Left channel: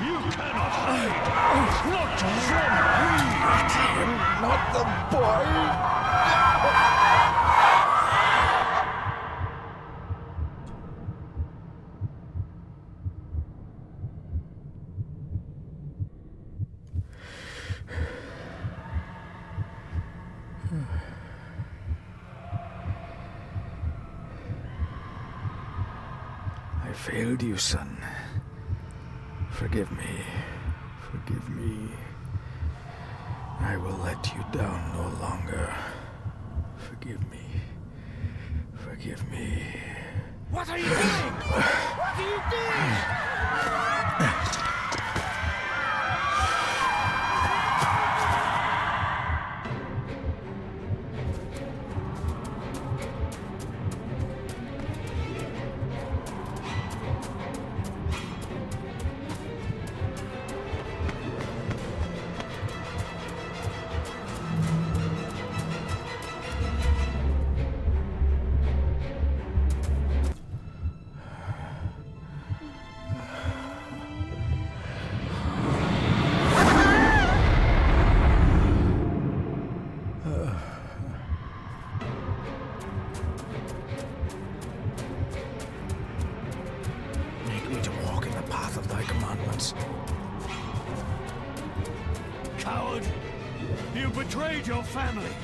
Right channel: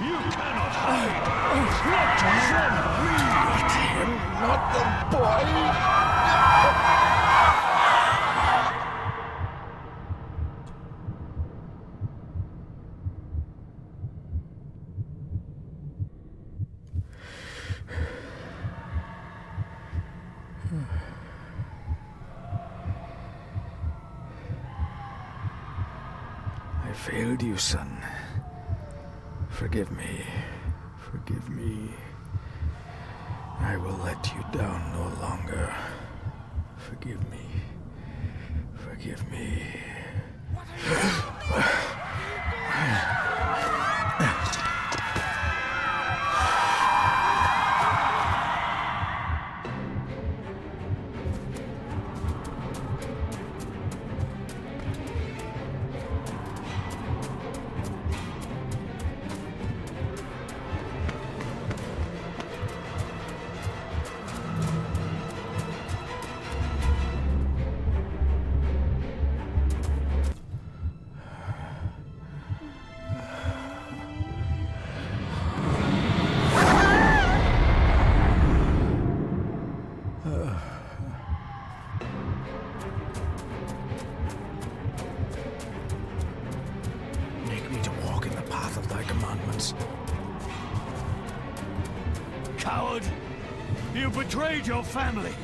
You cannot hide! Not from me! Not him, not the boy! I failed you, son. Forgive me. Forgive me. I will let you down no longer. Forgive me. Forgive me. What are you doing? What are you doing? Make me to walk in the path of thy commandments. Coward! You betrayed your family!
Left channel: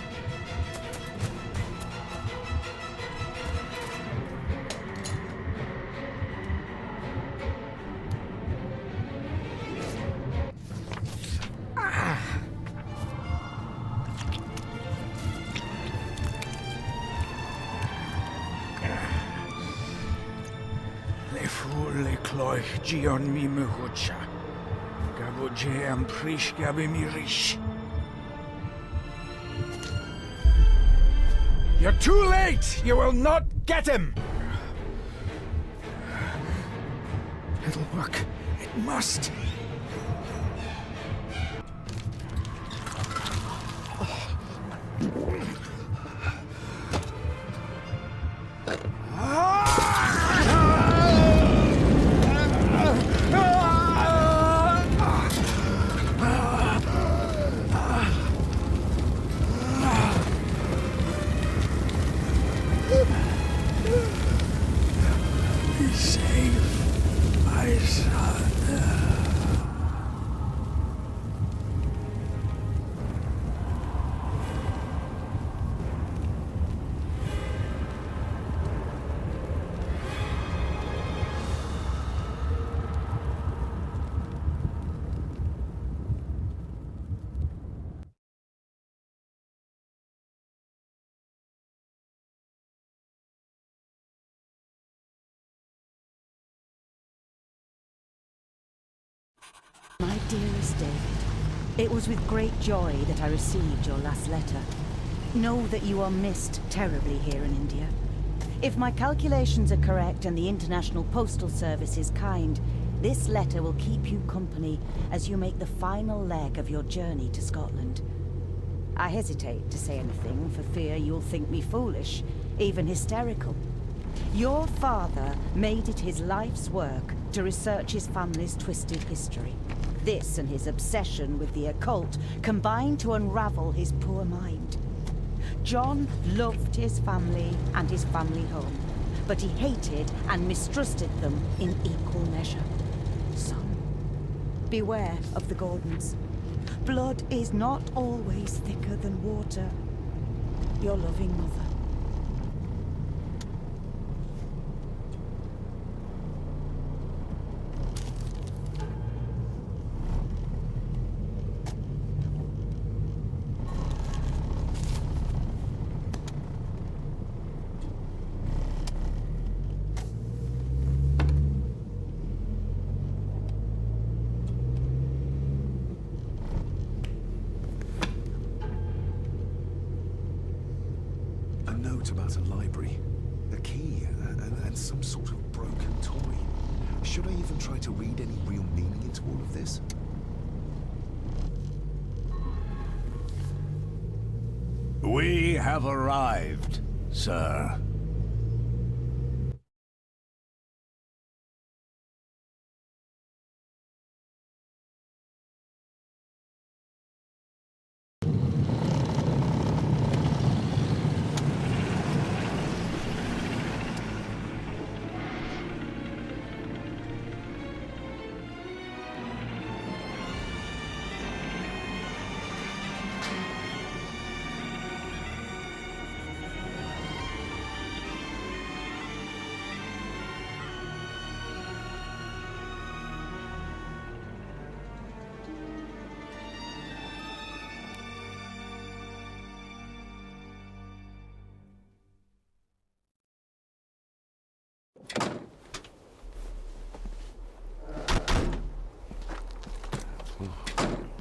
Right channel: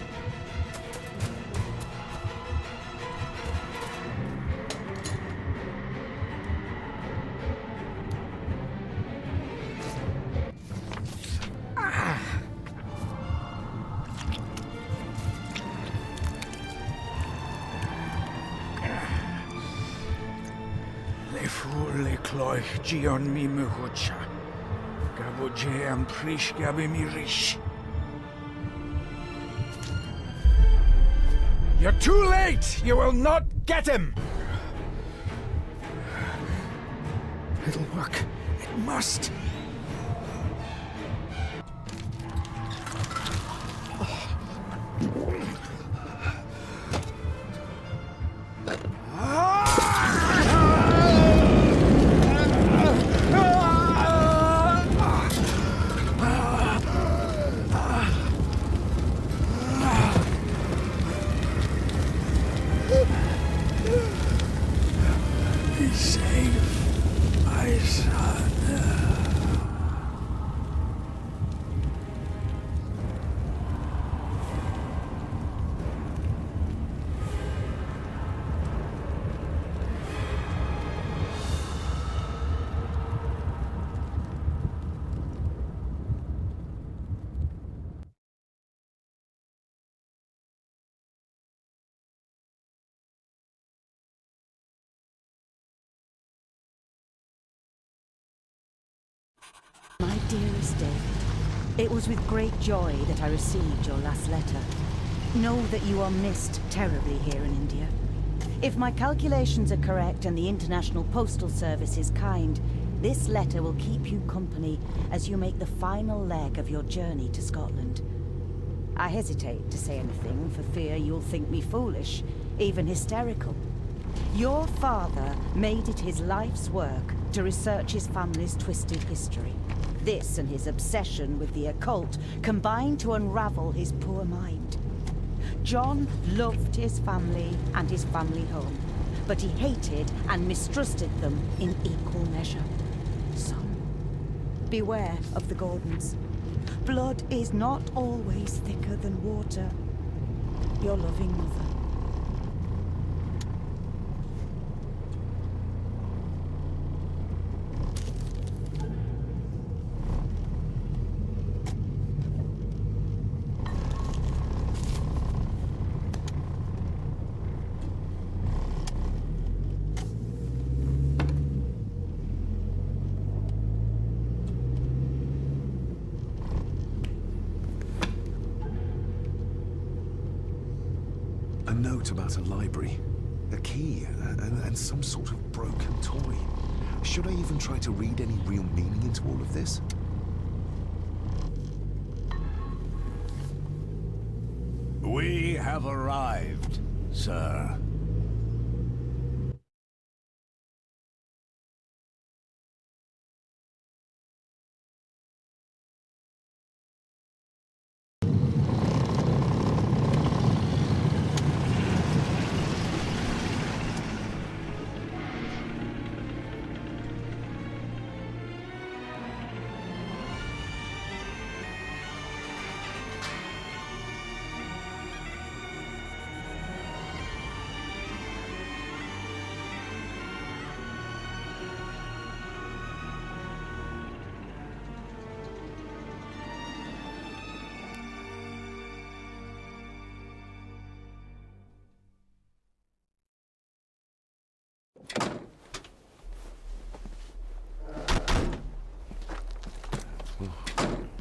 Le fur le cloich gion mi muhucha. Gaboje am prish gabi mi rish. You're too late! You will not get him! It'll work. It must. Be safe, my son. My dearest David, it was with great joy that I received your last letter. Know that you are missed terribly here in India. If my calculations are correct and the International Postal Service is kind, this letter will keep you company as you make the final leg of your journey to Scotland. I hesitate to say anything for fear you'll think me foolish, even hysterical. Your father made it his life's work to research his family's twisted history. This and his obsession with the occult combined to unravel his poor mind. John loved his family and his family home, but he hated and mistrusted them in equal measure. Son, beware of the Gordons. Blood is not always thicker than water. Your loving mother. A note about a library, a key, and some sort of broken toy. Should I even try to read any real meaning into all of this? We have arrived, sir.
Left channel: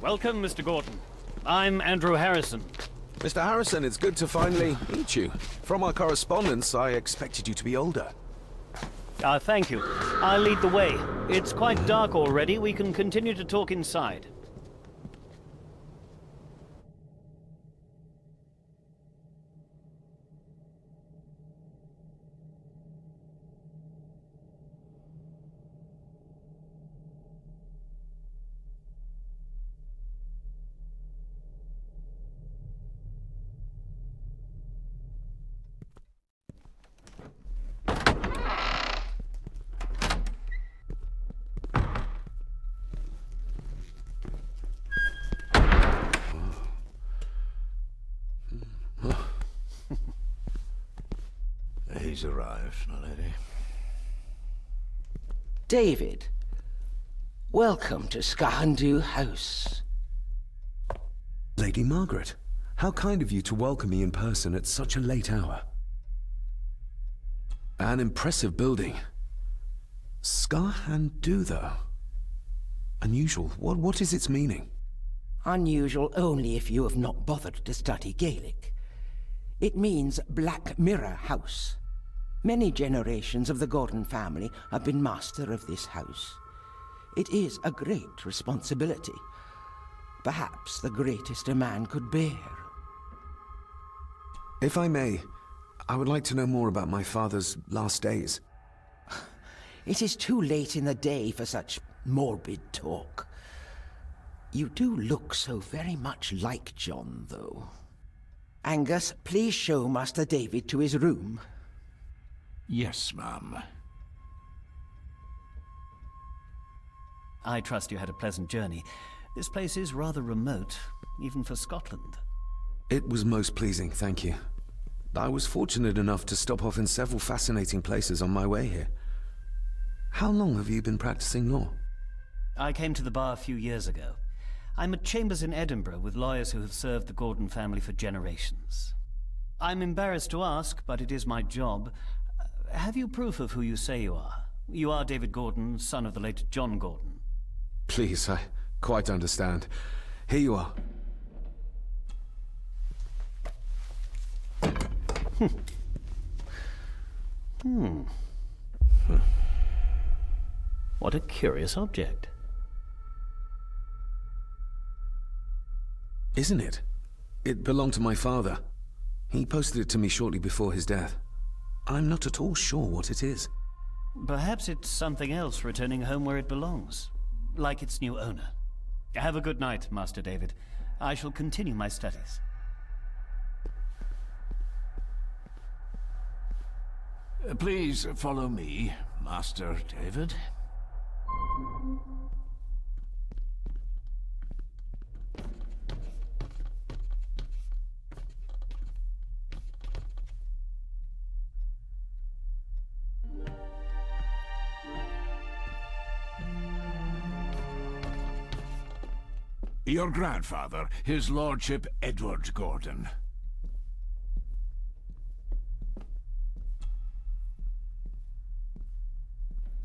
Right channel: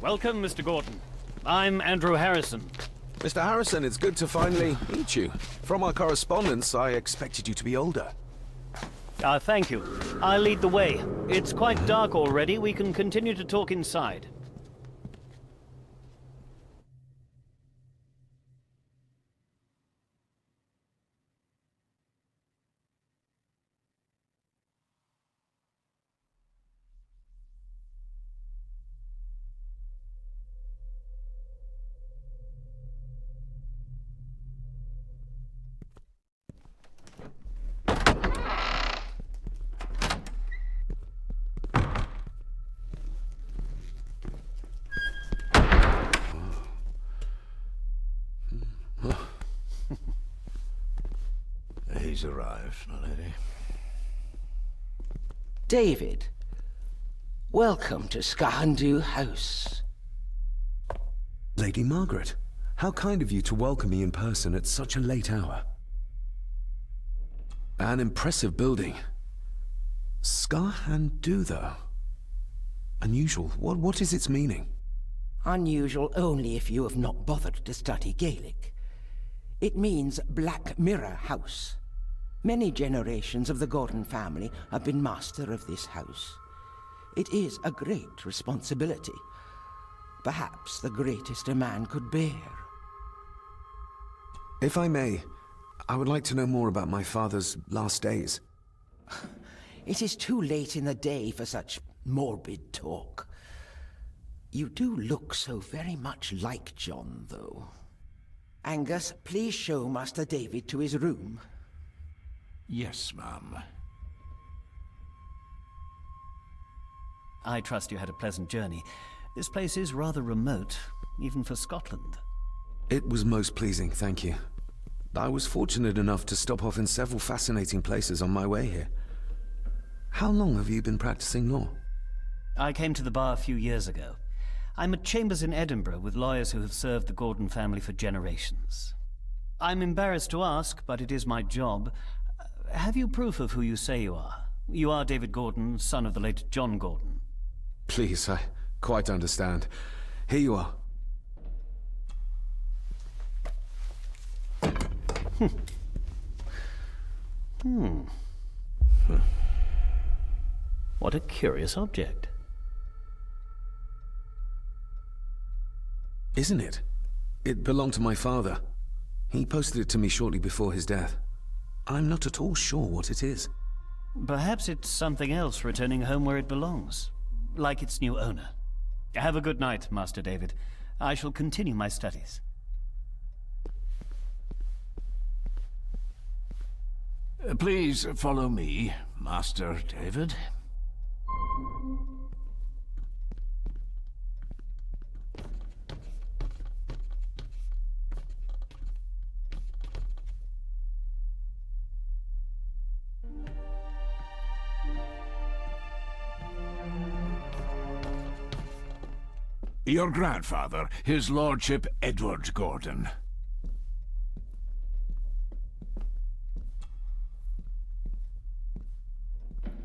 Welcome, Mr. Gordon. I'm Andrew Harrison. Mr. Harrison, it's good to finally meet you. From our correspondence, I expected you to be older. Thank you. I'll lead the way. It's quite dark already. We can continue to talk inside. He's arrived, my lady. David, welcome to Skahandu House. Lady Margaret, how kind of you to welcome me in person at such a late hour. An impressive building. Skahandu, though. Unusual. What is its meaning? Unusual only if you have not bothered to study Gaelic. It means Black Mirror House. Many generations of the Gordon family have been master of this house. It is a great responsibility. Perhaps the greatest a man could bear. If I may, I would like to know more about my father's last days. It is too late in the day for such morbid talk. You do look so very much like John, though. Angus, please show Master David to his room. Yes, ma'am. I trust you had a pleasant journey. This place is rather remote, even for Scotland. It was most pleasing, thank you. I was fortunate enough to stop off in several fascinating places on my way here. How long have you been practicing law? I came to the bar a few years ago. I'm at chambers in Edinburgh with lawyers who have served the Gordon family for generations. I'm embarrassed to ask, but it is my job. Have you proof of who you say you are? You are David Gordon, son of the late John Gordon. Please, I quite understand. Here you are. What a curious object. Isn't it? It belonged to my father. He posted it to me shortly before his death. I'm not at all sure what it is. Perhaps it's something else returning home where it belongs, like its new owner. Have a good night, Master David. I shall continue my studies. Please follow me, Master David. Your grandfather, his lordship Edward Gordon.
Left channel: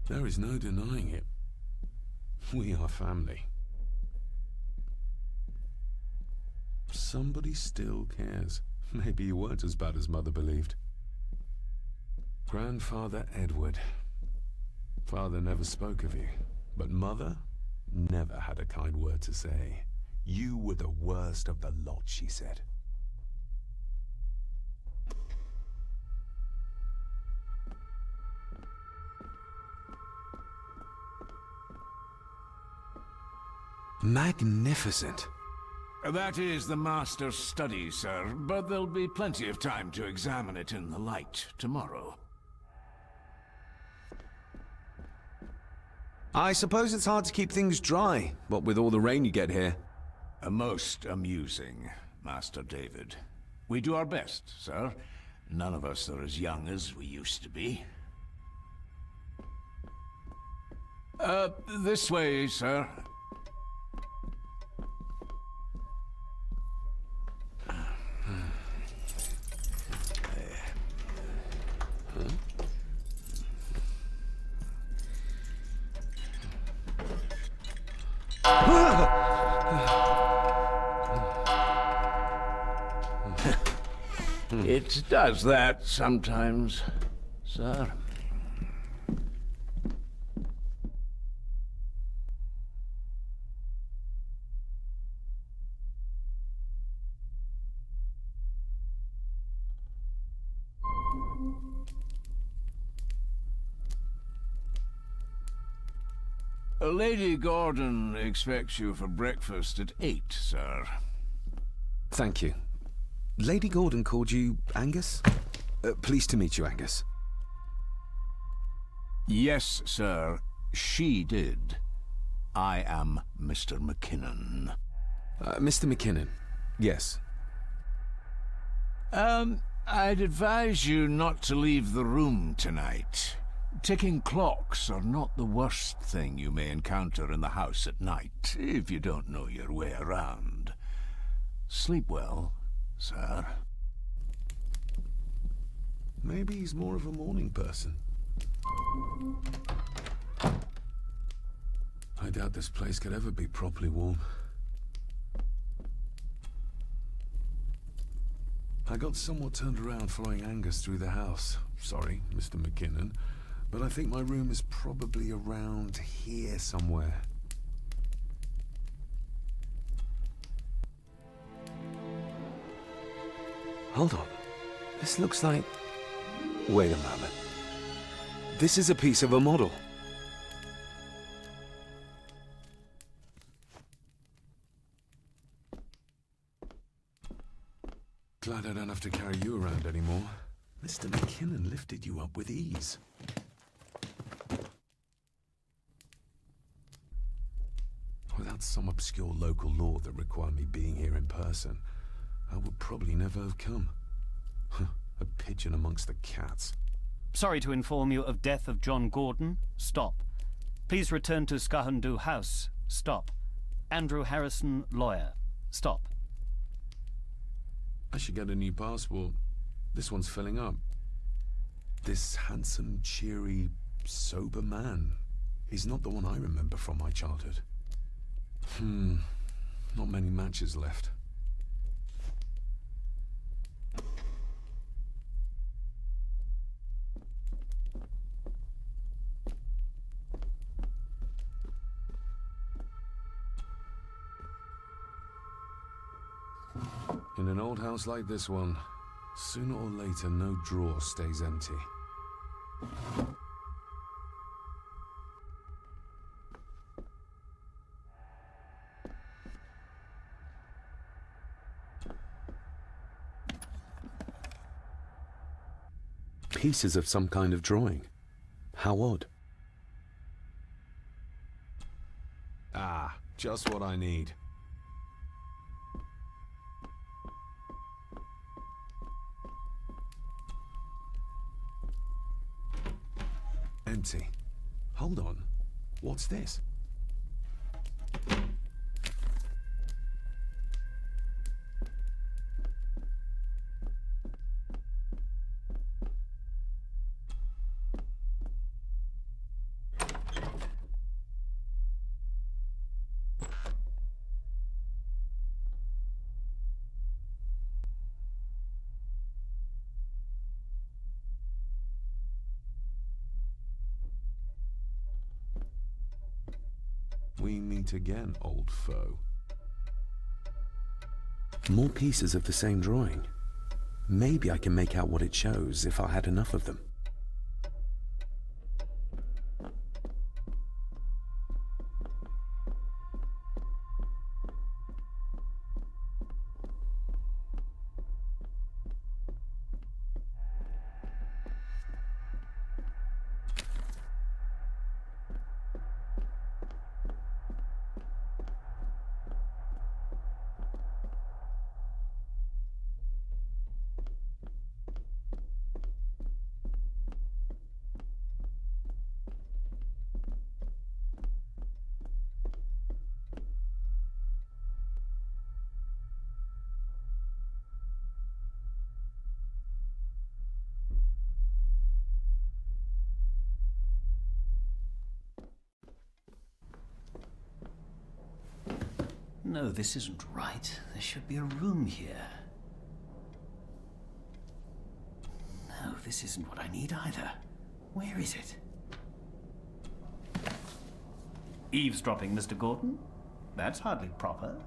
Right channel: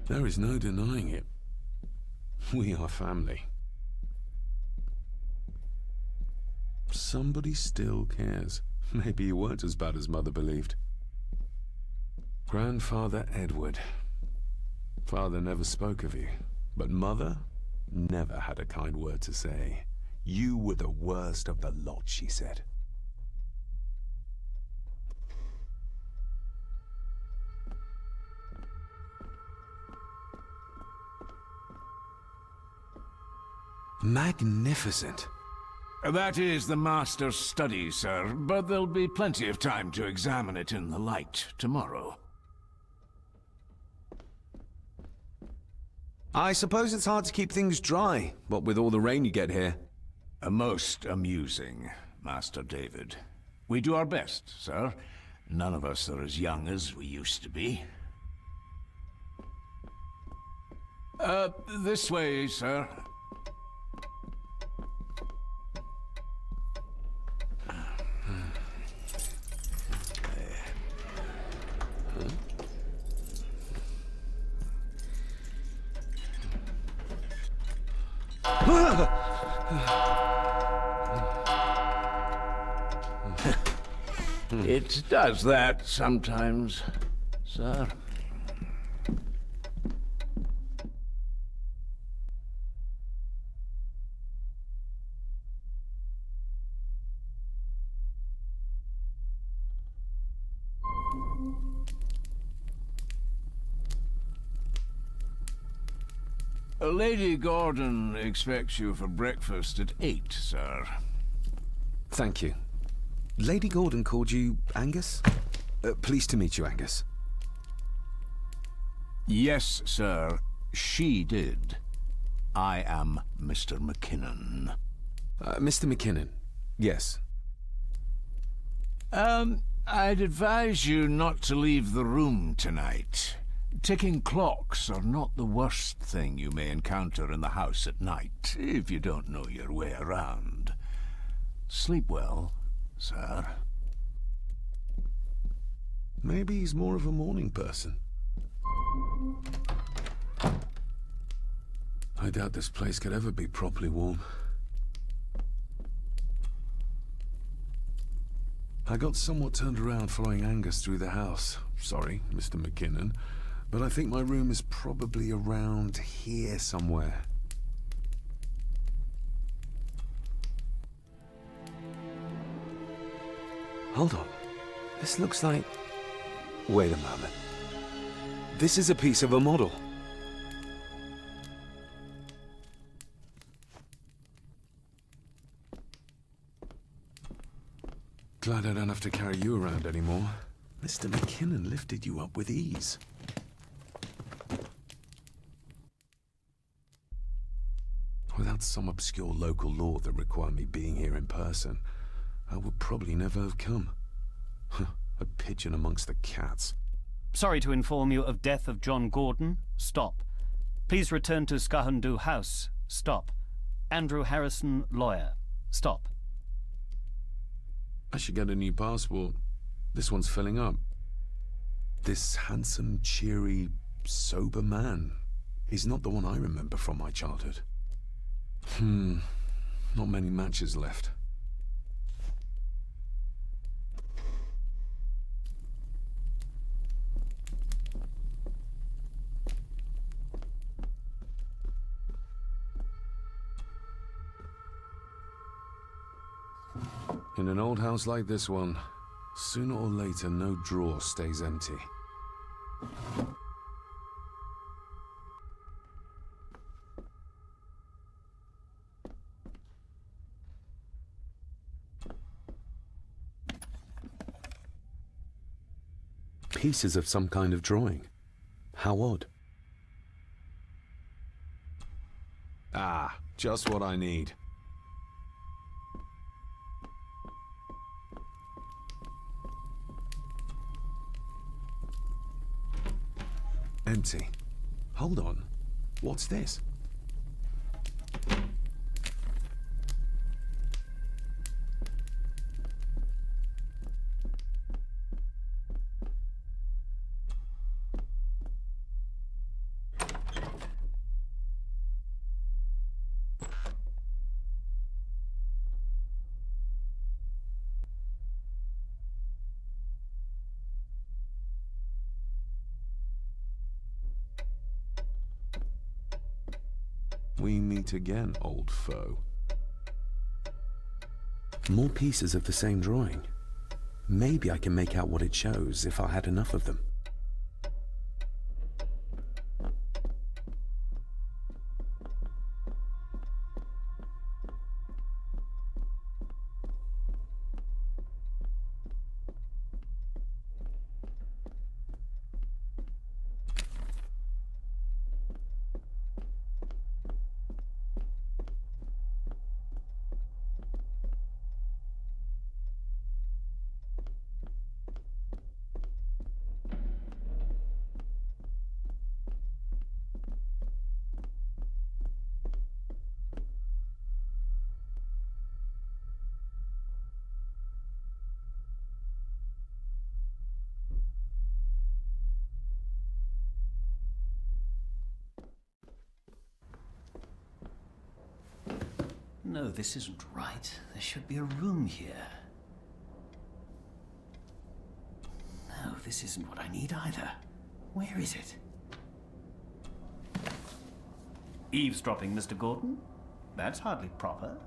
There is no denying it. We are family. Somebody still cares. Maybe you weren't as bad as Mother believed. Grandfather Edward. Father never spoke of you, but Mother never had a kind word to say. You were the worst of the lot, she said. Magnificent. That is the master's study, sir, but there'll be plenty of time to examine it in the light tomorrow. I suppose it's hard to keep things dry, what with all the rain you get here. Most amusing, Master David. We do our best, sir. None of us are as young as we used to be. This way, sir. It does that sometimes, sir. Lady Gordon expects you for breakfast at 8, sir. Thank you. Lady Gordon called you Angus? Pleased to meet you, Angus. Yes, sir. She did. I am Mr. McKinnon. Mr. McKinnon. Yes. I'd advise you not to leave the room tonight. Ticking clocks are not the worst thing you may encounter in the house at night, if you don't know your way around. Sleep well, sir. Maybe he's more of a morning person. I doubt this place could ever be properly warm. I got somewhat turned around following Angus through the house. Sorry, Mr. McKinnon, but I think my room is probably around here somewhere. Hold on. This looks like... Wait a moment. This is a piece of a model. Glad I don't have to carry you around anymore. Mr. McKinnon lifted you up with ease. Without some obscure local law that required me being here in person, I would probably never have come. A pigeon amongst the cats. Sorry to inform you of death of John Gordon. Stop. Please return to Scahandu House. Stop. Andrew Harrison, lawyer. Stop. I should get a new passport. This one's filling up. This handsome, cheery, sober man is not the one I remember from my childhood. Not many matches left. In an old house like this one, sooner or later no drawer stays empty. Pieces of some kind of drawing. How odd. Ah, just what I need. Empty. Hold on. What's this? We meet again, old foe. More pieces of the same drawing. Maybe I can make out what it shows if I had enough of them. No, this isn't right. There should be a room here. this isn't what I need either. Where is it? Eavesdropping, Mr. Gorton? That's hardly proper.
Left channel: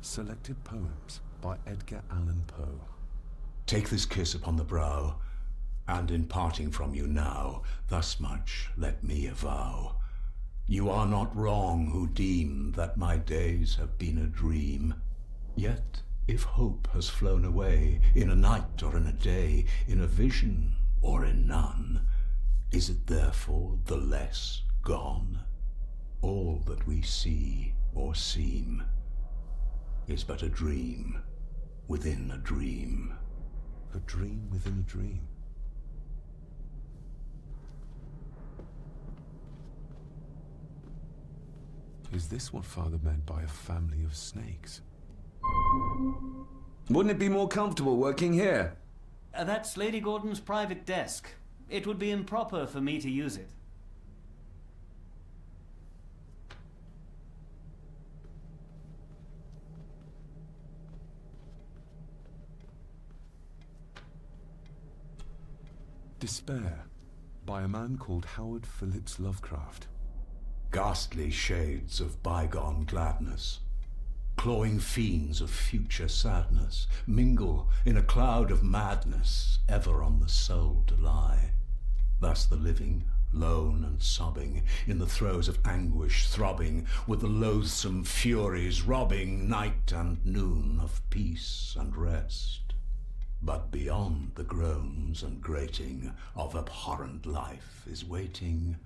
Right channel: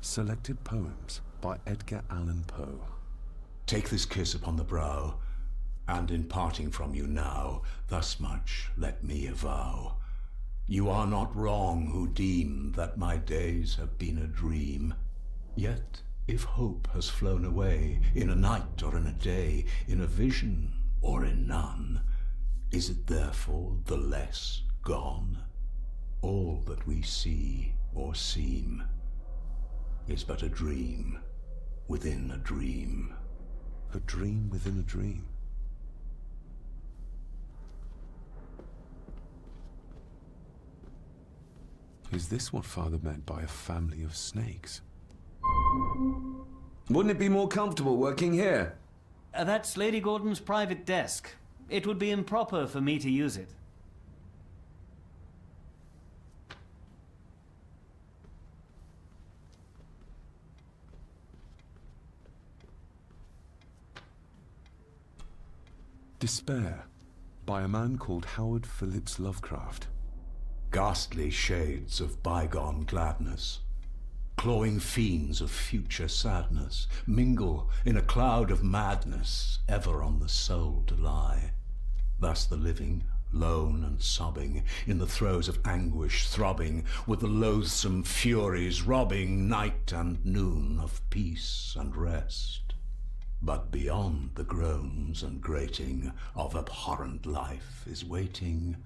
Selected Poems by Edgar Allan Poe. Take this kiss upon the brow, and in parting from you now, thus much let me avow. You are not wrong who deem that my days have been a dream. Yet, if hope has flown away, in a night or in a day, in a vision or in none, is it therefore the less gone? All that we see or seem is but a dream within a dream. A dream within a dream. Is this what Father meant by a family of snakes? Wouldn't it be more comfortable working here? That's Lady Gordon's private desk. It would be improper for me to use it. Despair, by a man called Howard Phillips Lovecraft. Ghastly shades of bygone gladness, clawing fiends of future sadness, mingle in a cloud of madness, ever on the soul to lie. Thus the living, lone and sobbing, in the throes of anguish throbbing, with the loathsome furies robbing night and noon of peace and rest. But beyond the groans and grating of abhorrent life is waiting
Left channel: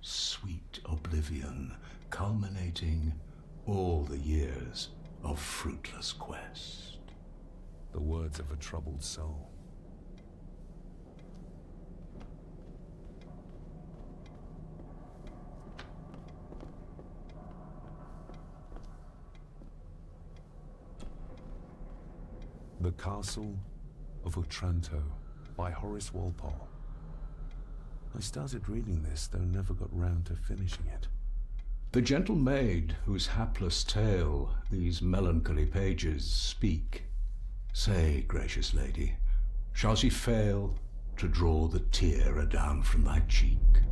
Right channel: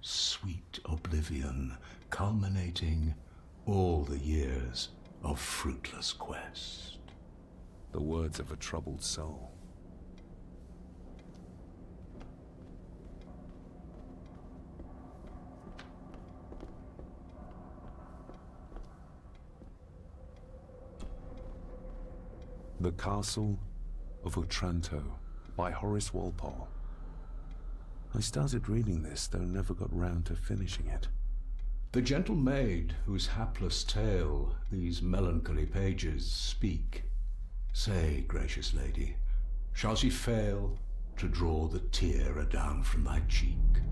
sweet oblivion, culminating all the years of fruitless quest. The words of a troubled soul. The Castle of Otranto by Horace Walpole. I started reading this, though never got round to finishing it. The gentle maid whose hapless tale these melancholy pages speak, say, gracious lady, shall she fail to draw the tear adown from thy cheek?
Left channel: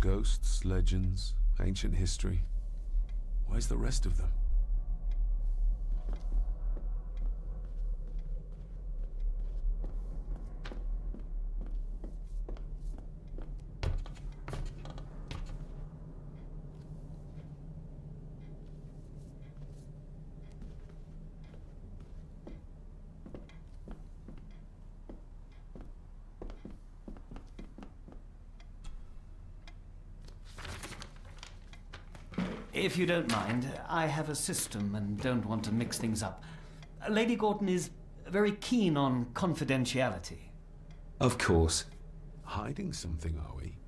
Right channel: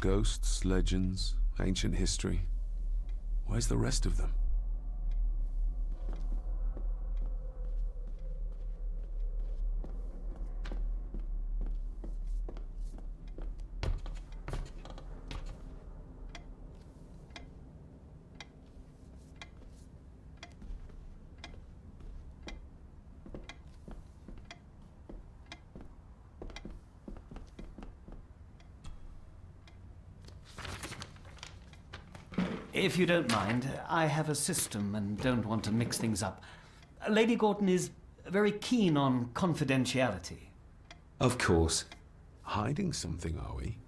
Ghosts, legends, ancient history. Where's the rest of them? If you don't mind, I have a system and don't want to mix things up. Lady Gordon is very keen on confidentiality. Of course. Hiding something, are we?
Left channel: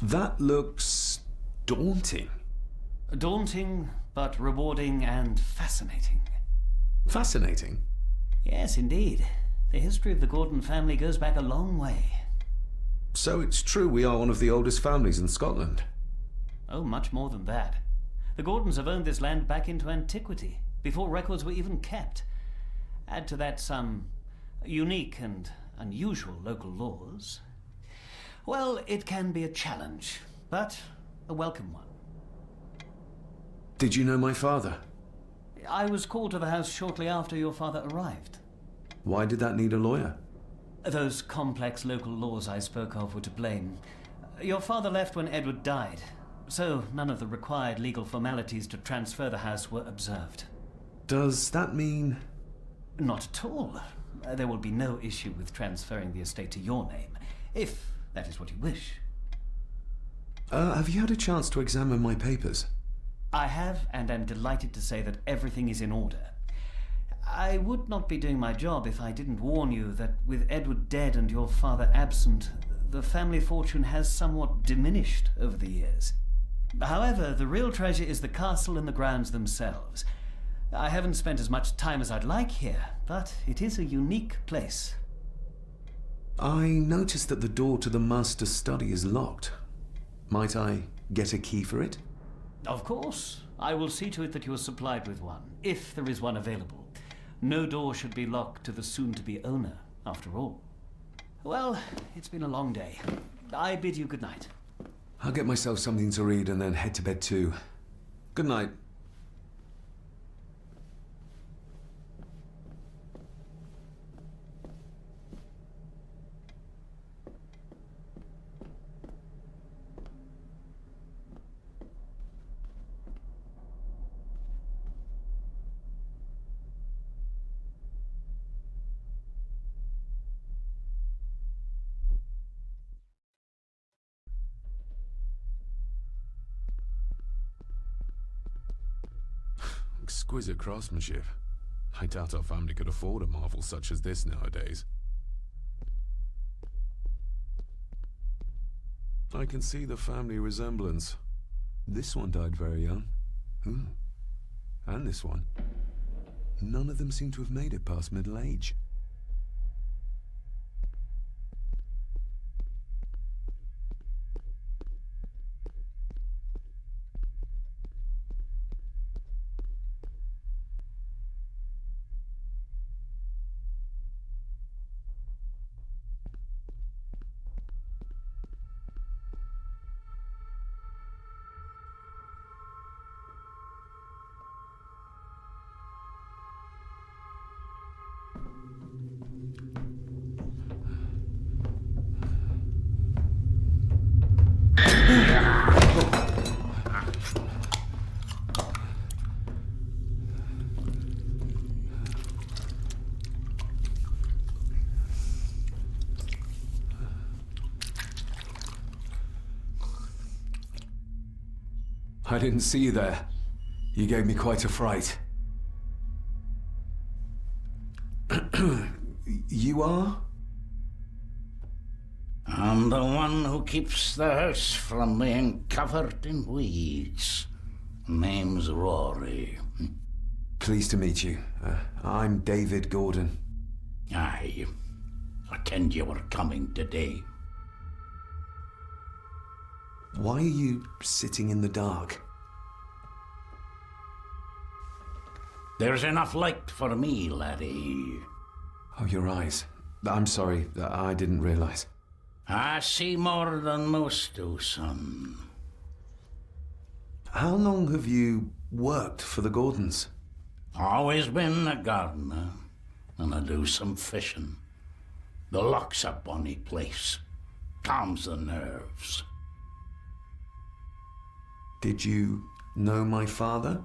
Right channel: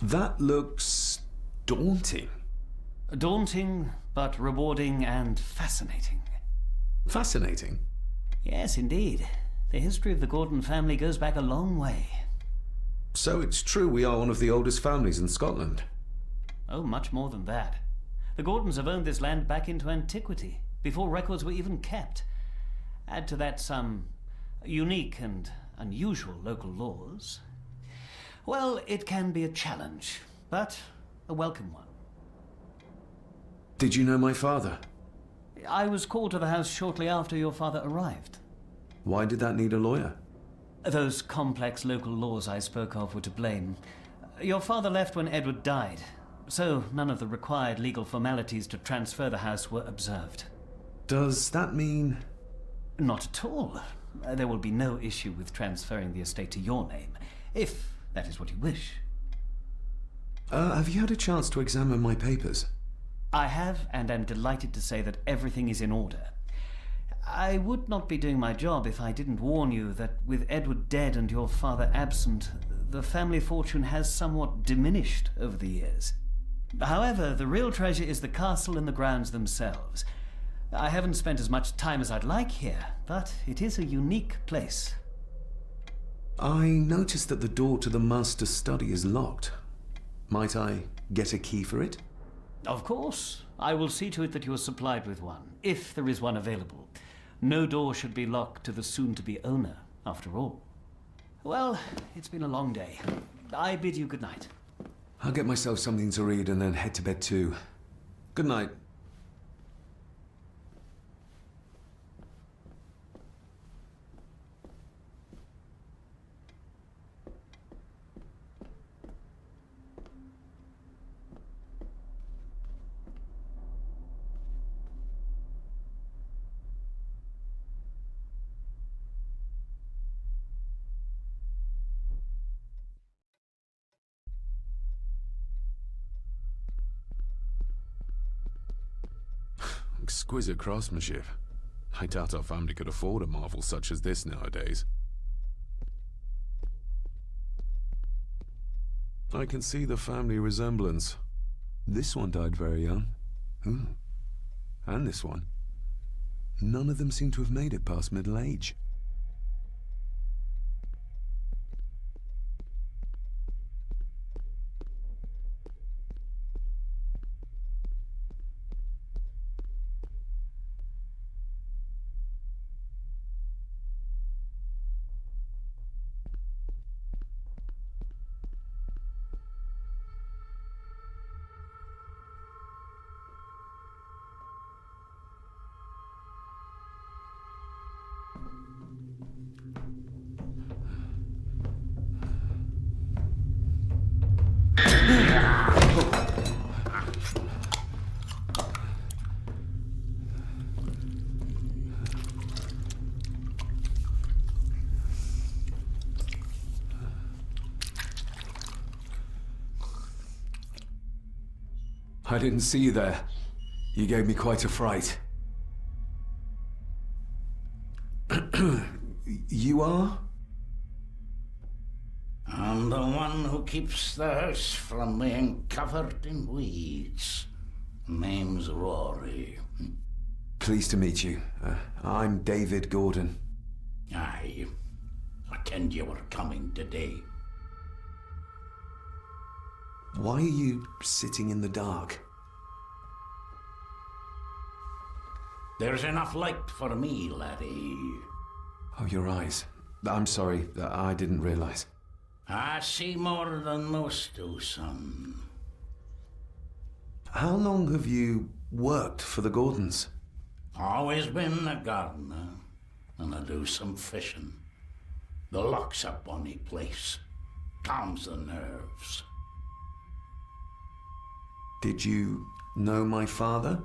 That looks daunting. Daunting, but rewarding and fascinating. Fascinating? Yes, indeed. The history of the Gordon family goes back a long way. So it's true we are one of the oldest families in Scotland? Oh, much more than that. The Gordons have owned this land back into antiquity, before records were even kept. Add to that some unique and unusual local laws. Well, it can be a challenge, but a welcome one. Did you know my father? I was called to the house shortly after your father arrived. Why did that need a lawyer? Those complex local laws I spoke of were to blame. Your father left when Edward died, so none of the required legal formalities to transfer the house were observed. Does that mean... Not at all. There will be no issue with transferring the estate to your name, if that is what you wish. Have you had a chance to examine my papers? I have, and am delighted to say that everything is in order. I would not be doing my job if I didn't warn you that with Edward dead and your father absent, the family fortune has somewhat diminished over the years. However, the real treasure is the castle and the grounds themselves. I haven't spent as much time as I'd like here, but it is a unique place. I noticed that the door to the master's study is locked. Might I get a key for it? Of course. I will see to it that you are supplied with one, if there is one available. No door should be locked to the soon-to-be owner, after all. Well, it's been a long day. I bid you good night. I'll get myself something to read and then head to bed too. Good night. Exquisite craftsmanship. I doubt our family could afford a marvel such as this nowadays. I can see the family resemblance. This one died very young. And this one. None of them seem to have made it past middle age. I didn't see you there. You gave me quite a fright. You are? I'm the one who keeps the house from being covered in weeds. Name's Rory. Pleased to meet you. I'm Дэвид Гордон. Aye. I kenned you were coming today. Why are you sitting in the dark? There's enough light for me, laddie. Oh, your eyes. I'm sorry, I didn't realize. I see more than most do, son. How long have you worked for the Gordons? Always been a gardener, and I do some fishing. The loch's a bonny place. Calms the nerves. Did you know my father?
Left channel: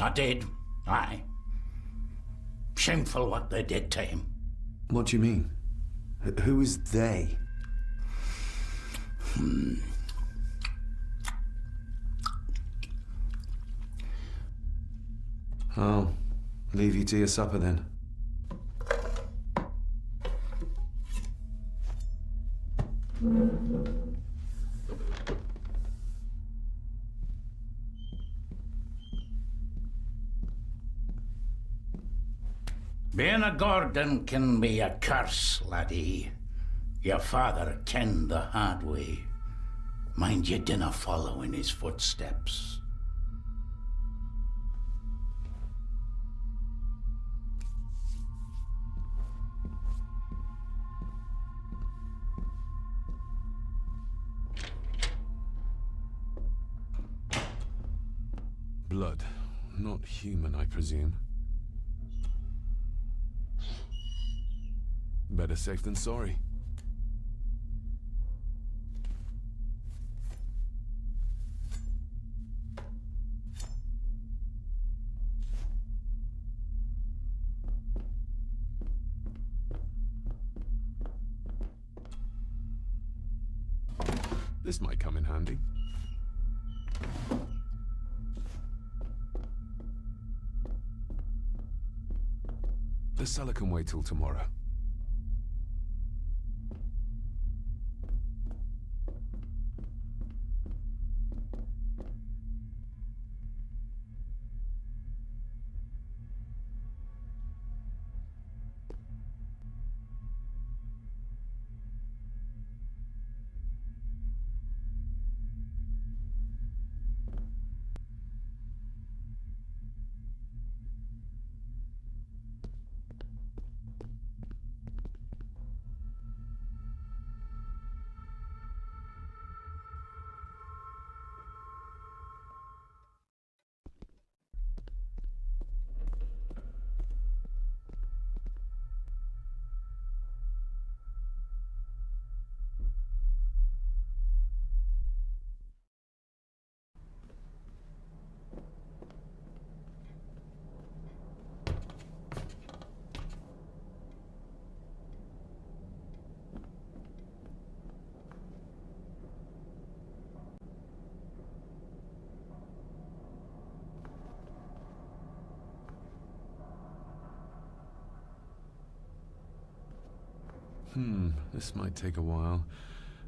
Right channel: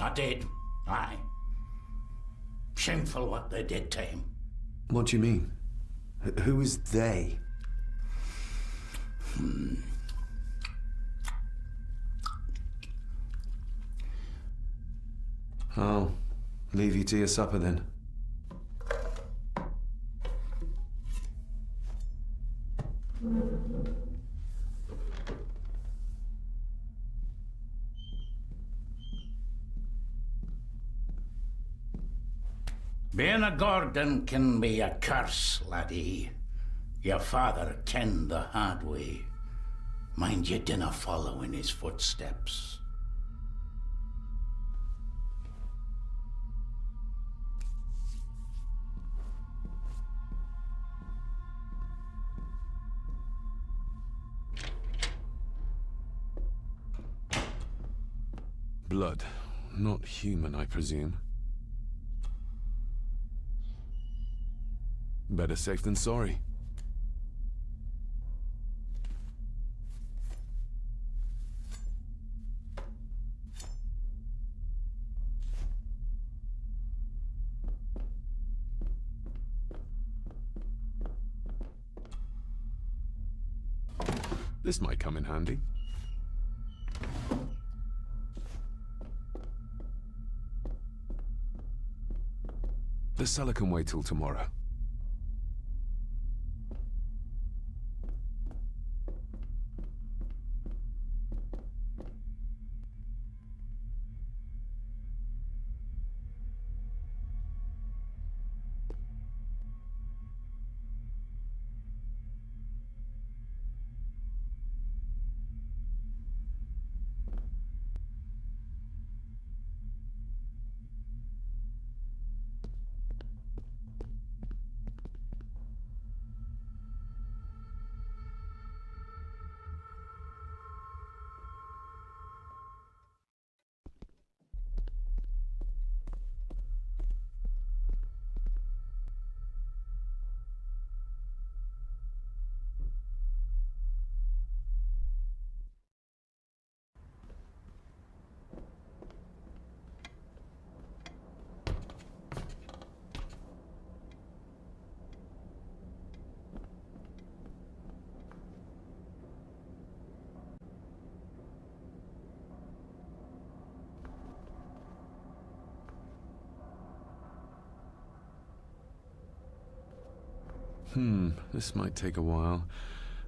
I did, aye. Shameful what they did to him. What do you mean? Who is they? I'll leave you to your supper then. Being a Gordon can be a curse, laddie. Your father kenned the hard way. Mind you dinna follow in his footsteps. Blood. Not human, I presume. Better safe than sorry. This might come in handy. The cellar can wait till tomorrow. This might take a while.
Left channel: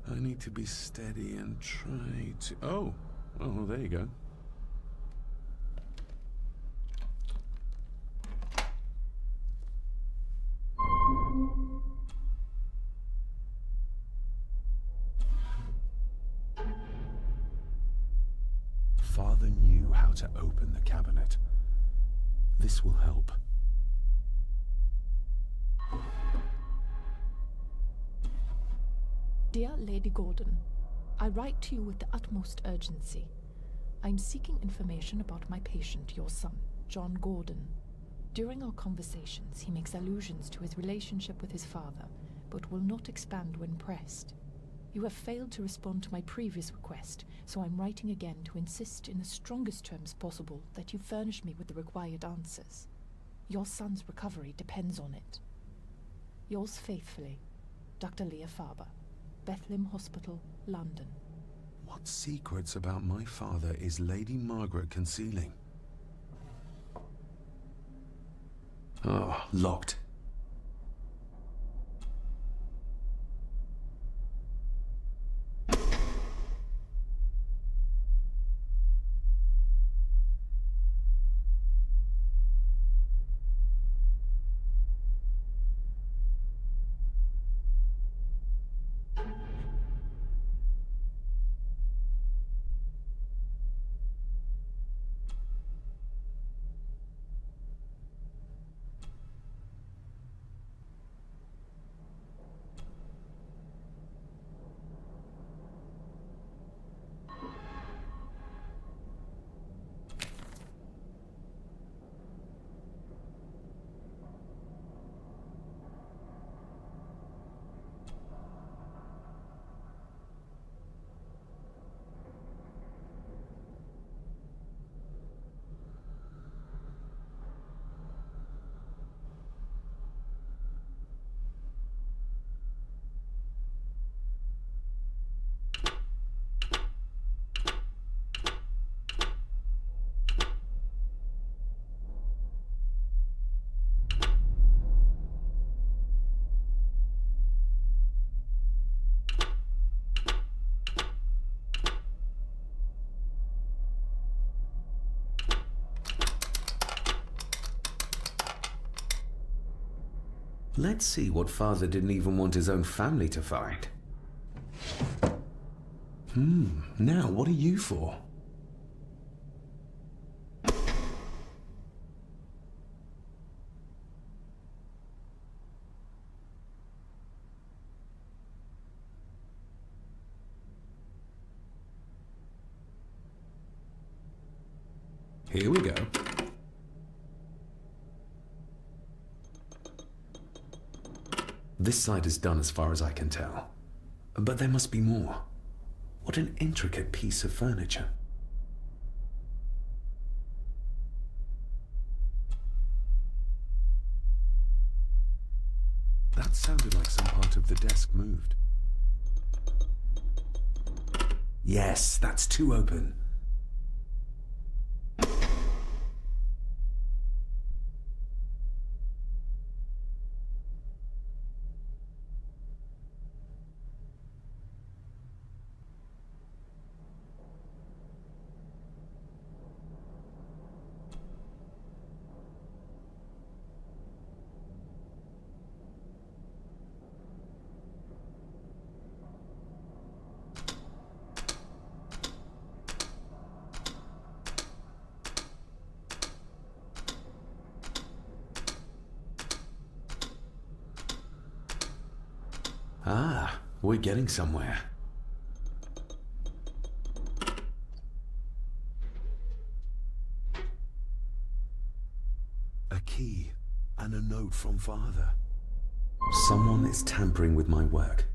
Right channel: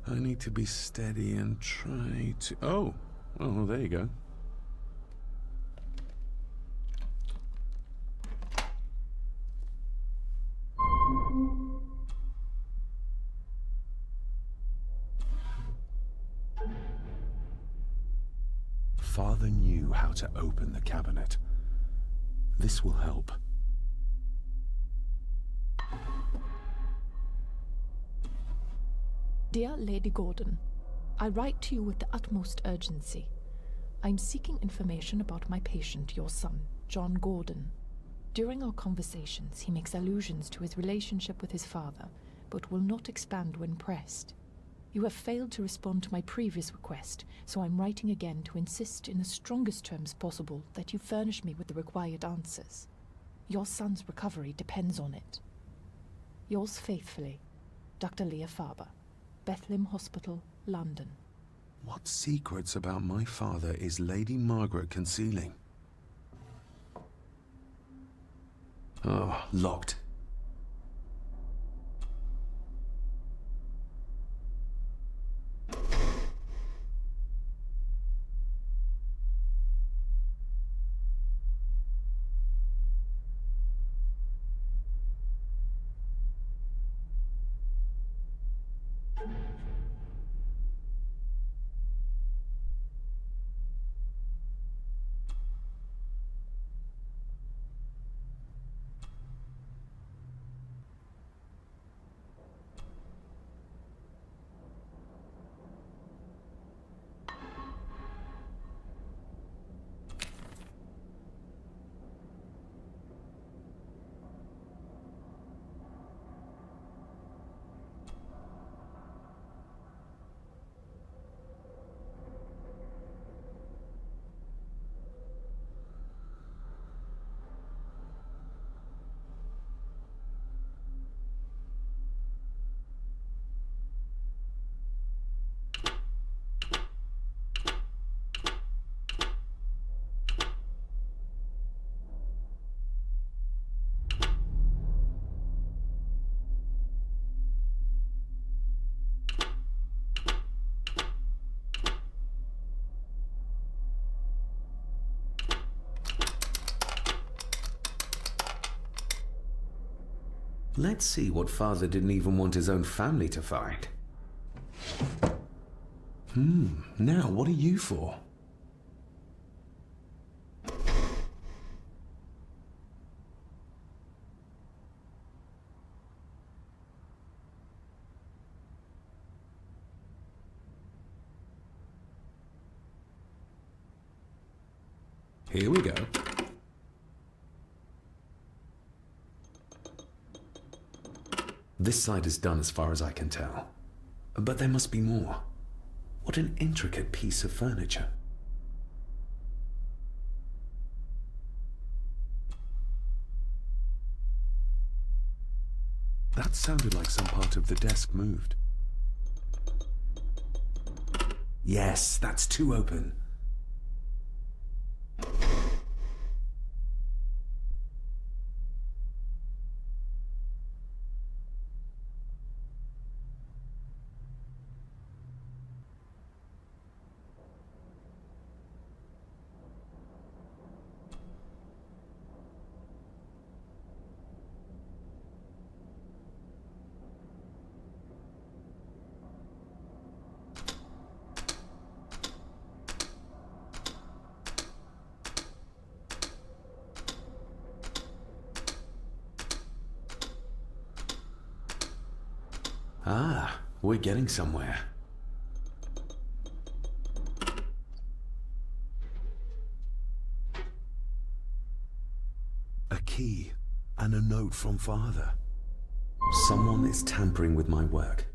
I need to be steady and try to... Oh, well, there you go. Father knew how to open the cabinet. This will help. Dear Lady Gordon, I write to you with the utmost urgency. I'm seeking information about my patient, your son, John Gordon. During our conversations, he makes allusions to his relationship with his father, but will not expand when pressed. You have failed to respond to my previous request, so I'm writing again to insist in the strongest terms possible that you furnish me with the required answers. Your son's recovery depends on it. Yours faithfully, Dr. Leah Farber, Bethlehem Hospital, London. What secrets about my father is Lady Margaret concealing? Oh, locked. Let's see what father didn't even want his own family to find. Now what are you for? Here we go. This side is done as far as I can tell. But there must be more. What an intricate piece of furniture. That sounded like some part of the desk moved. Yes, that's too open. Ah, we're getting somewhere. A key and a note from father. Someone is tampering with my work.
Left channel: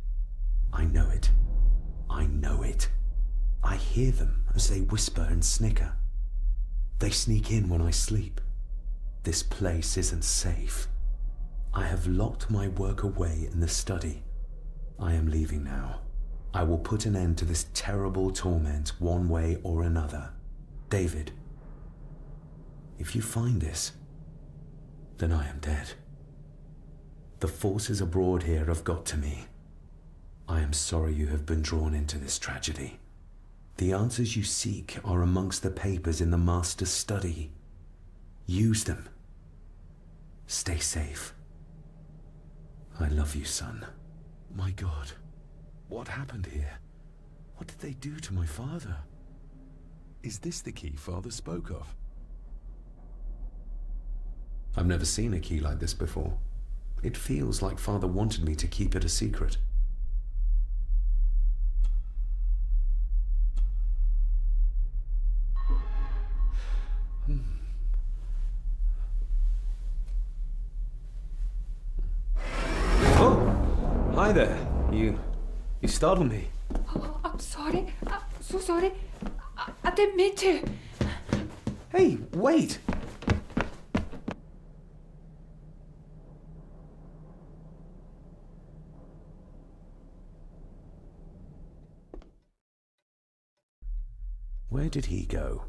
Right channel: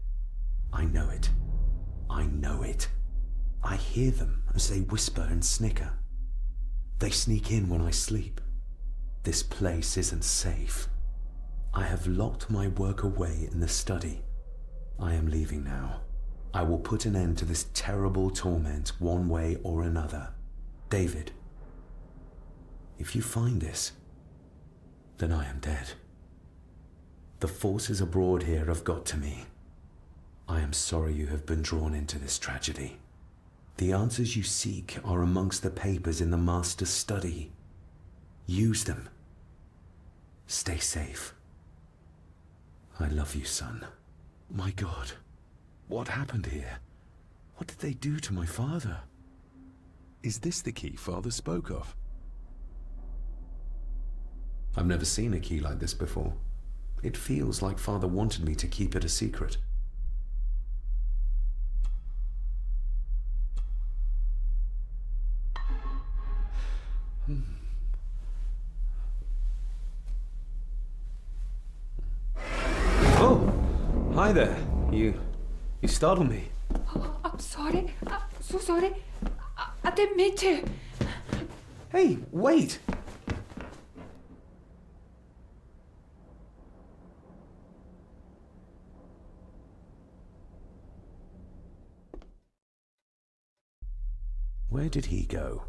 I know it. I know it. I hear them as they whisper and snicker. They sneak in when I sleep. This place isn't safe. I have locked my work away in the study. I am leaving now. I will put an end to this terrible torment one way or another. David, if you find this, then I am dead. The forces abroad here have got to me. I am sorry you have been drawn into this tragedy. The answers you seek are amongst the papers in the master's study. Use them. Stay safe. I love you, son. My God, what happened here? What did they do to my father? Is this the key Father spoke of? I've never seen a key like this before. It feels like Father wanted me to keep it a secret. Oh! Hi there. You startled me. Oh, I'm sorry. I'm so sorry. I didn't mean to. Hey, wait! Where did he go?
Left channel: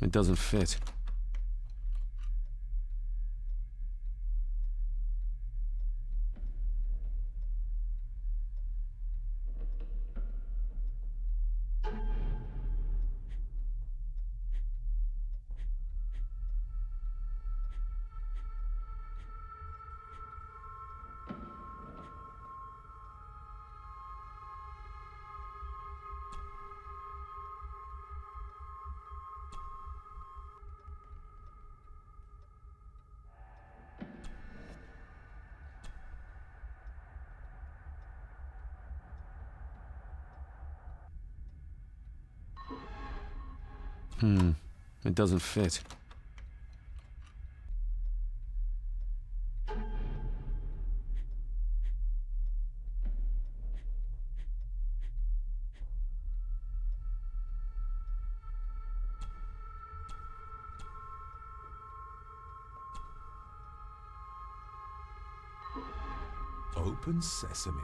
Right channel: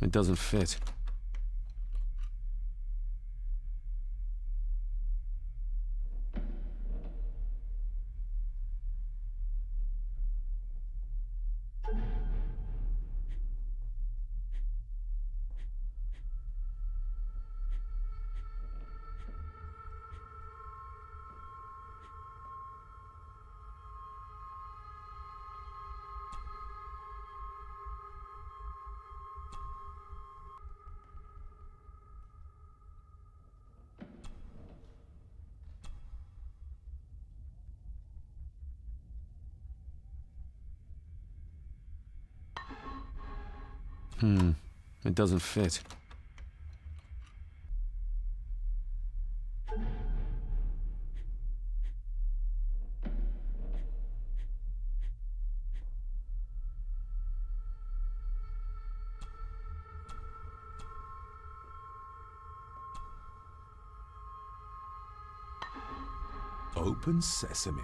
It doesn't fit. It doesn't fit. Open sesame.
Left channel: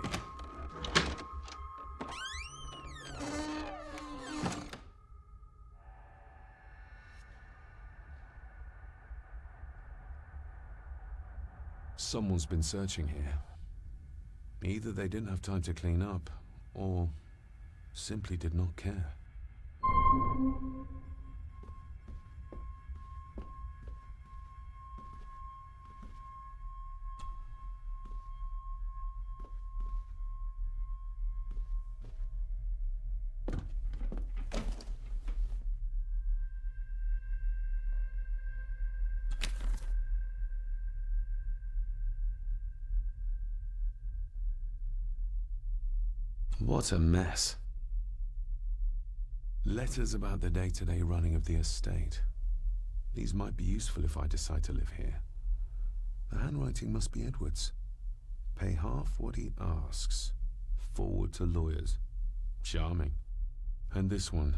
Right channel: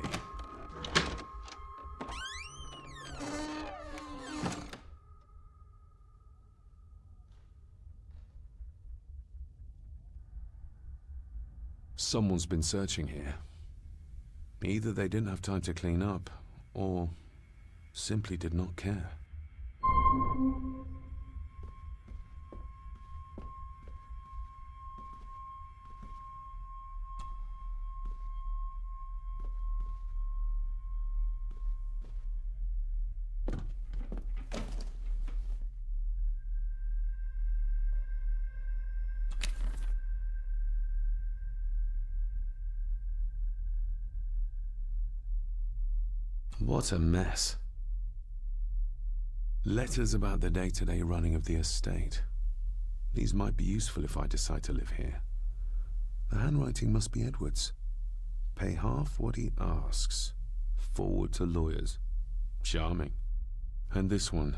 Someone's been searching here. Either they didn't have time to clean up, or simply did not care. What a mess. Letters about the day-to-day running of the estate. These might be useful if I decide to live here. The handwriting must be Edward's. Pay half what he asks. Forward to lawyers. Charming. And this one.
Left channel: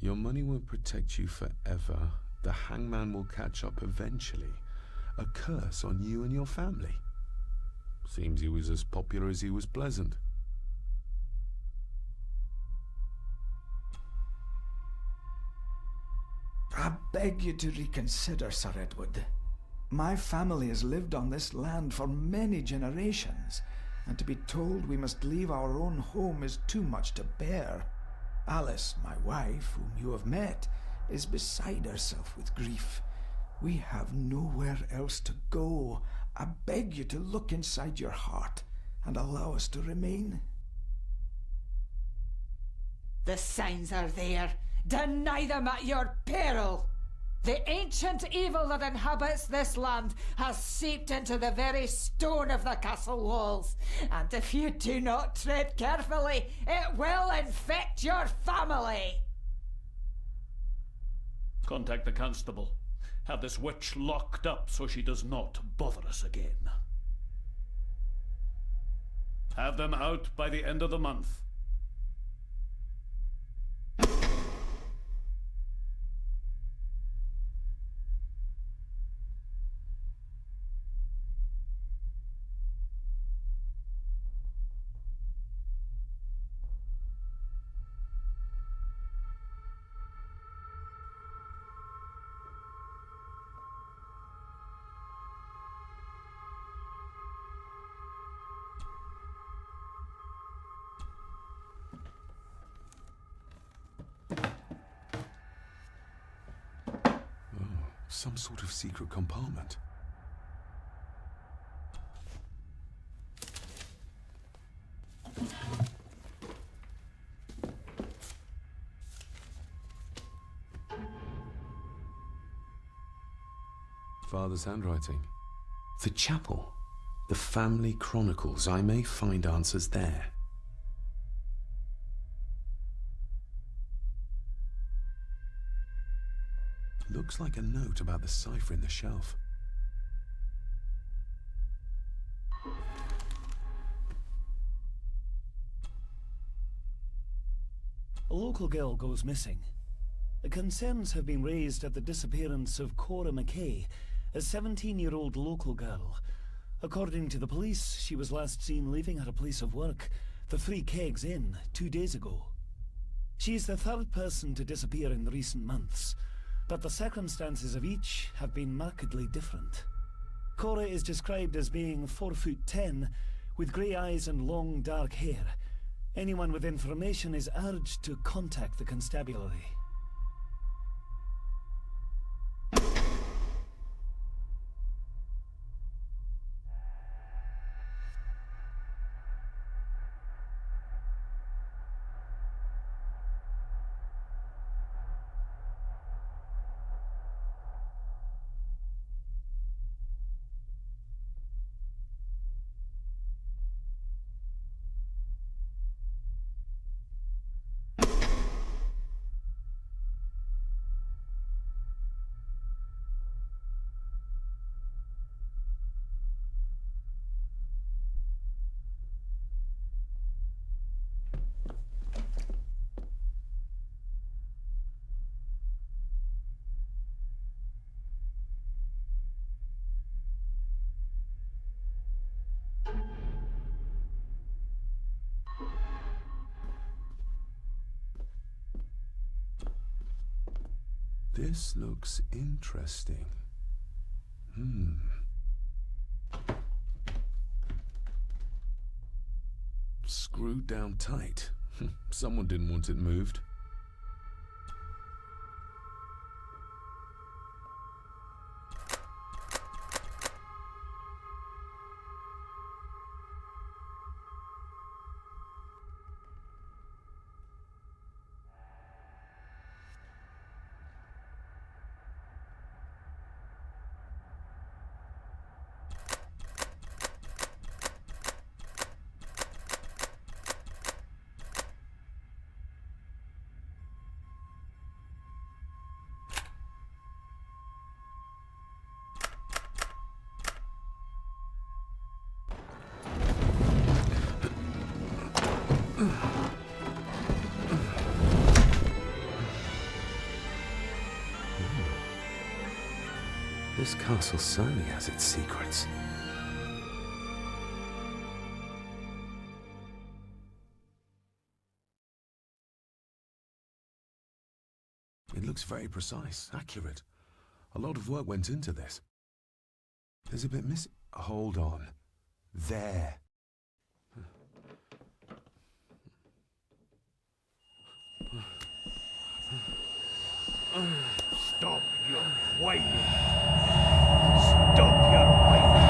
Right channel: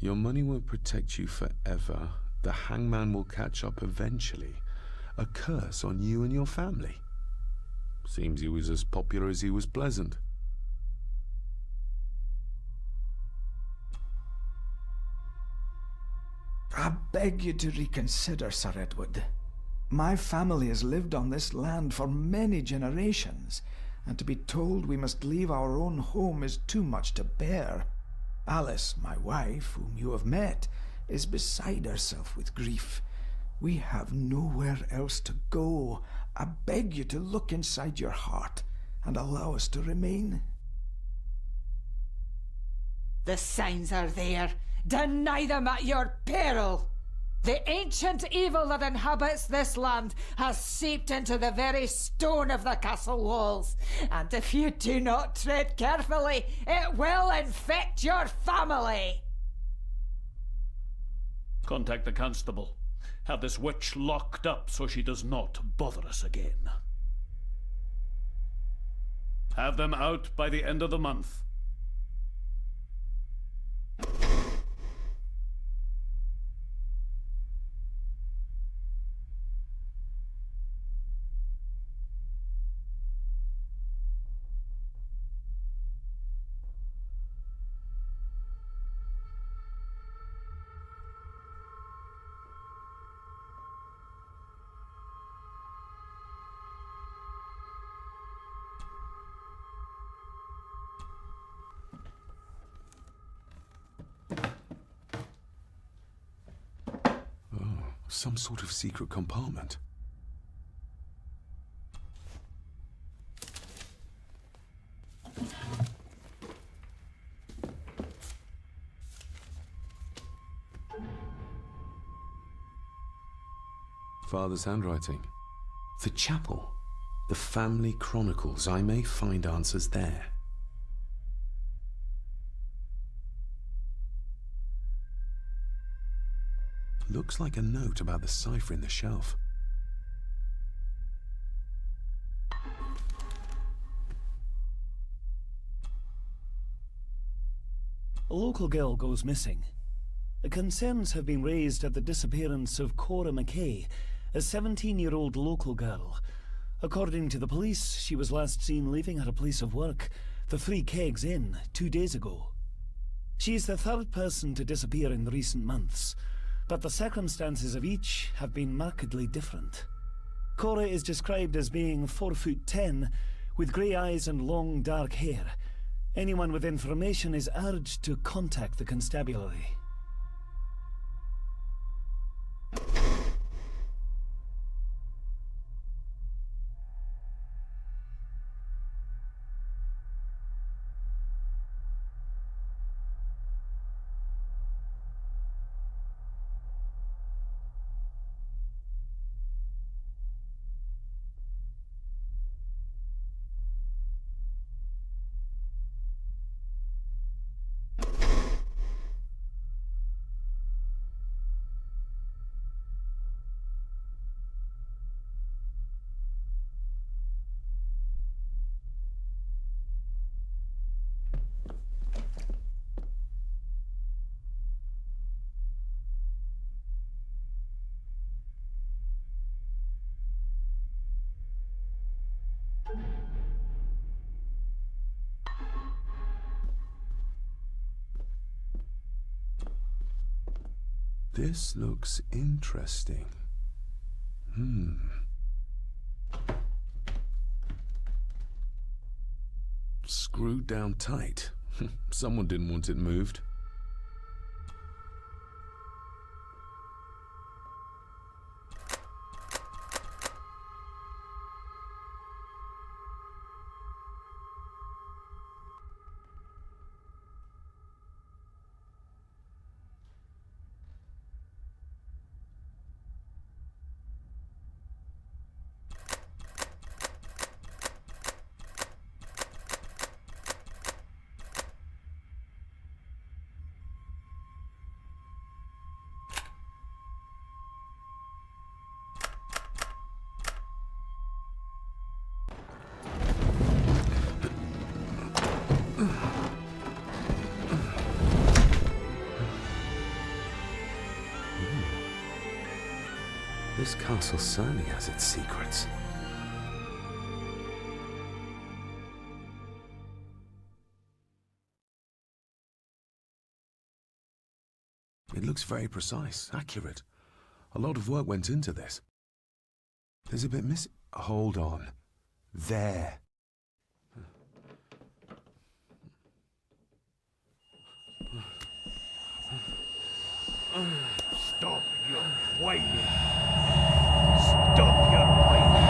Your money won't protect you forever. The hangman will catch up eventually. A curse on you and your family. Seems he was as popular as he was pleasant. I beg you to reconsider, Sir Edward. My family has lived on this land for many generations, and to be told we must leave our own home is too much to bear. Alice, my wife, whom you have met, is beside herself with grief. We have nowhere else to go. I beg you to look inside your heart and allow us to remain. The signs are there. Deny them at your peril. The ancient evil that inhabits this land has seeped into the very stone of the castle walls, and if you do not tread carefully, it will infect your family. Contact the constable. Have this witch locked up so she does not bother us again. Have them out by the end of the month. Some sort of secret compartment. Father's handwriting. The chapel. The family chronicles. I may find answers there. Looks like a note about the cipher in the shelf. A local girl goes missing. Concerns have been raised at the disappearance of Cora McKay, a 17-year-old local girl. According to the police, she was last seen leaving her place of work, the Three Kegs Inn, 2 days ago. She is the third person to disappear in recent months, but the circumstances of each have been markedly different. Cora is described as being 4'10", with grey eyes and long dark hair. Anyone with information is urged to contact the constabulary. This looks interesting. Screwed down tight. Someone didn't want it moved. This castle certainly has its secrets. It looks very precise, accurate. A lot of work went into this. There's a bit missing. Hold on. There. Stop your whining! Stop your whining!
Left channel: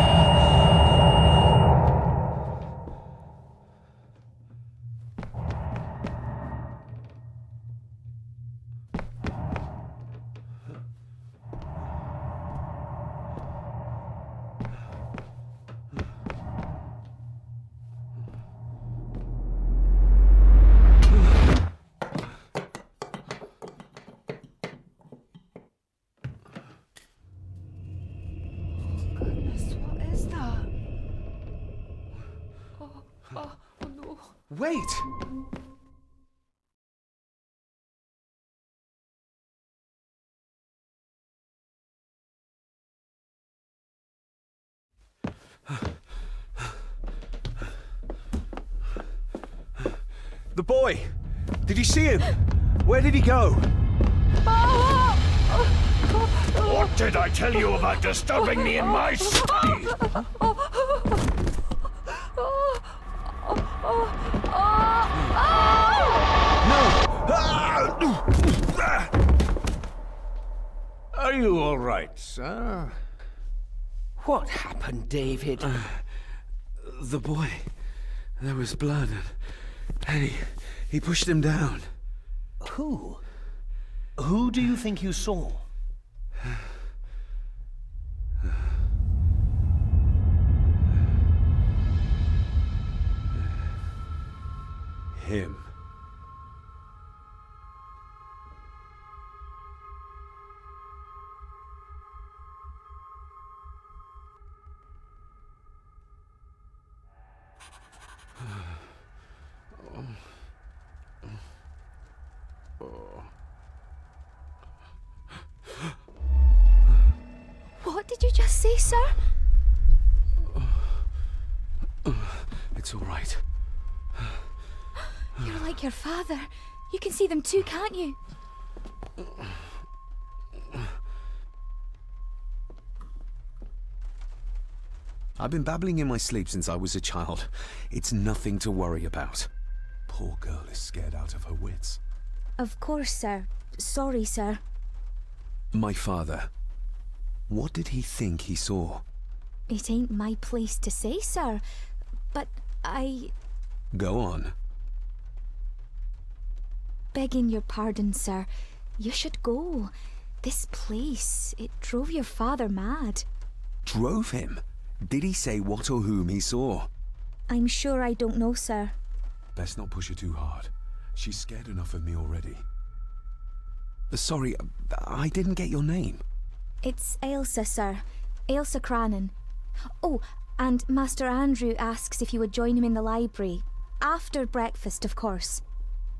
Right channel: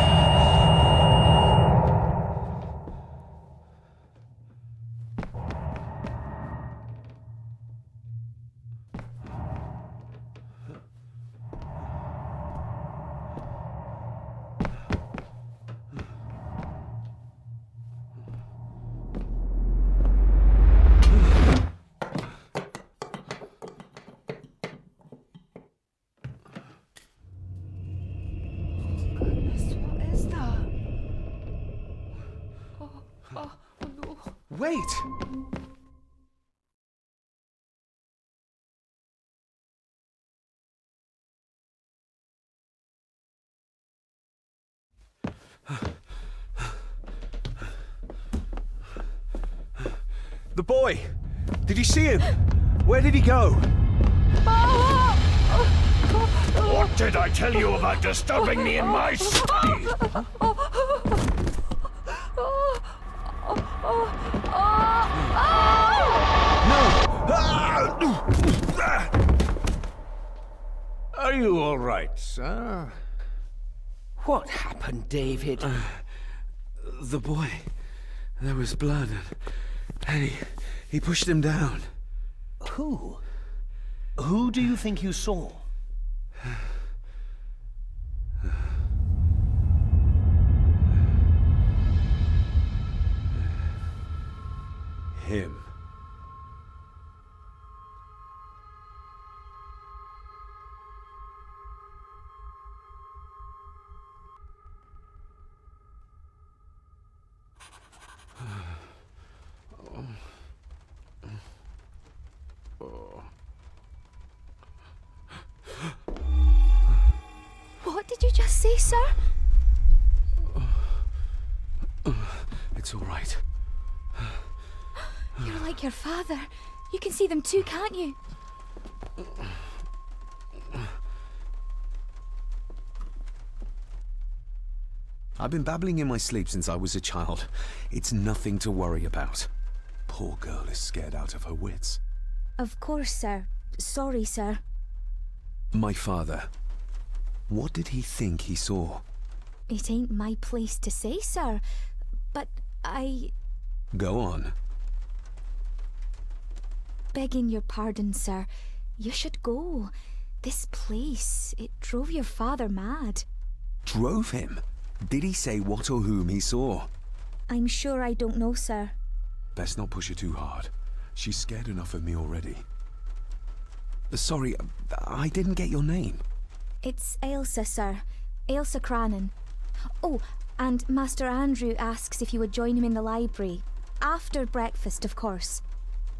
Wait! The boy! Did you see him? Where did he go? What did I tell you about disturbing me in my study? Are you all right, sir? What happened, David? The boy. There was blood, and he pushed him down. Who? Who do you think you saw? Him. What did you just say, sir? It's all right. You're like your father. You can see them too, can't you? I've been babbling in my sleep since I was a child. It's nothing to worry about. Poor girl is scared out of her wits. Of course, sir. Sorry, sir. My father. What did he think he saw? It ain't my place to say, sir. But I... Go on. Begging your pardon, sir. You should go. This place, it drove your father mad. Drove him? Did he say what or whom he saw? I'm sure I don't know, sir. Best not push her too hard. She's scared enough of me already. Sorry, I didn't get your name. It's Ailsa, sir. Ailsa Crannan. Oh, and Master Andrew asks if you would join him in the library. After breakfast, of course.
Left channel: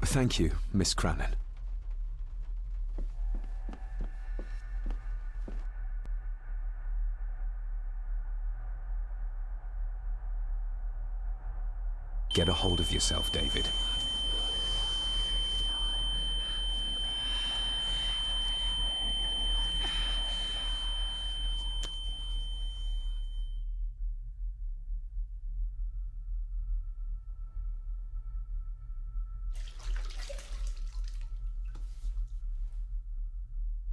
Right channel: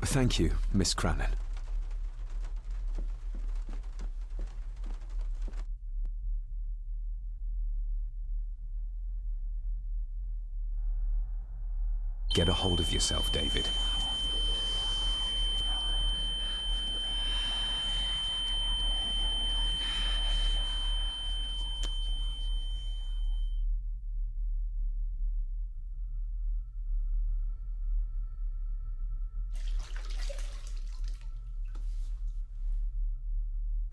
Thank you, Miss Crannan. Get a hold of yourself, David.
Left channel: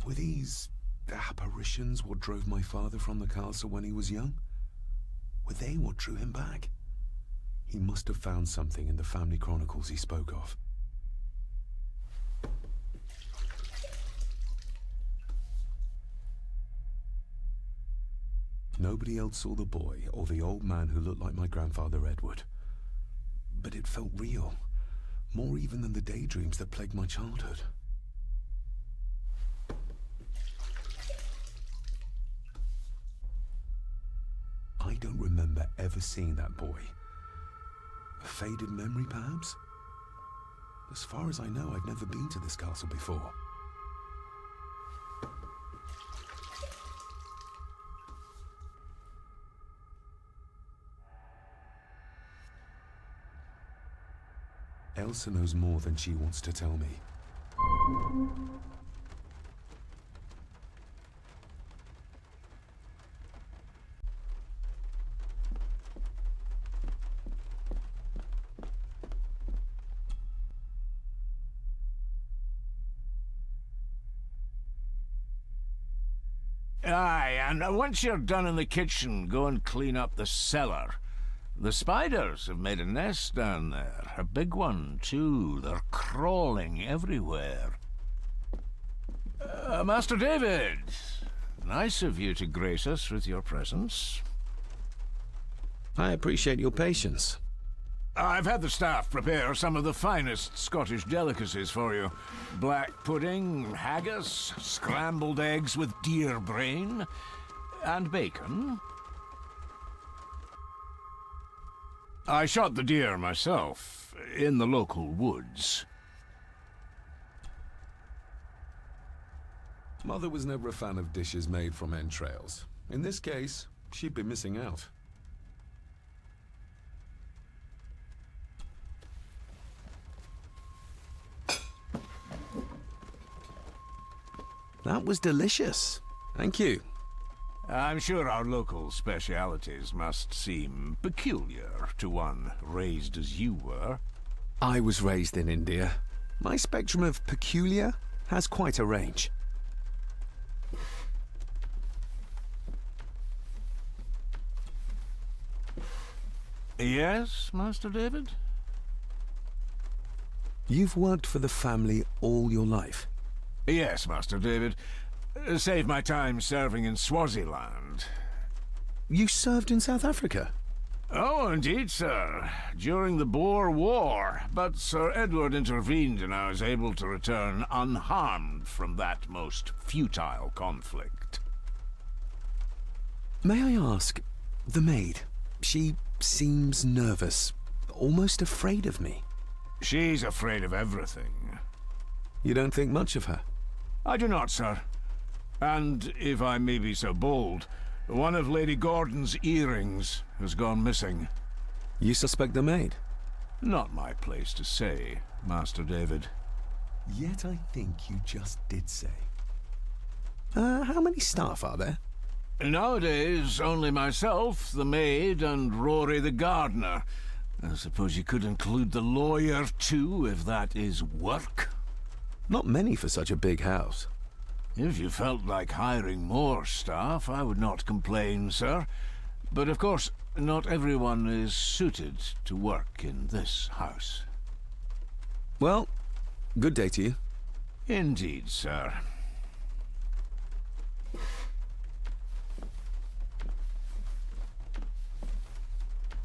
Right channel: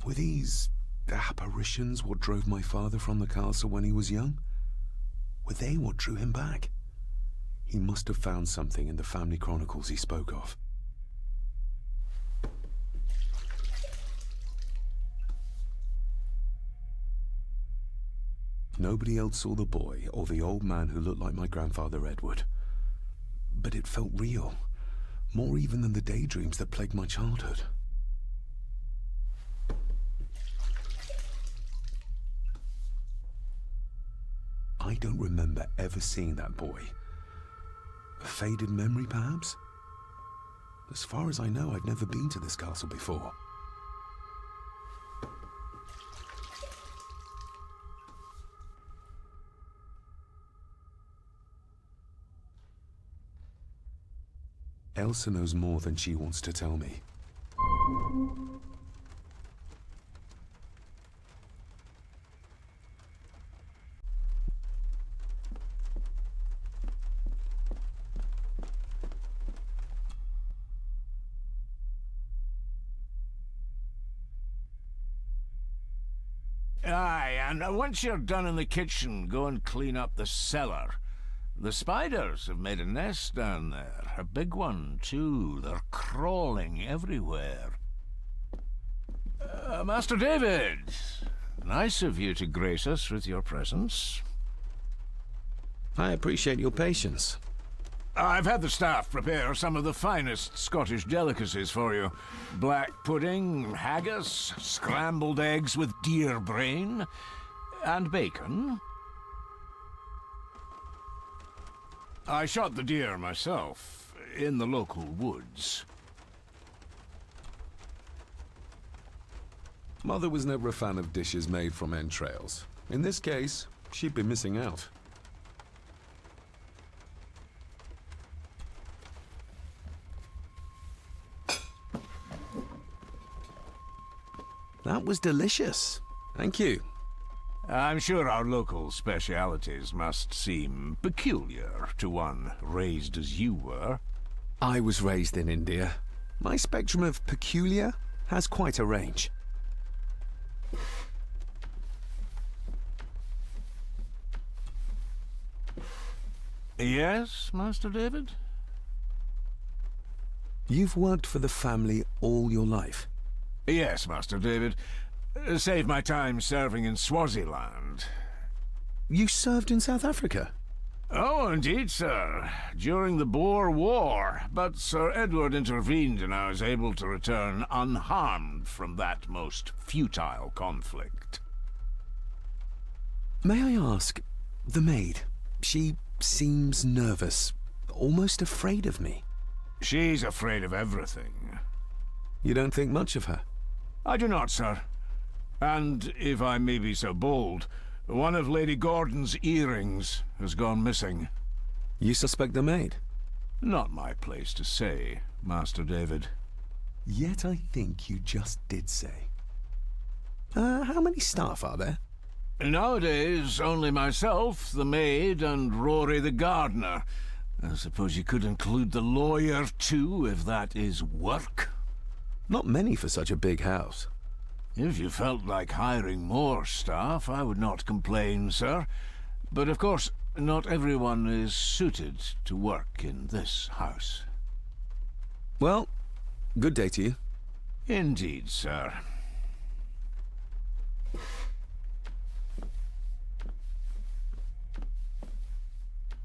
Were these apparitions what drove my father from the castle when he was young? Were they what drew him back? He must have found something in the family chronicles he spoke of. Nobody else saw the boy or the old man who looked like my grandfather Edward. But it felt real, more even than the daydreams that plagued my childhood. I don't remember ever seeing that boy. A faded memory, perhaps? As far as I know, I've never been to this castle before. Elsa knows more than she wants to tell me. Aye, and once you're done in the kitchen, go and clean up the cellar. The spiders have made a nest down there. A big one, too. They're crawling everywhere. Master David, nice of you to grace us with your presence. I appreciate your patience. I've had the staff prepare some of the finest Scottish delicacies for you. Black pudding, haggis, scrambled eggs with deer brain, and bacon. I shot the deer myself, in the local woods. Mother was never a fan of dishes made from entrails. In this case, she'd be missing out. That was delicious. Thank you. I'm sure our local specialities must seem peculiar to one raised as you were. I was raised in India. My spectrum of peculiar has quite a range. Yes, Master David? You've worked for the family all your life? Yes, Master David. Save my time serving in Swaziland. You served in South Africa? Oh, indeed, sir. During the Boer War. But Sir Edward intervened and I was able to return unharmed from that most futile conflict. May I ask, the maid, she seems nervous, almost afraid of me. She's afraid of everything. You don't think much of her? I do not, sir. And, if I may be so bold, one of Lady Gordon's earrings has gone missing. You suspect the maid? Not my place to say, Master David. Yet I think you just did say. How many staff are there? Nowadays, only myself, the maid, and Rory the gardener. I suppose you could include the lawyer, too, if that is work. Not many for such a big house. If you felt like hiring more staff, I would not complain, sir. But of course, not everyone is suited to work in this house. Well, good day to you. Indeed, sir.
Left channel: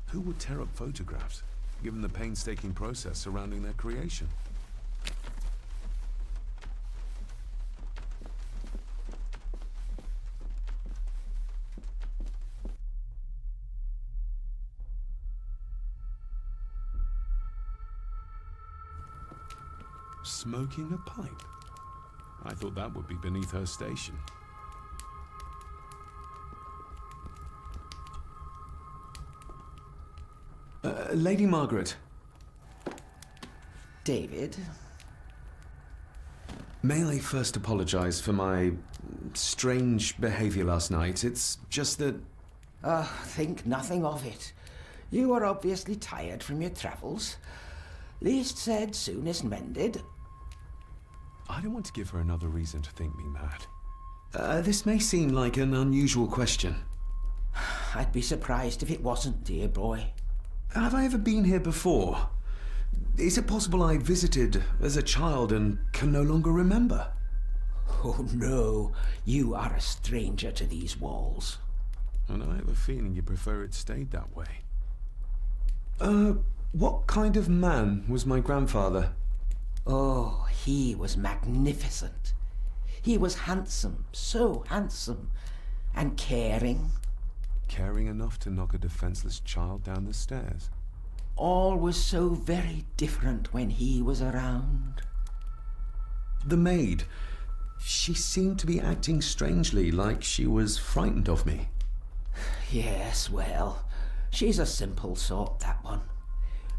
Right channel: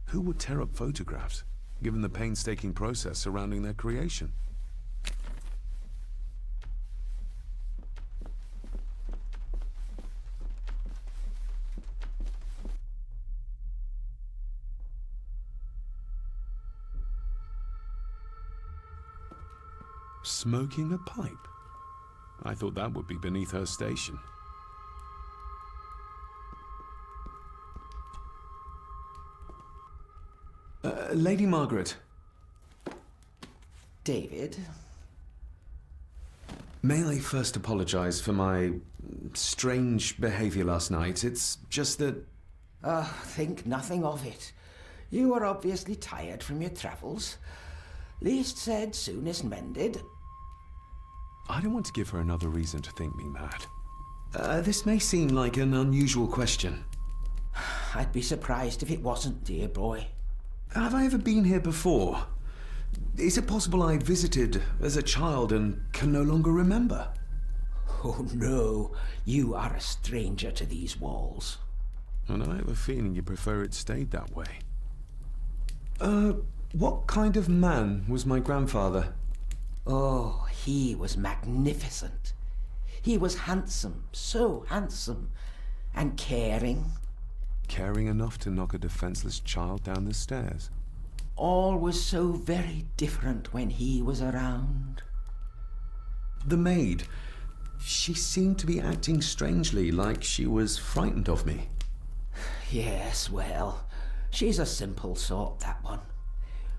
Who would tear up photographs, given the painstaking process surrounding their creation? Smoking a pipe? I thought that would be beneath her station. Lady Margaret. David? May I first apologize for my strange behavior last night? It's just that... Think nothing of it. You were obviously tired from your travels. Least said, soonest mended. I don't want to give her another reason to think me mad. This may seem like an unusual question. I'd be surprised if it wasn't, dear boy. Have I ever been here before? Is it possible I visited as a child and can no longer remember? Oh, no. You are a stranger to these walls. And I have a feeling you prefer it stayed that way. What kind of man was my grandfather? Oh, he was magnificent. He was handsome, so handsome, and caring. Caring enough to knock a defenseless child down the stairs. All was so very different when he was around. The maid, she seemed to be acting strangely, like she was frightened of me. Yes, well, she's a simple sort, that one.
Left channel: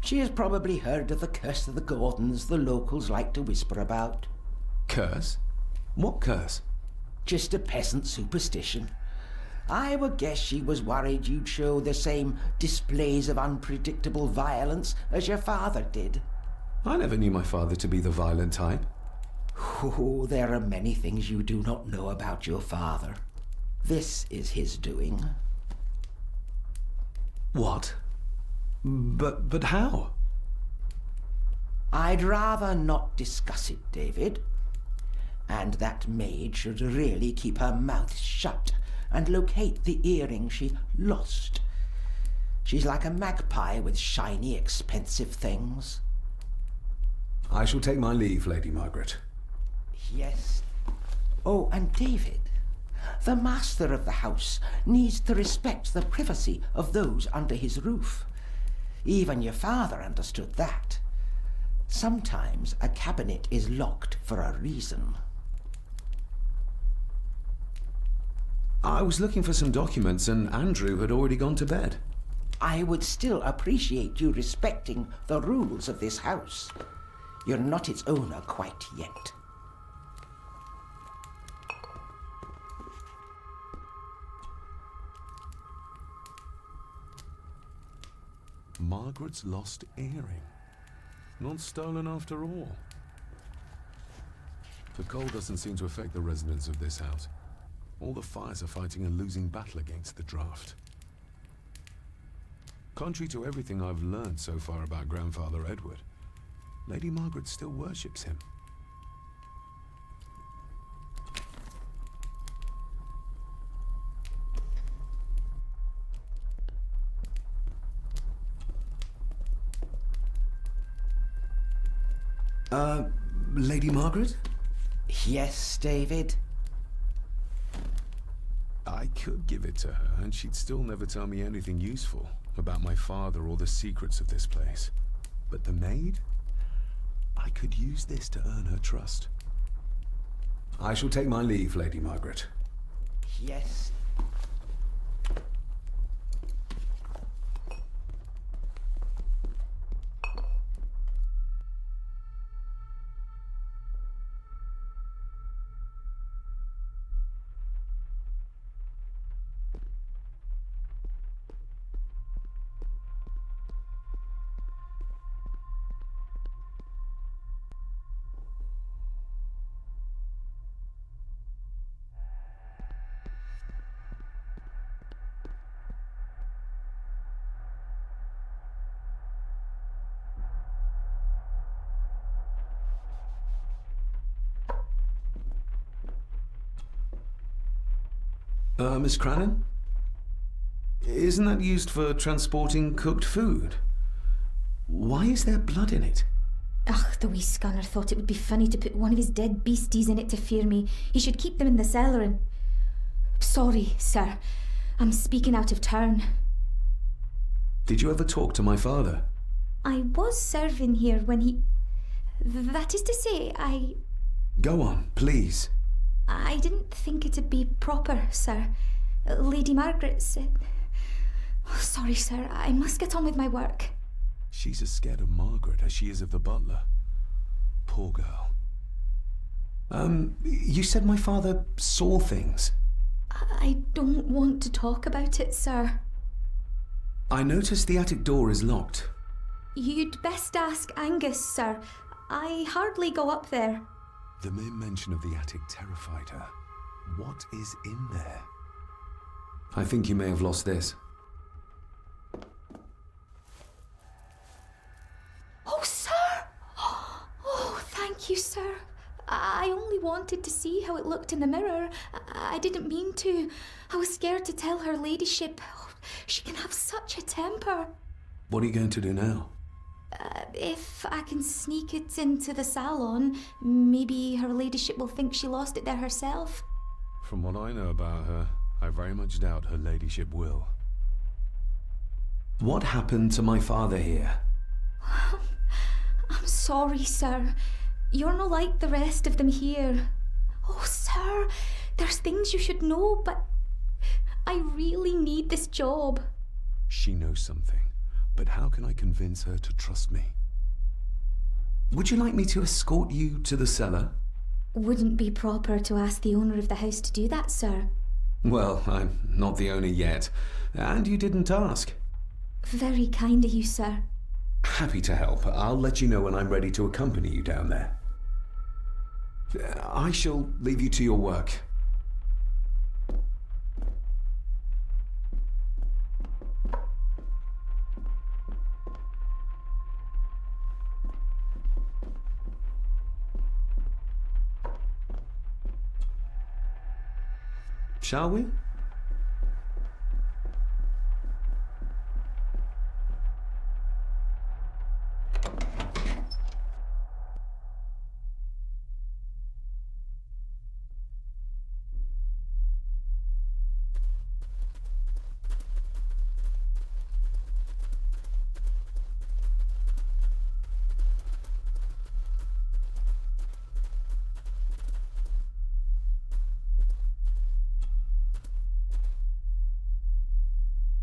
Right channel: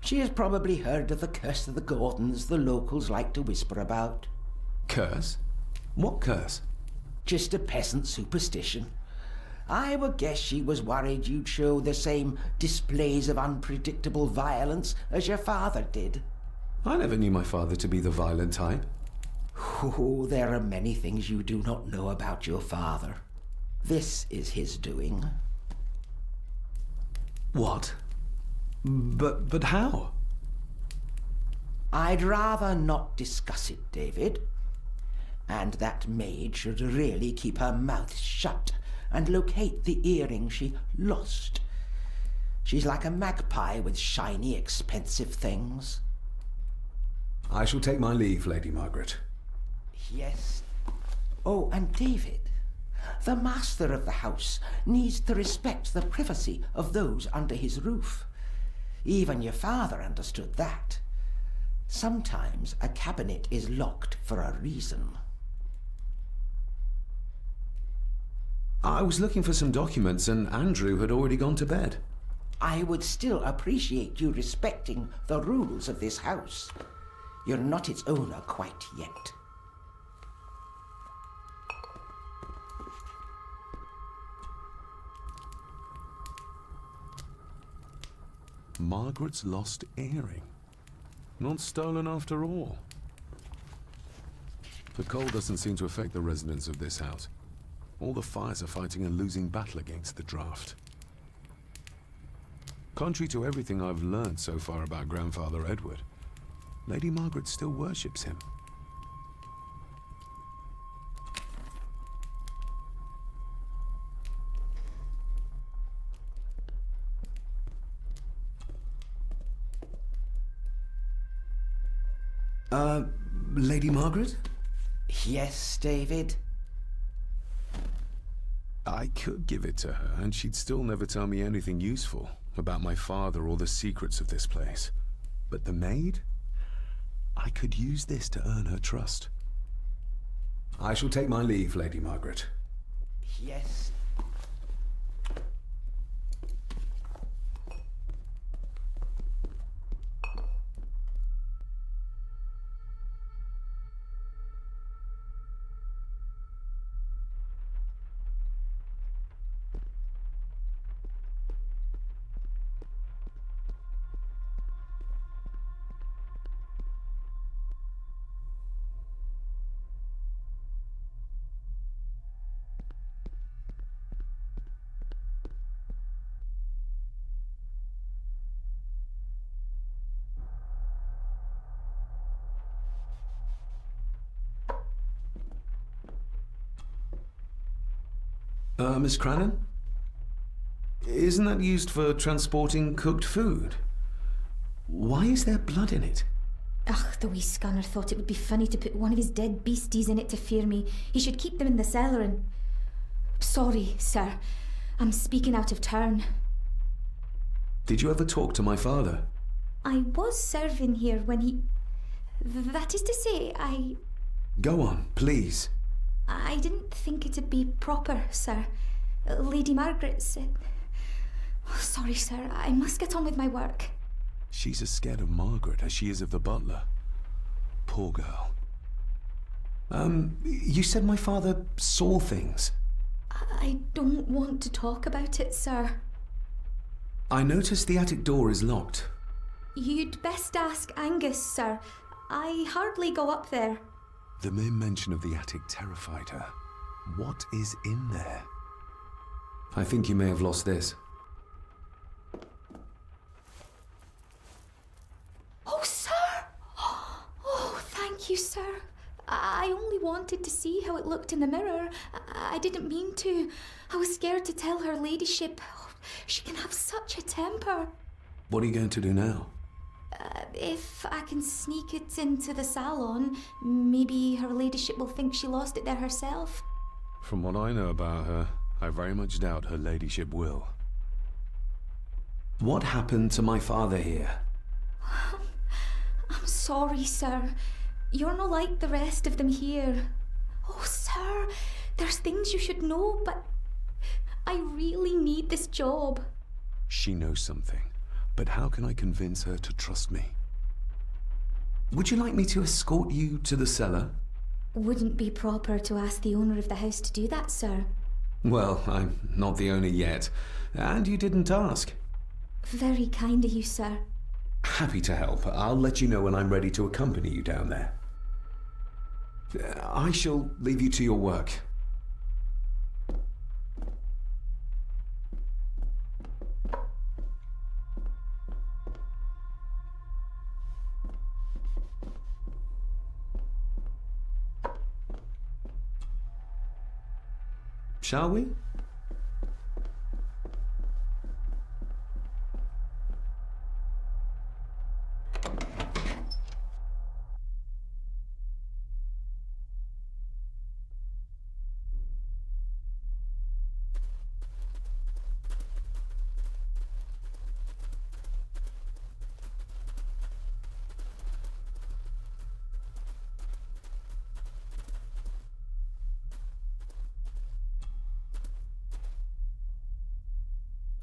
She has probably heard of the curse of the Gordons the locals like to whisper about. Curse? What curse? Just a peasant superstition. I would guess she was worried you'd show the same displays of unpredictable violence as your father did. I never knew my father to be the violent type. Oh, there are many things you do not know about your father. This is his doing. What? But how? I'd rather not discuss it, David. And that maid should really keep her mouth shut and locate the earring she lost. She's like a magpie with shiny, expensive things. I shall take my leave, Lady Margaret. Yes. Oh, and David, the master of the house needs to respect the privacy of those under his roof. Even your father understood that. Sometimes a cabinet is locked for a reason. I was looking for some documents and Andrew had already gone to bed. I would still appreciate you respecting the rules of this house. You're not its owner quite yet. Margaret's lost earring. Not stolen after all. The cold doesn't seem to affect the residents of this house. All the fires are fighting a losing battle against the draft. Contrary to everything I've learned so far about Grandfather Edward, Lady Margaret still worships him. Lady Margaret? Yes, David? I could give it to her, and she'd still never tell me anything useful about my father or the secrets of this place. But the maid? I could use this to earn her trust. I shall take my leave, Lady Margaret. Yes. Miss Crannan? Isn't that used for transporting cooked food? Why is there blood in it? Ugh, the wee scunner thought it would be funny to put one of his dead beasties in it to fear me. He should keep them in the cellar and... Sorry, sir. I'm speaking out of turn. Did you ever talk to my father? I was serving here when he... That is to say, Go on, please. I didn't think it'd be proper, sir. Lady Margaret said... Oh, sorry, sir. I must get on with my work. She's as scared of Margaret as she is of the butler. Poor girl. You said my father saw things. I don't want to talk about it, sir. I noticed the attic door is locked. You'd best ask Angus, sir. I hardly go up there. The mere mention of the attic terrified her. What is in there? I think you may have lost this. Oh, sir! Oh, thank you, sir. I only wanted to see how it looked in the mirror. I didn't mean to. I was scared to tell her ladyship. Oh, she can have such a temper. What are you going to do now? If I can sneak it into the salon, maybe her ladyship will think she lost it there herself. From what I know about her, I very much doubt her ladyship will. What happened to my father here? I'm sorry, sir. You're not like the rest of them here. Oh, sir, there's things you should know, but I really need this job. She knows something, but how can I convince her to trust me? Would you like me to escort you to the cellar? Wouldn't be proper to ask the owner of the house to do that, sir. Well, I'm not the owner yet, and you didn't ask. Very kind of you, sir. Happy to help. I'll let you know when I'm ready to accompany you down there. I shall leave you to your work. Shall we?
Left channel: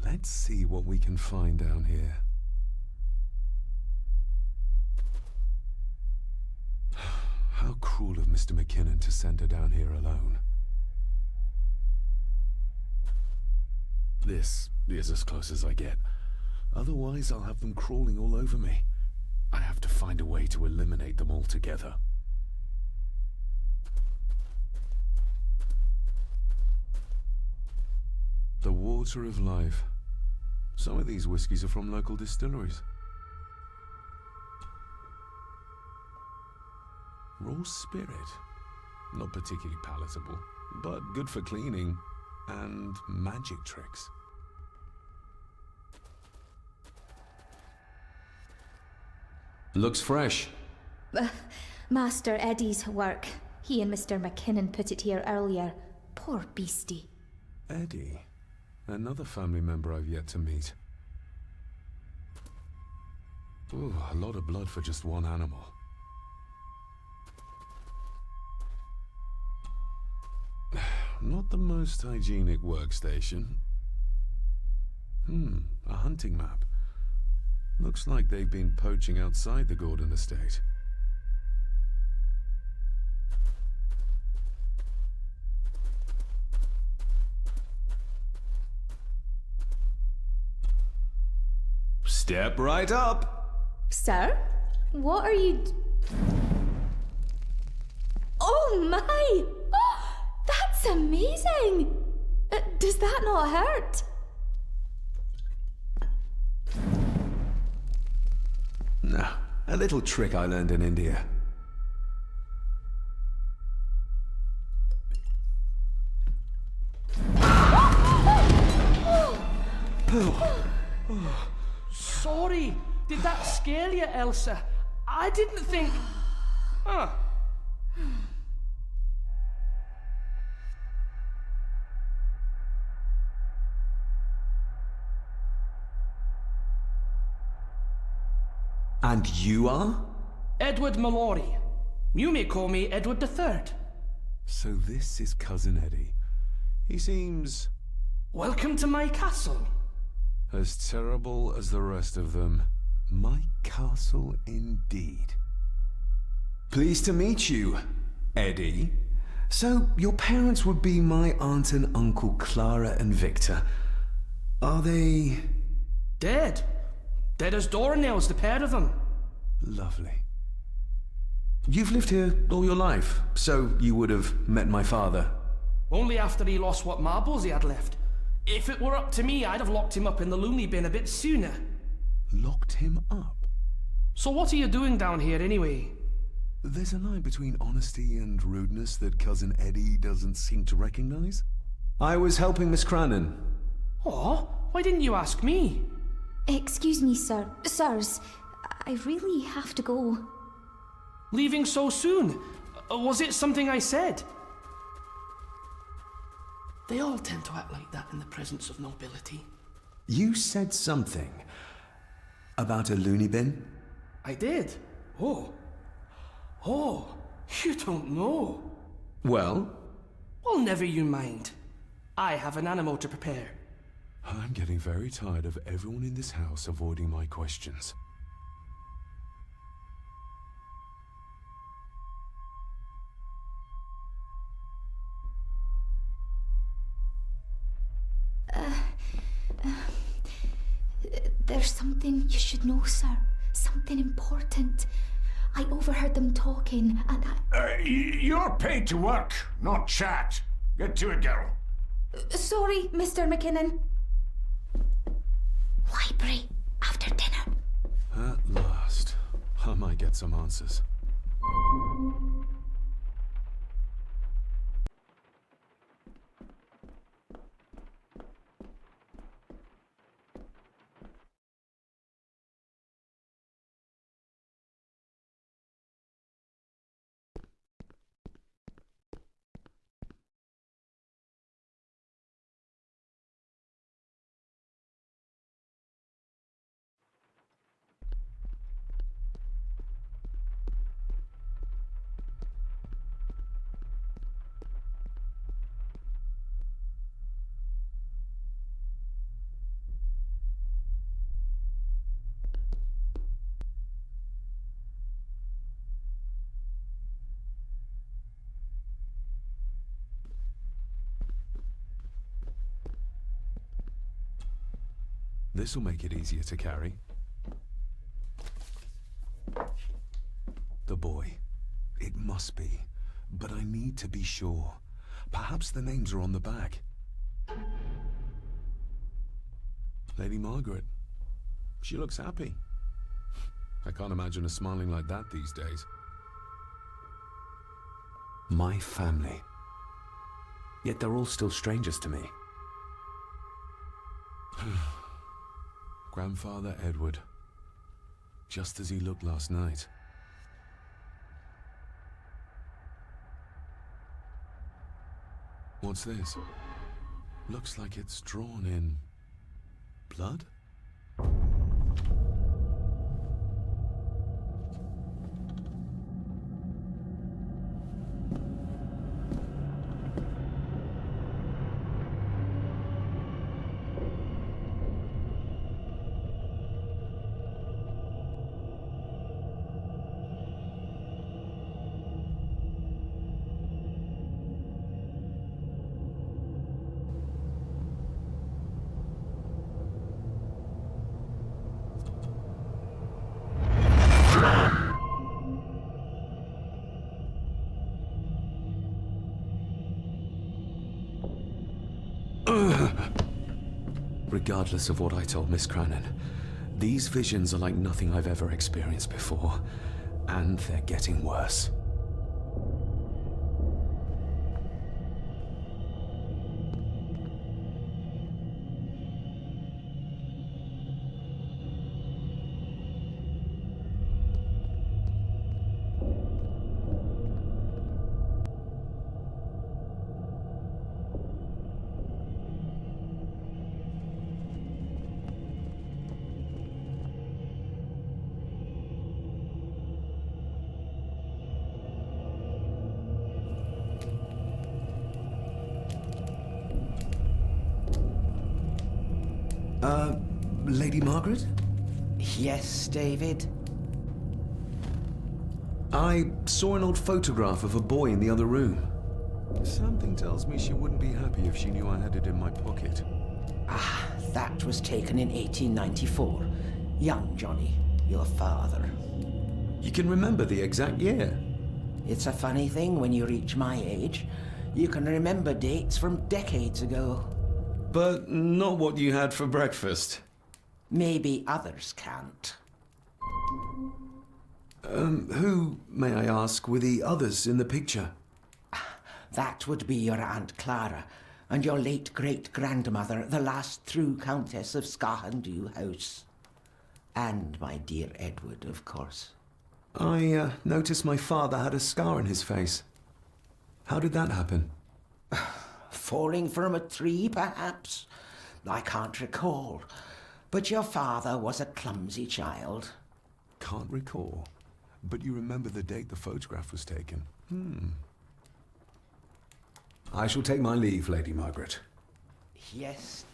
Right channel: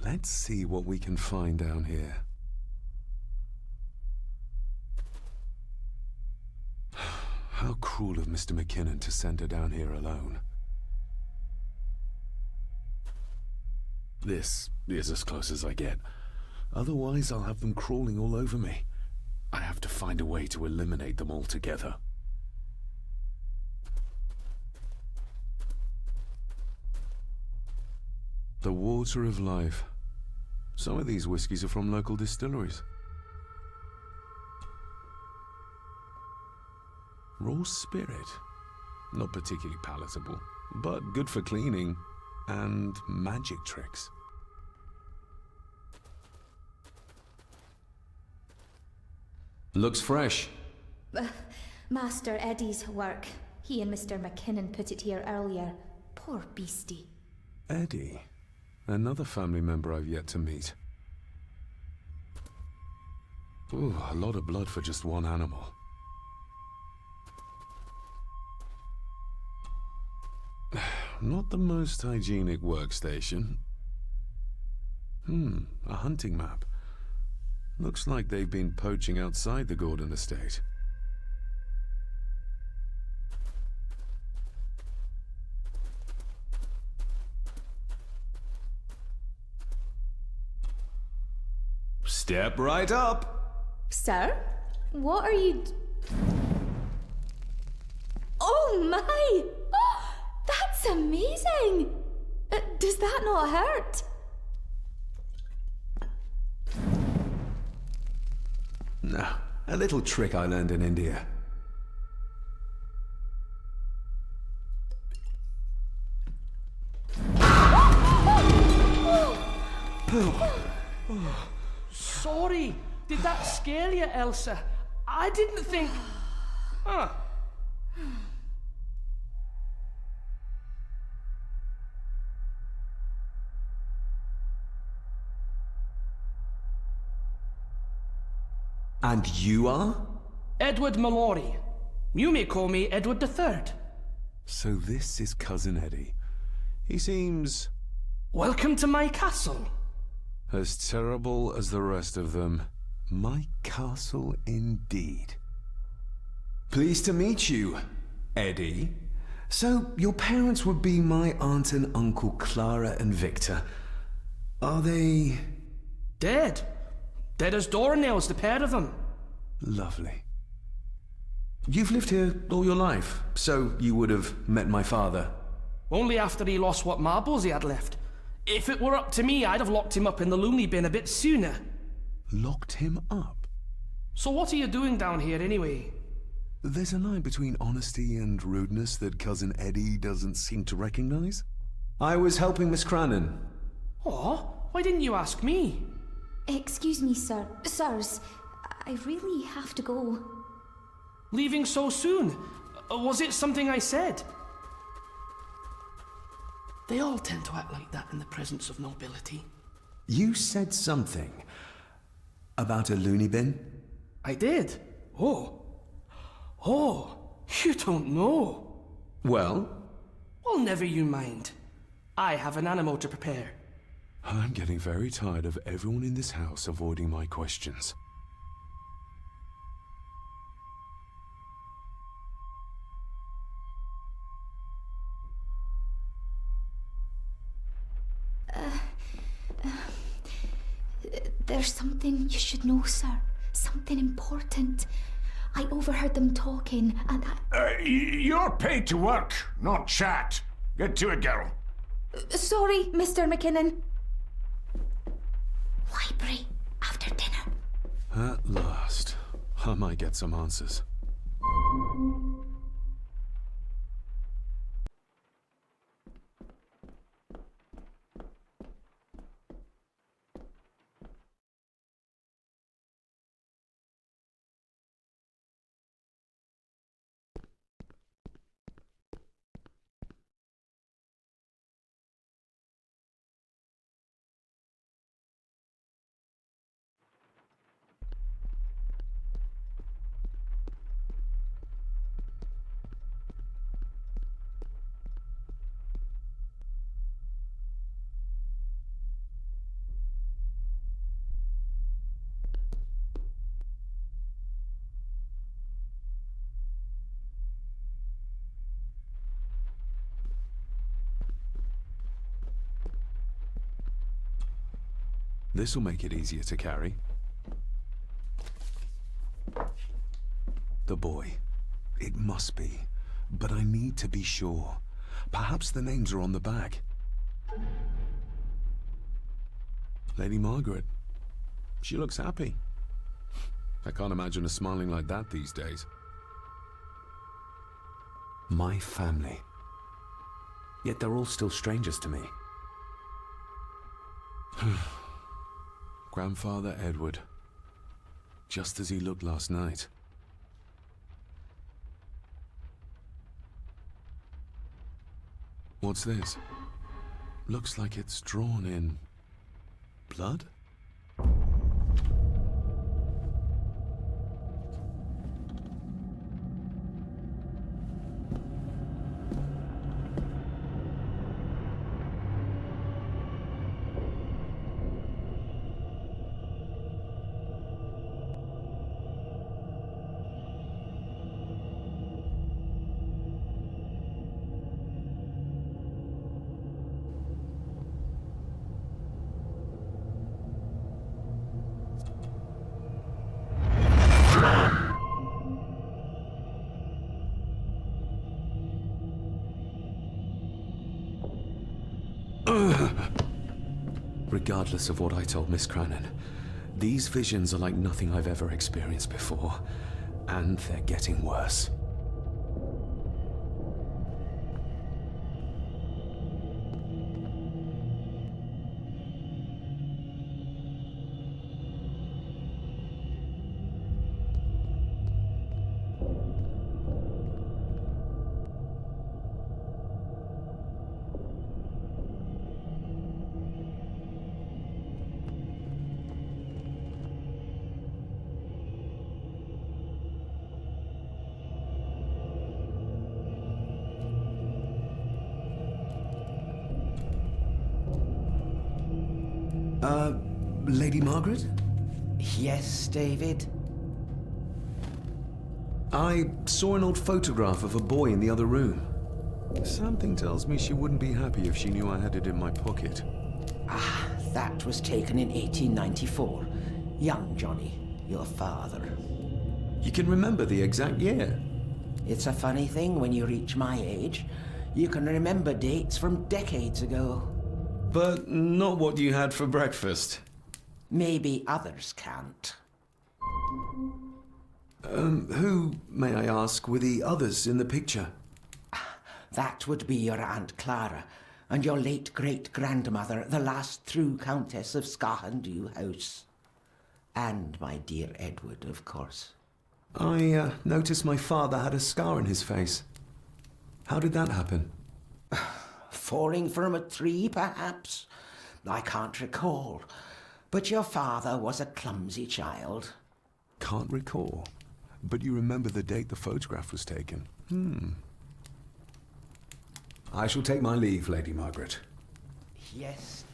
Let's see what we can find down here. How cruel of Mr. McKinnon to send her down here alone. This is as close as I get. Otherwise, I'll have them crawling all over me. I have to find a way to eliminate them altogether. The water of life. Some of these whiskies are from local distilleries. Raw spirit. Not particularly palatable, but good for cleaning and magic tricks. Looks fresh. Master Eddie's work. He and Mr. McKinnon put it here earlier. Poor beastie. Eddie? Another family member I've yet to meet. Ooh, a lot of blood for just one animal. Not the most hygienic workstation. A hunting map. Looks like they've been poaching outside the Gordon estate. Step right up! Sir? What are you... Oh my! Oh, that's amazing! Does that not hurt? No, a little trick I learned in India. Sorry, did that scare you, Elsa? I didn't think... Huh. And you are? Edward Mallory. You may call me Edward III. So this is Cousin Eddie. He seems... Welcome to my castle. as terrible as the rest of them. My castle indeed. Pleased to meet you, Eddie. So, your parents would be my aunt and uncle Clara and Victor. Are they... Dead. Dead as doornails, the pair of them. Lovely. You've lived here all your life, so you would have met my father. Only after he lost what marbles he had left. If it were up to me, I'd have locked him up in the loony bin a bit sooner. Locked him up? So what are you doing down here anyway? There's a line between honesty and rudeness that Cousin Eddie doesn't seem to recognize. I was helping Miss Cranon. Oh, why didn't you ask me? Excuse me, sir. Sirs, I really have to go. Leaving so soon? Was it something I said? They all tend to act like that in the presence of nobility. You said something about a loony bin? I did. Oh, you don't know. Well? Well, never you mind. I have an animal to prepare. I'm getting very tired of everyone in this house avoiding my questions. There's something you should know, sir. Something important. I overheard them talking, and You're paid to work, not chat. Get to it, girl. Sorry, Mr. McKinnon. Library, after dinner. At last. I might get some answers. This'll make it easier to carry. The boy. It must be. But I need to be sure. Perhaps the names are on the back. Lady Margaret. She looks happy. I can't imagine her smiling like that these days. My family. Yet they're all still strangers to me. Grandfather Edward. Just as he looked last night. What's this? Looks like it's drawn in blood? Regardless of what I told Miss Crannan, these visions are like nothing I've ever experienced before, and they're getting worse. Lady Margaret? Yes, David? I saw an old photograph of a boy in the other room. Something tells me she wouldn't be happy if she knew I had it in my pocket. Ah, that was taken in 1894. Young Johnny, your father. You can remember the exact year? It's a funny thing when you reach my age. You can remember dates from decades ago. But not what you had for breakfast. Maybe others can't. Who, may I ask, were the others in the picture? That would be your Aunt Clara and your late great-grandmother, the last true Countess of Scahandew House. And my dear Edward, of course. I noticed my father had a scar on his face. How did that happen? Falling from a tree, perhaps? I can't recall. But your father was a clumsy child. Can't recall. But you remember the date the photograph was taken? I shall take my leave, Lady Margaret. Yes.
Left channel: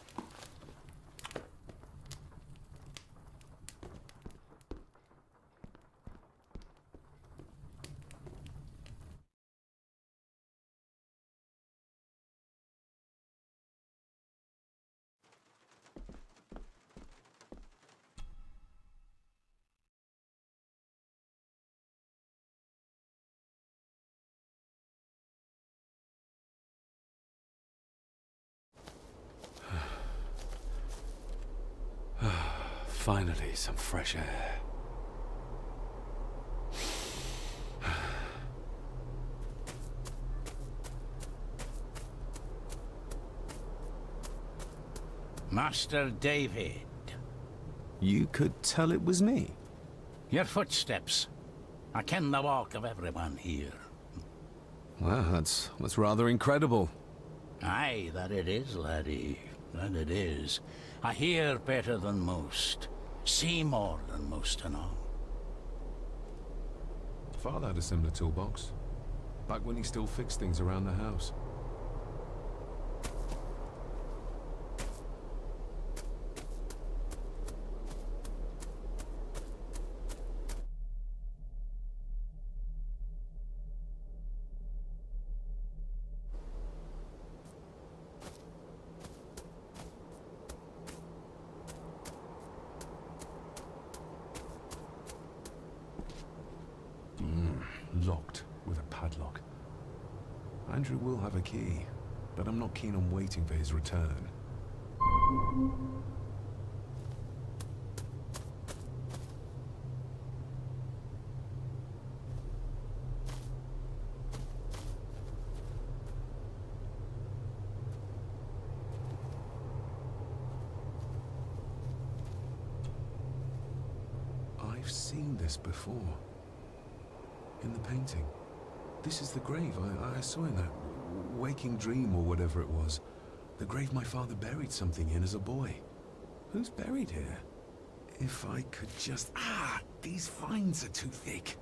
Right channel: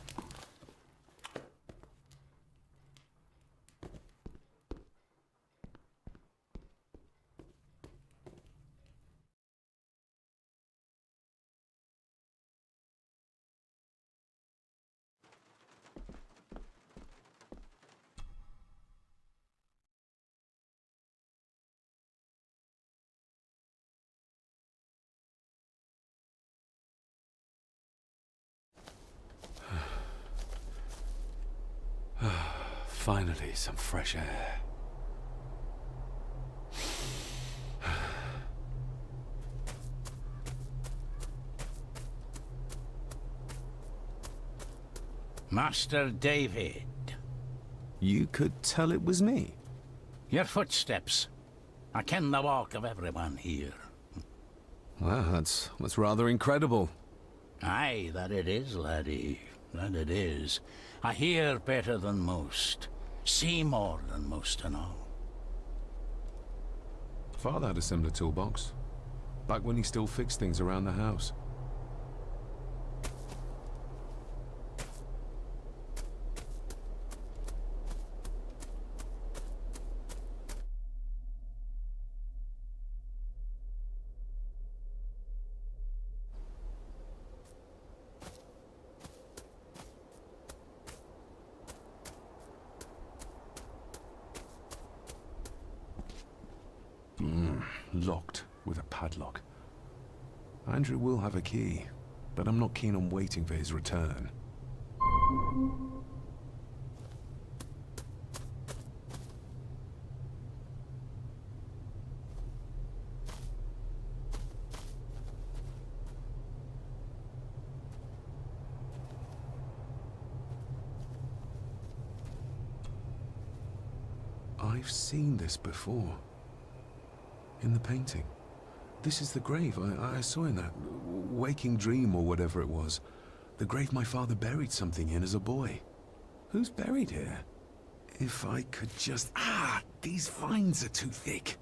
Finally, some fresh air. Master David. You could tell it was me. Your footsteps. I ken the walk of everyone here. Well, that's rather incredible. Aye, that it is, laddie. That it is. I hear better than most. See more than most and all. Father had a similar toolbox. Back when he still fixed things around the house. Locked with a padlock. Andrew will have a key, but I'm not keen on waiting for his return. I've seen this before. In the painting. This is the grave I saw in that waking dream or whatever it was. The grave my father buried something in as a boy. Who's buried here? If I could just... Ah! These vines are too thick.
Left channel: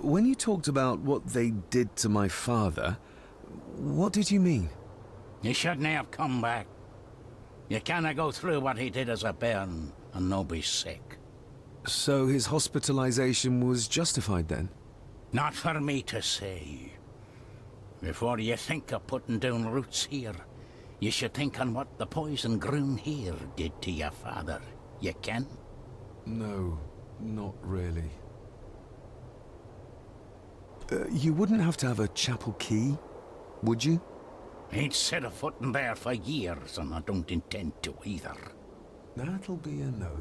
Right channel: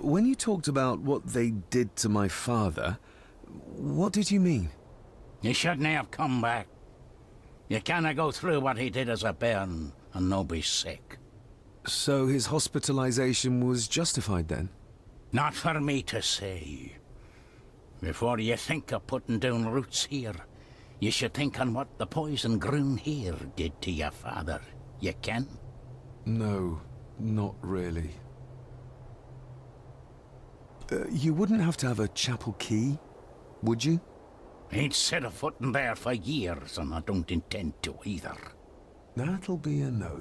When you talked about what they did to my father, what did you mean? You shouldn't have come back. You canna go through what he did as a bairn and no be sick. So his hospitalization was justified then? Not for me to say. Before you think of putting down roots here, you should think on what the poison grown here did to your father. You can? No, not really. You wouldn't have to have a chapel key, would you? Ain't set a foot in there for years, and I don't intend to either. That'll be a no,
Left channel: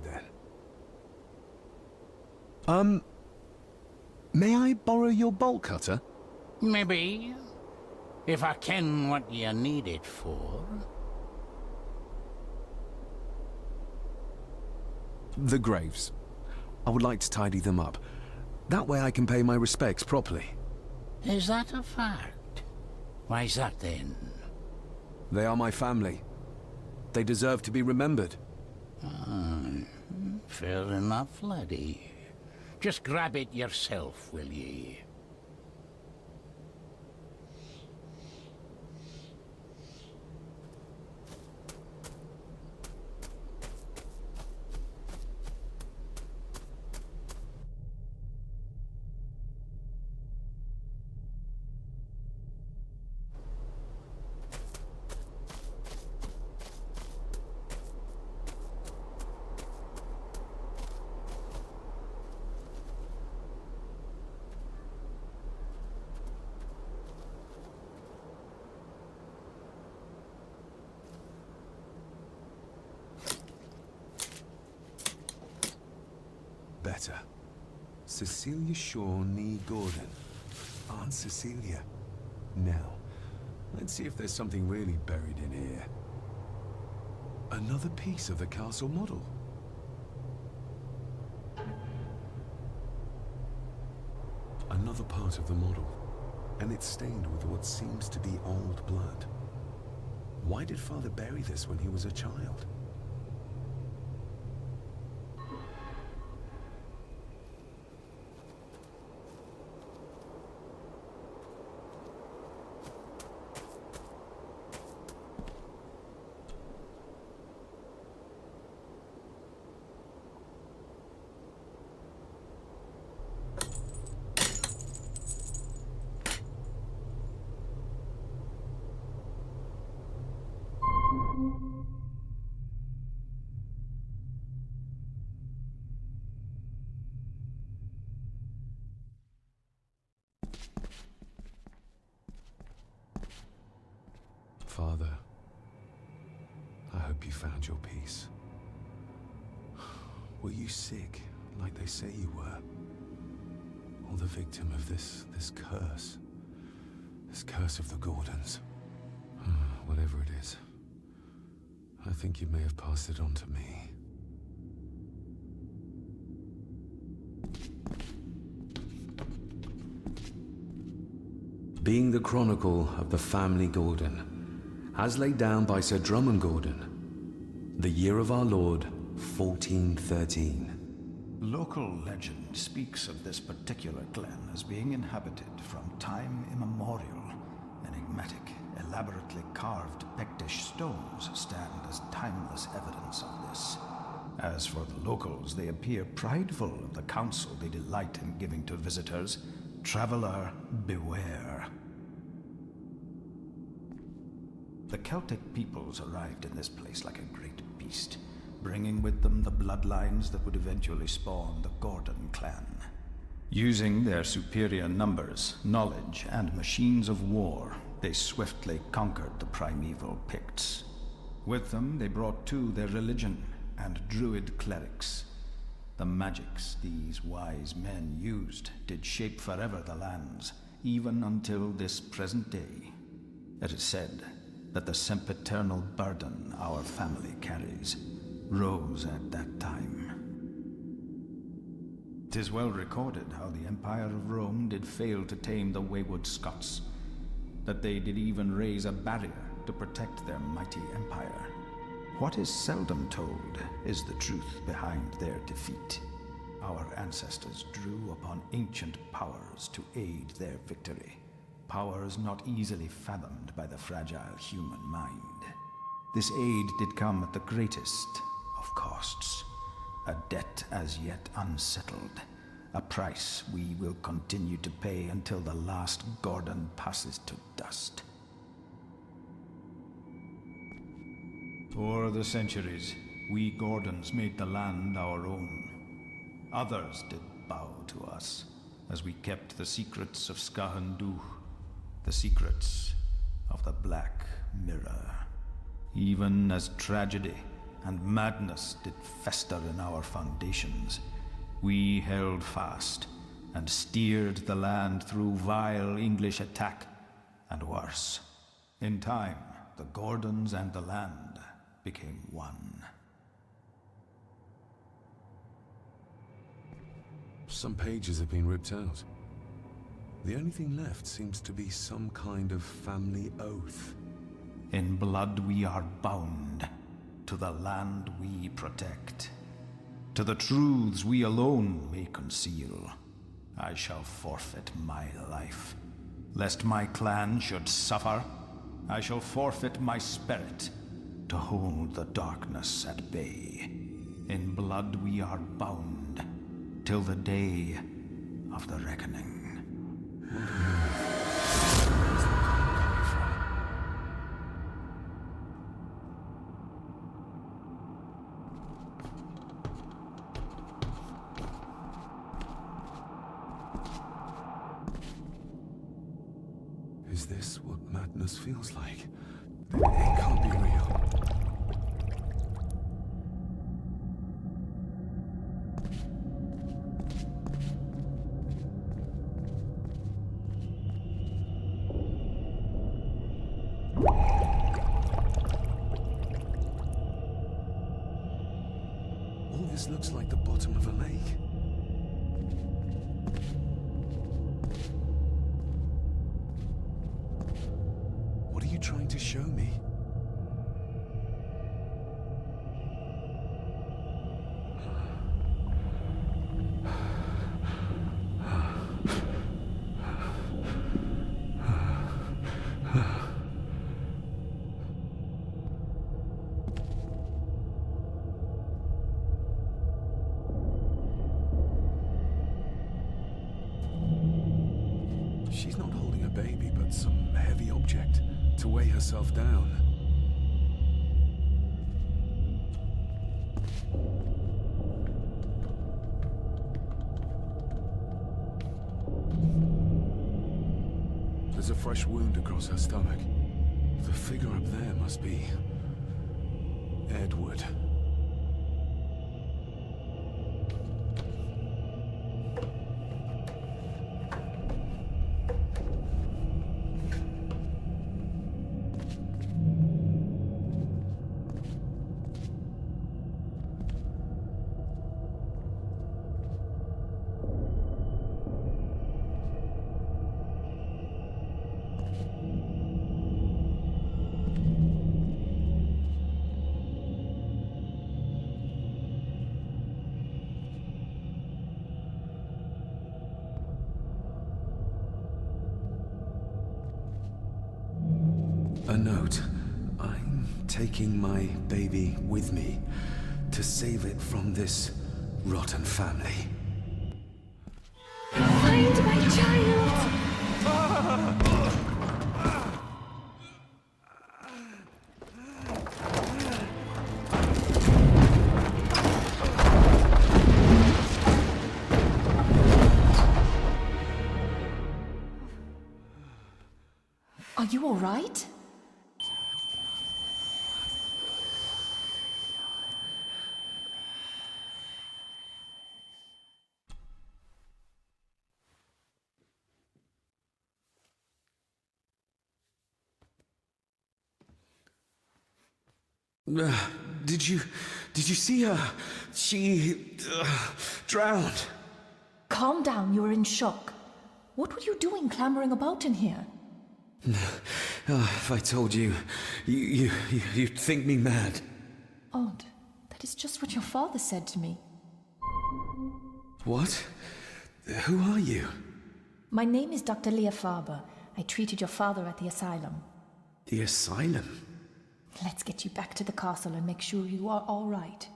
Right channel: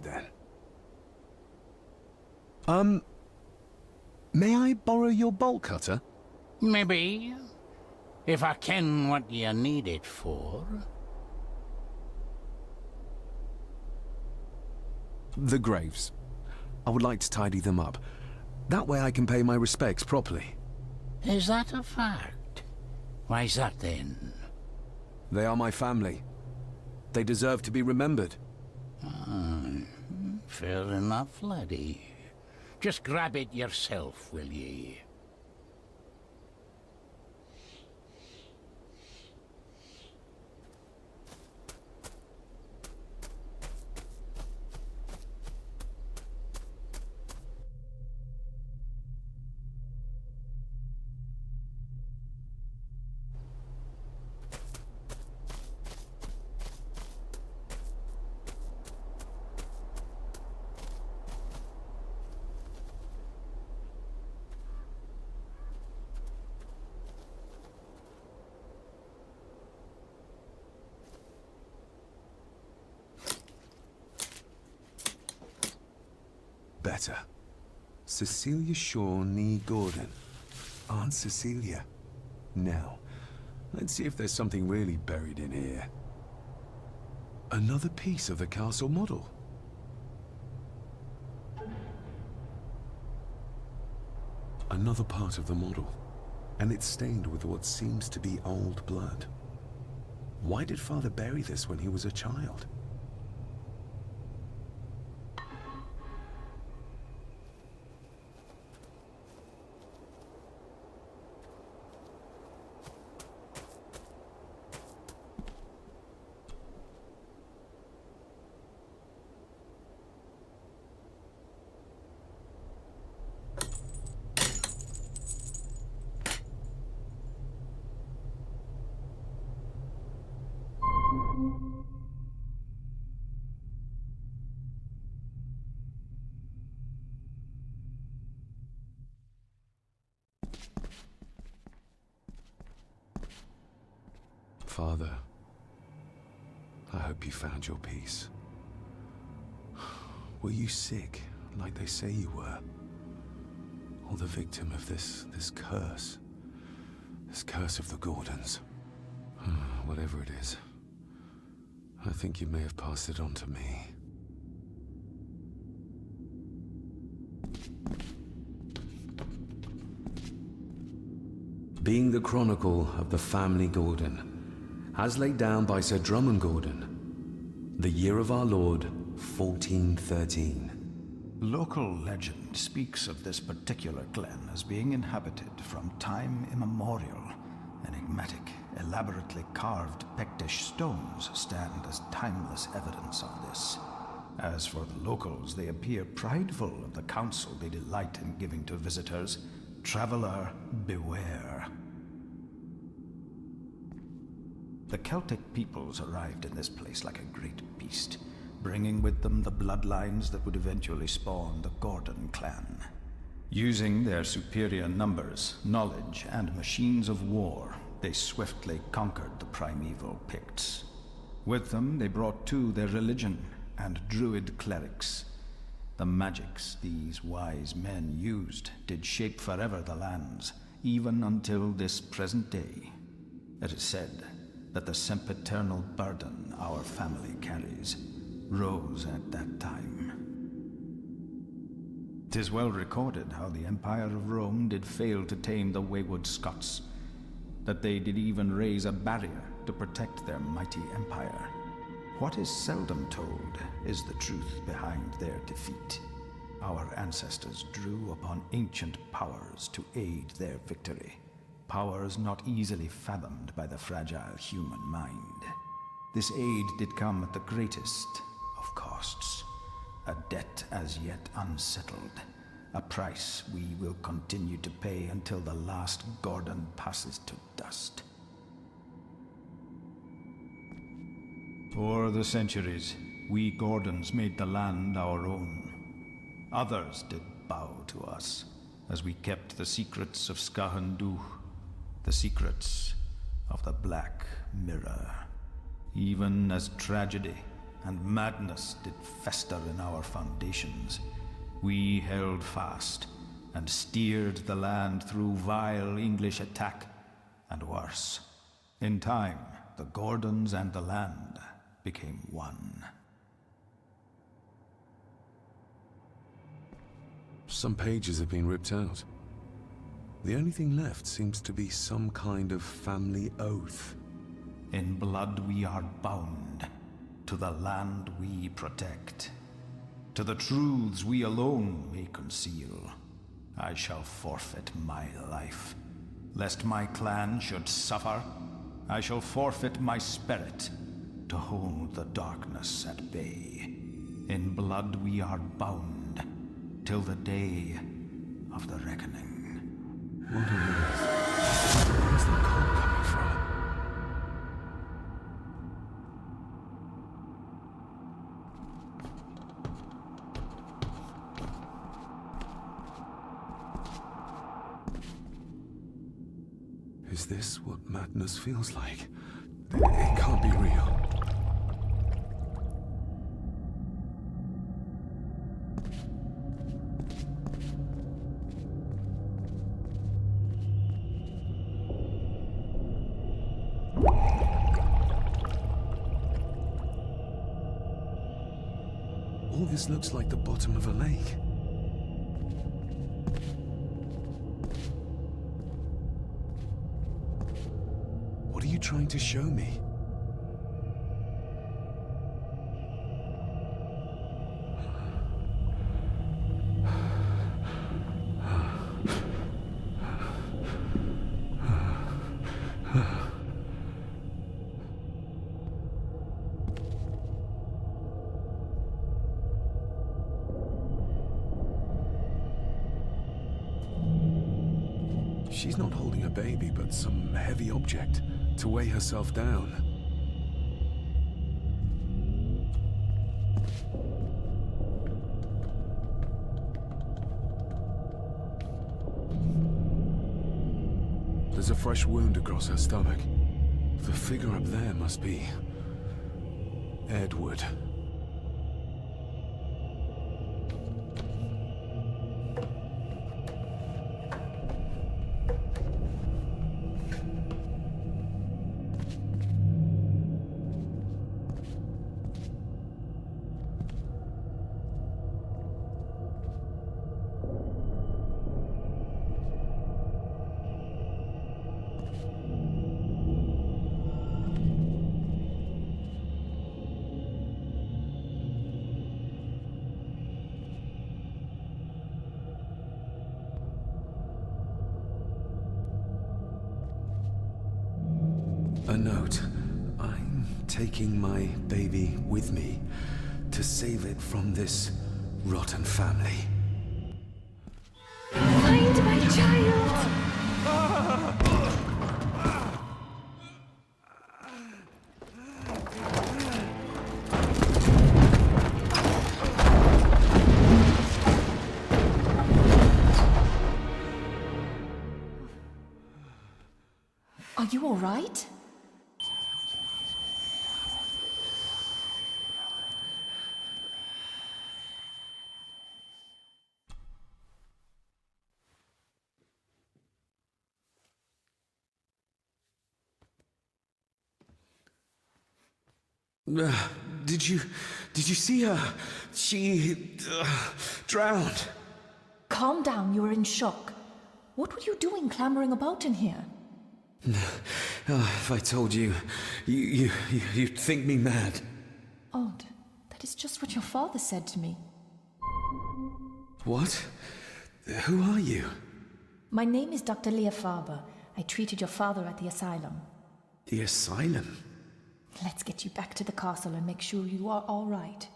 then. May I borrow your bolt cutter? Maybe. If I ken what you need it for. The graves. I would like to tidy them up. That way I can pay my respects properly. Is that a fact? Why's that then? They are my family. They deserve to be remembered. Fair enough, laddie. Just grab it yourself, will ye? Better. Cecilia Shaw nee Gordon. Aunt Cecilia. Now, let's see if there's something really buried in here. Another piece of the castle model. Another part of the model. And it's stained with what seems to be old blood. Why did Father bury this when he was a child? Father, I hope you found your peace. Were you sick, like they say you were? Or the victim of this curse? This curse of the Gordons? Whatever it is, I think you may have passed it on to me. Being the chronicle of the family Gordon, as laid down by Sir Drummond Gordon, the year of our Lord, 1413. Local legend speaks of this particular glen as being inhabited from time immemorial. Enigmatic, elaborately carved Pictish stones stand as timeless evidence of this. As for the locals, they appear prideful of the counsel they delight in giving to visitors. Traveler, beware. The Celtic peoples arrived in this place like a great beast, bringing with them the bloodlines that would eventually spawn the Gordan clan. Using their superior numbers, knowledge, and machines of war, they swiftly conquered the primeval Picts. With them, they brought too their religion and druid clerics. The magics these wise men used did shape forever the lands, even until this present day. It is said that the sempiternal burden our family carries rose at that time. 'Tis well recorded how the Empire of Rome did fail to tame the wayward Scots, that they did even raise a barrier to protect their mighty empire. What is seldom told is the truth behind their defeat. Our ancestors drew upon ancient powers to aid their victory, powers not easily fathomed by the fragile human mind. This aid did come at the greatest of costs, a debt as yet unsettled, a price we will continue to pay until the last Gordan passes to dust. For the centuries, we Gordons made the land our own. Others did bow to us, as we kept the secrets of Skahandu, the secrets of the Black Mirror. Even as tragedy and madness did fester in our foundations, we held fast and steered the land through vile English attack and worse. In time, the Gordons and the land became one. Some pages have been ripped out. The only thing left seems to be some kind of family oath. In blood we are bound to the land we protect, to the truths we alone may conceal. I shall forfeit my life, lest my clan should suffer. I shall forfeit my spirit to hold the darkness at bay. In blood we are bound till the day of the reckoning. What on earth? Where's the cold coming from? Is this what madness feels like? It can't be real. All this looks like the bottom of a lake. What are you trying to show me? She's not holding a baby, but some heavy object to weigh herself down. There's a fresh wound across her stomach. The figure up there must be Edward. A note. I'm taking my baby with me to save it from this rotten family. Find my child! Are you all right? Did you see her? She drowned. Calm down, you were in shock. What were you doing clambering about in here? If I told you, you'd think me mad. Odd. That is just what your father said to me. What? Who are you? My name is Dr. Leah Farber. I treated your father at the asylum. The asylum? Let's get you back to the castle and make sure you are all right.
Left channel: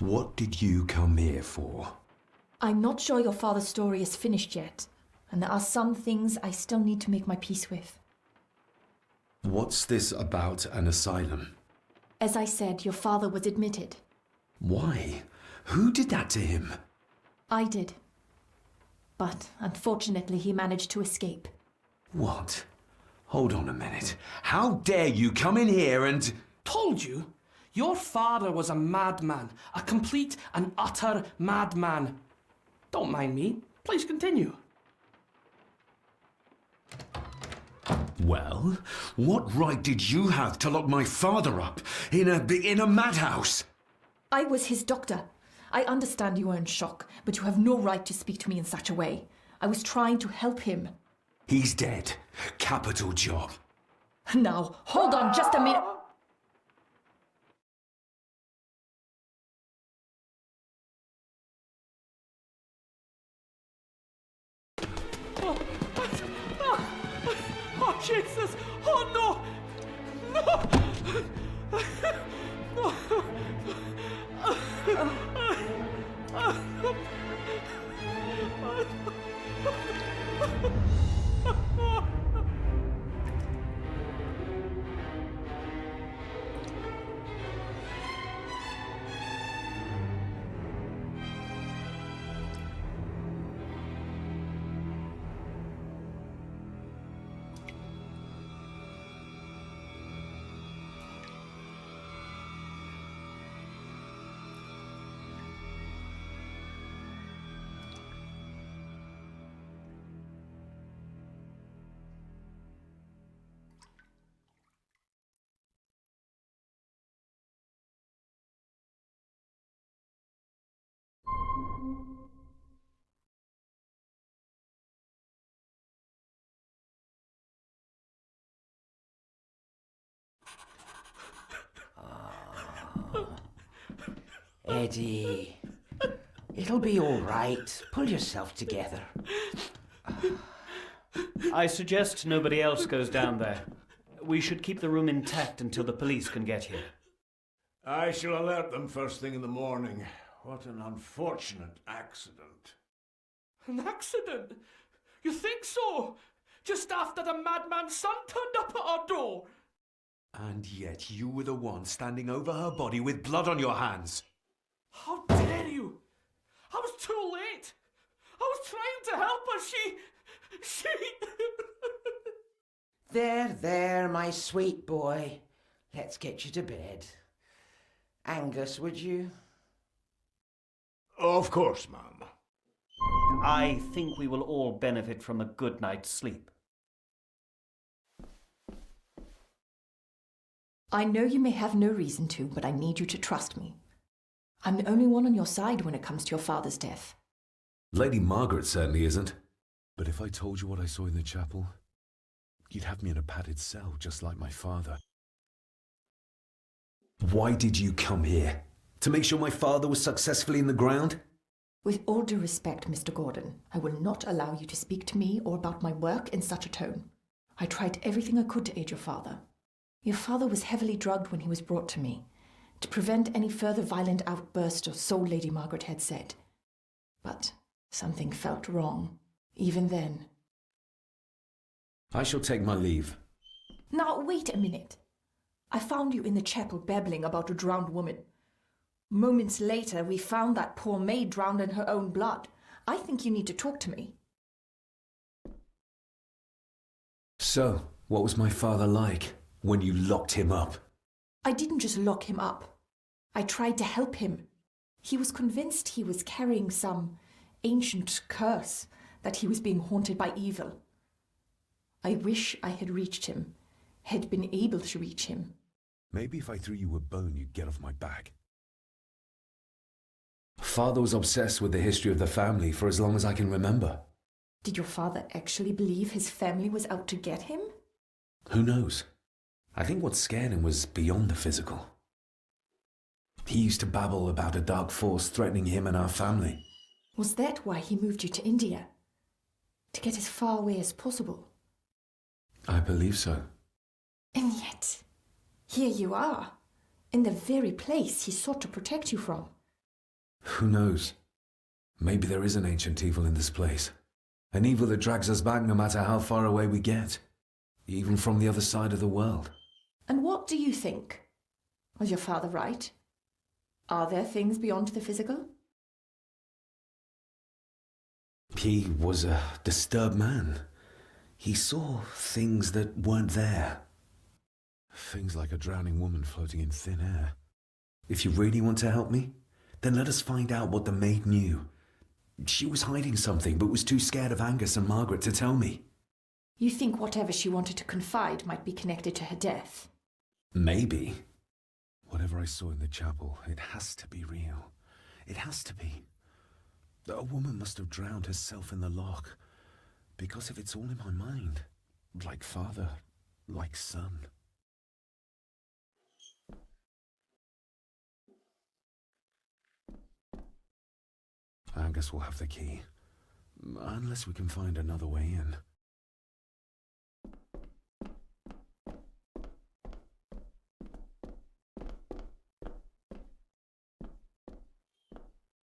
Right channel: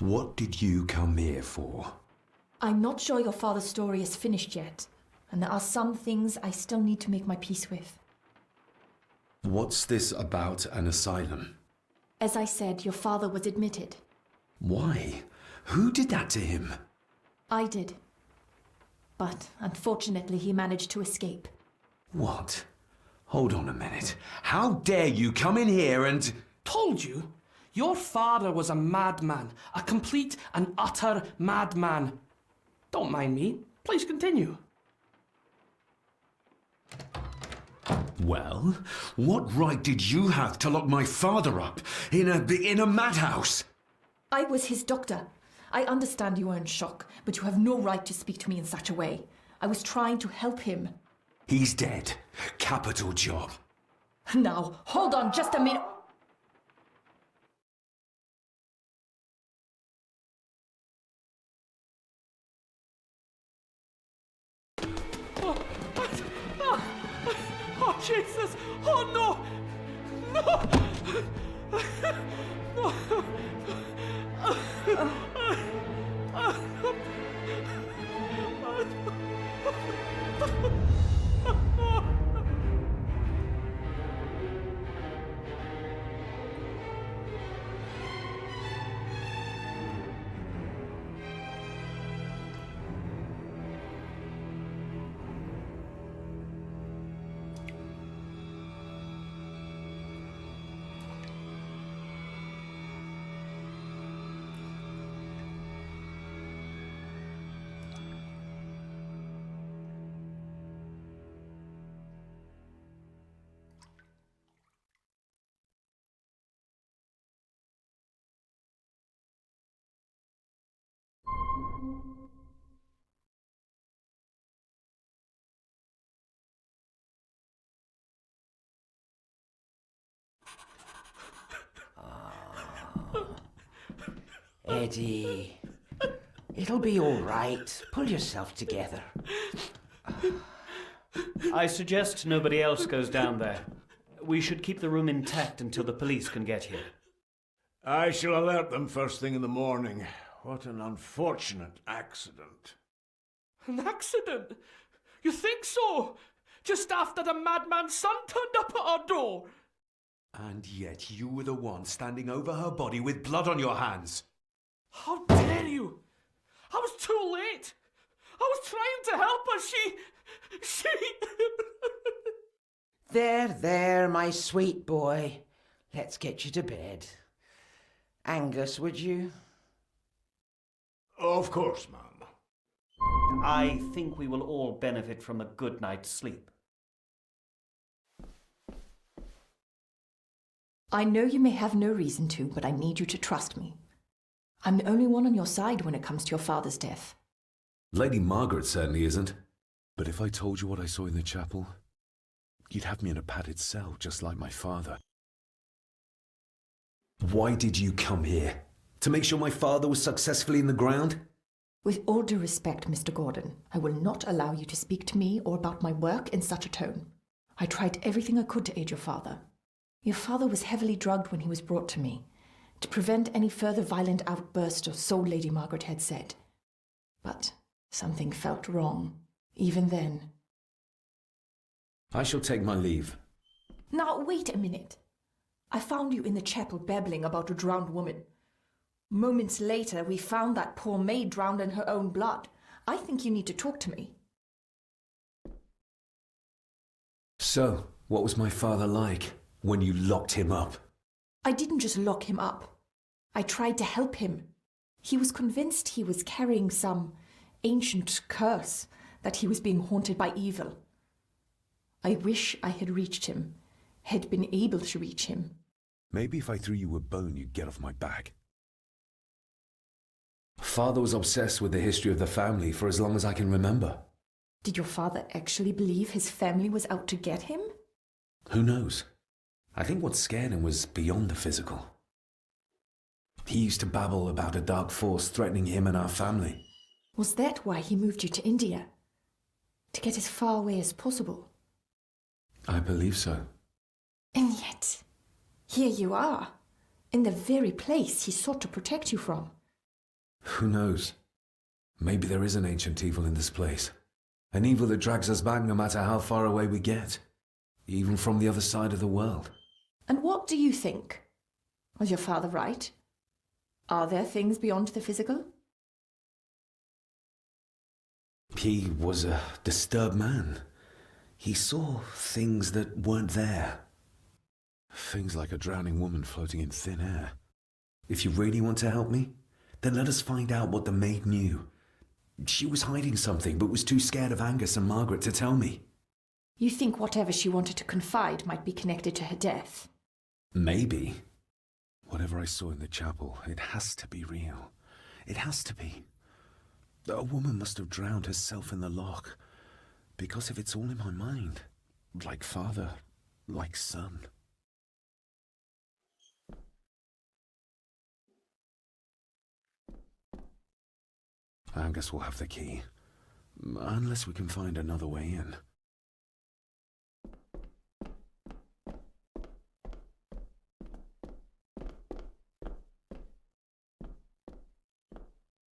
What did you come here for? I'm not sure your father's story is finished yet, and there are some things I still need to make my peace with. What's this about an asylum? As I said, your father was admitted. Why? Who did that to him? I did. But unfortunately, he managed to escape. What? Hold on a minute. How dare you come in here and... Told you? Your father was a madman. A complete and utter madman. Don't mind me. Please continue. Well, what right did you have to lock my father up in a madhouse? I was his doctor. I understand you are in shock, but you have no right to speak to me in such a way. I was trying to help him. He's dead. Capital job. Now, hold on just a minute. Oh, Jesus! Oh, no! No! Eddie, it'll be all right. Pull yourself together. I suggest nobody else goes down there. We should keep the room intact until the police can get here. I shall alert them first thing in the morning. What an unfortunate accident. An accident? You think so? Just after the madman's son turned up at our door? And yet you were the one standing over her body with blood on your hands. How dare you! I was too late! I was trying to help her, she... There, my sweet boy. Let's get you to bed. Angus, would you? Of course, ma'am. I think we will all benefit from a good night's sleep. I know you may have no reason to, but I need you to trust me. I'm the only one on your side when it comes to your father's death. Lady Margaret certainly isn't. But if I told you what I saw in the chapel, you'd have me in a padded cell, just like my father. Why did you come here? To make sure my father was successfully in the ground? With all due respect, Mr. Gordon, I will not allow you to speak to me or about my work in such a tone. I tried everything I could to aid your father. Your father was heavily drugged when he was brought to me, to prevent any further violent outburst, or so Lady Margaret had said. But something felt wrong. Even then. I shall take my leave. Now, wait a minute. I found you in the chapel babbling about a drowned woman. Moments later, we found that poor maid drowned in her own blood. I think you need to talk to me. So, what was my father like when you locked him up? I didn't just lock him up. I tried to help him. He was convinced he was carrying some ancient curse, that he was being haunted by evil. I wish I had reached him, had been able to reach him. Maybe if I threw you a bone, you'd get off my back. Father was obsessed with the history of the family for as long as I can remember. Did your father actually believe his family was out to get him? Who knows? I think what scared him was beyond the physical. He used to babble about a dark force threatening him and our family. Was that why he moved you to India? To get as far away as possible? I believe so. And yet, here you are, in the very place he sought to protect you from. Who knows? Maybe there is an ancient evil in this place. An evil that drags us back no matter how far away we get. Even from the other side of the world. And what do you think? Was your father right? Are there things beyond the physical? He was a disturbed man. He saw things that weren't there. Things like a drowning woman floating in thin air. If you really want to help me, then let us find out what the maid knew. She was hiding something, but was too scared of Angus and Margaret to tell me. You think whatever she wanted to confide might be connected to her death? Maybe. Whatever I saw in the chapel, it has to be real. It has to be. A woman must have drowned herself in the loch. Because if it's all in my mind, like father, like son. Angus will have the key. Unless we can find another way in.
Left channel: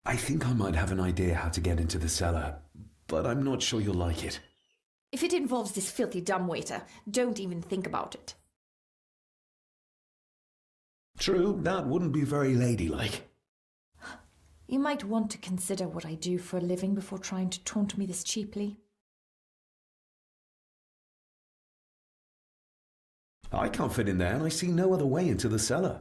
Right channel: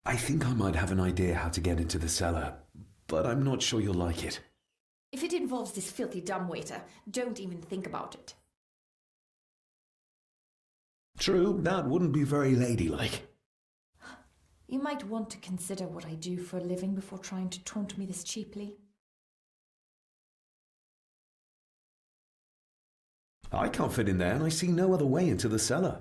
I think I might have an idea how to get into the cellar, but I'm not sure you'll like it. If it involves this filthy dumbwaiter, don't even think about it. True, that wouldn't be very ladylike. You might want to consider what I do for a living before trying to taunt me this cheaply. I can't fit in there, and I see no other way into the cellar.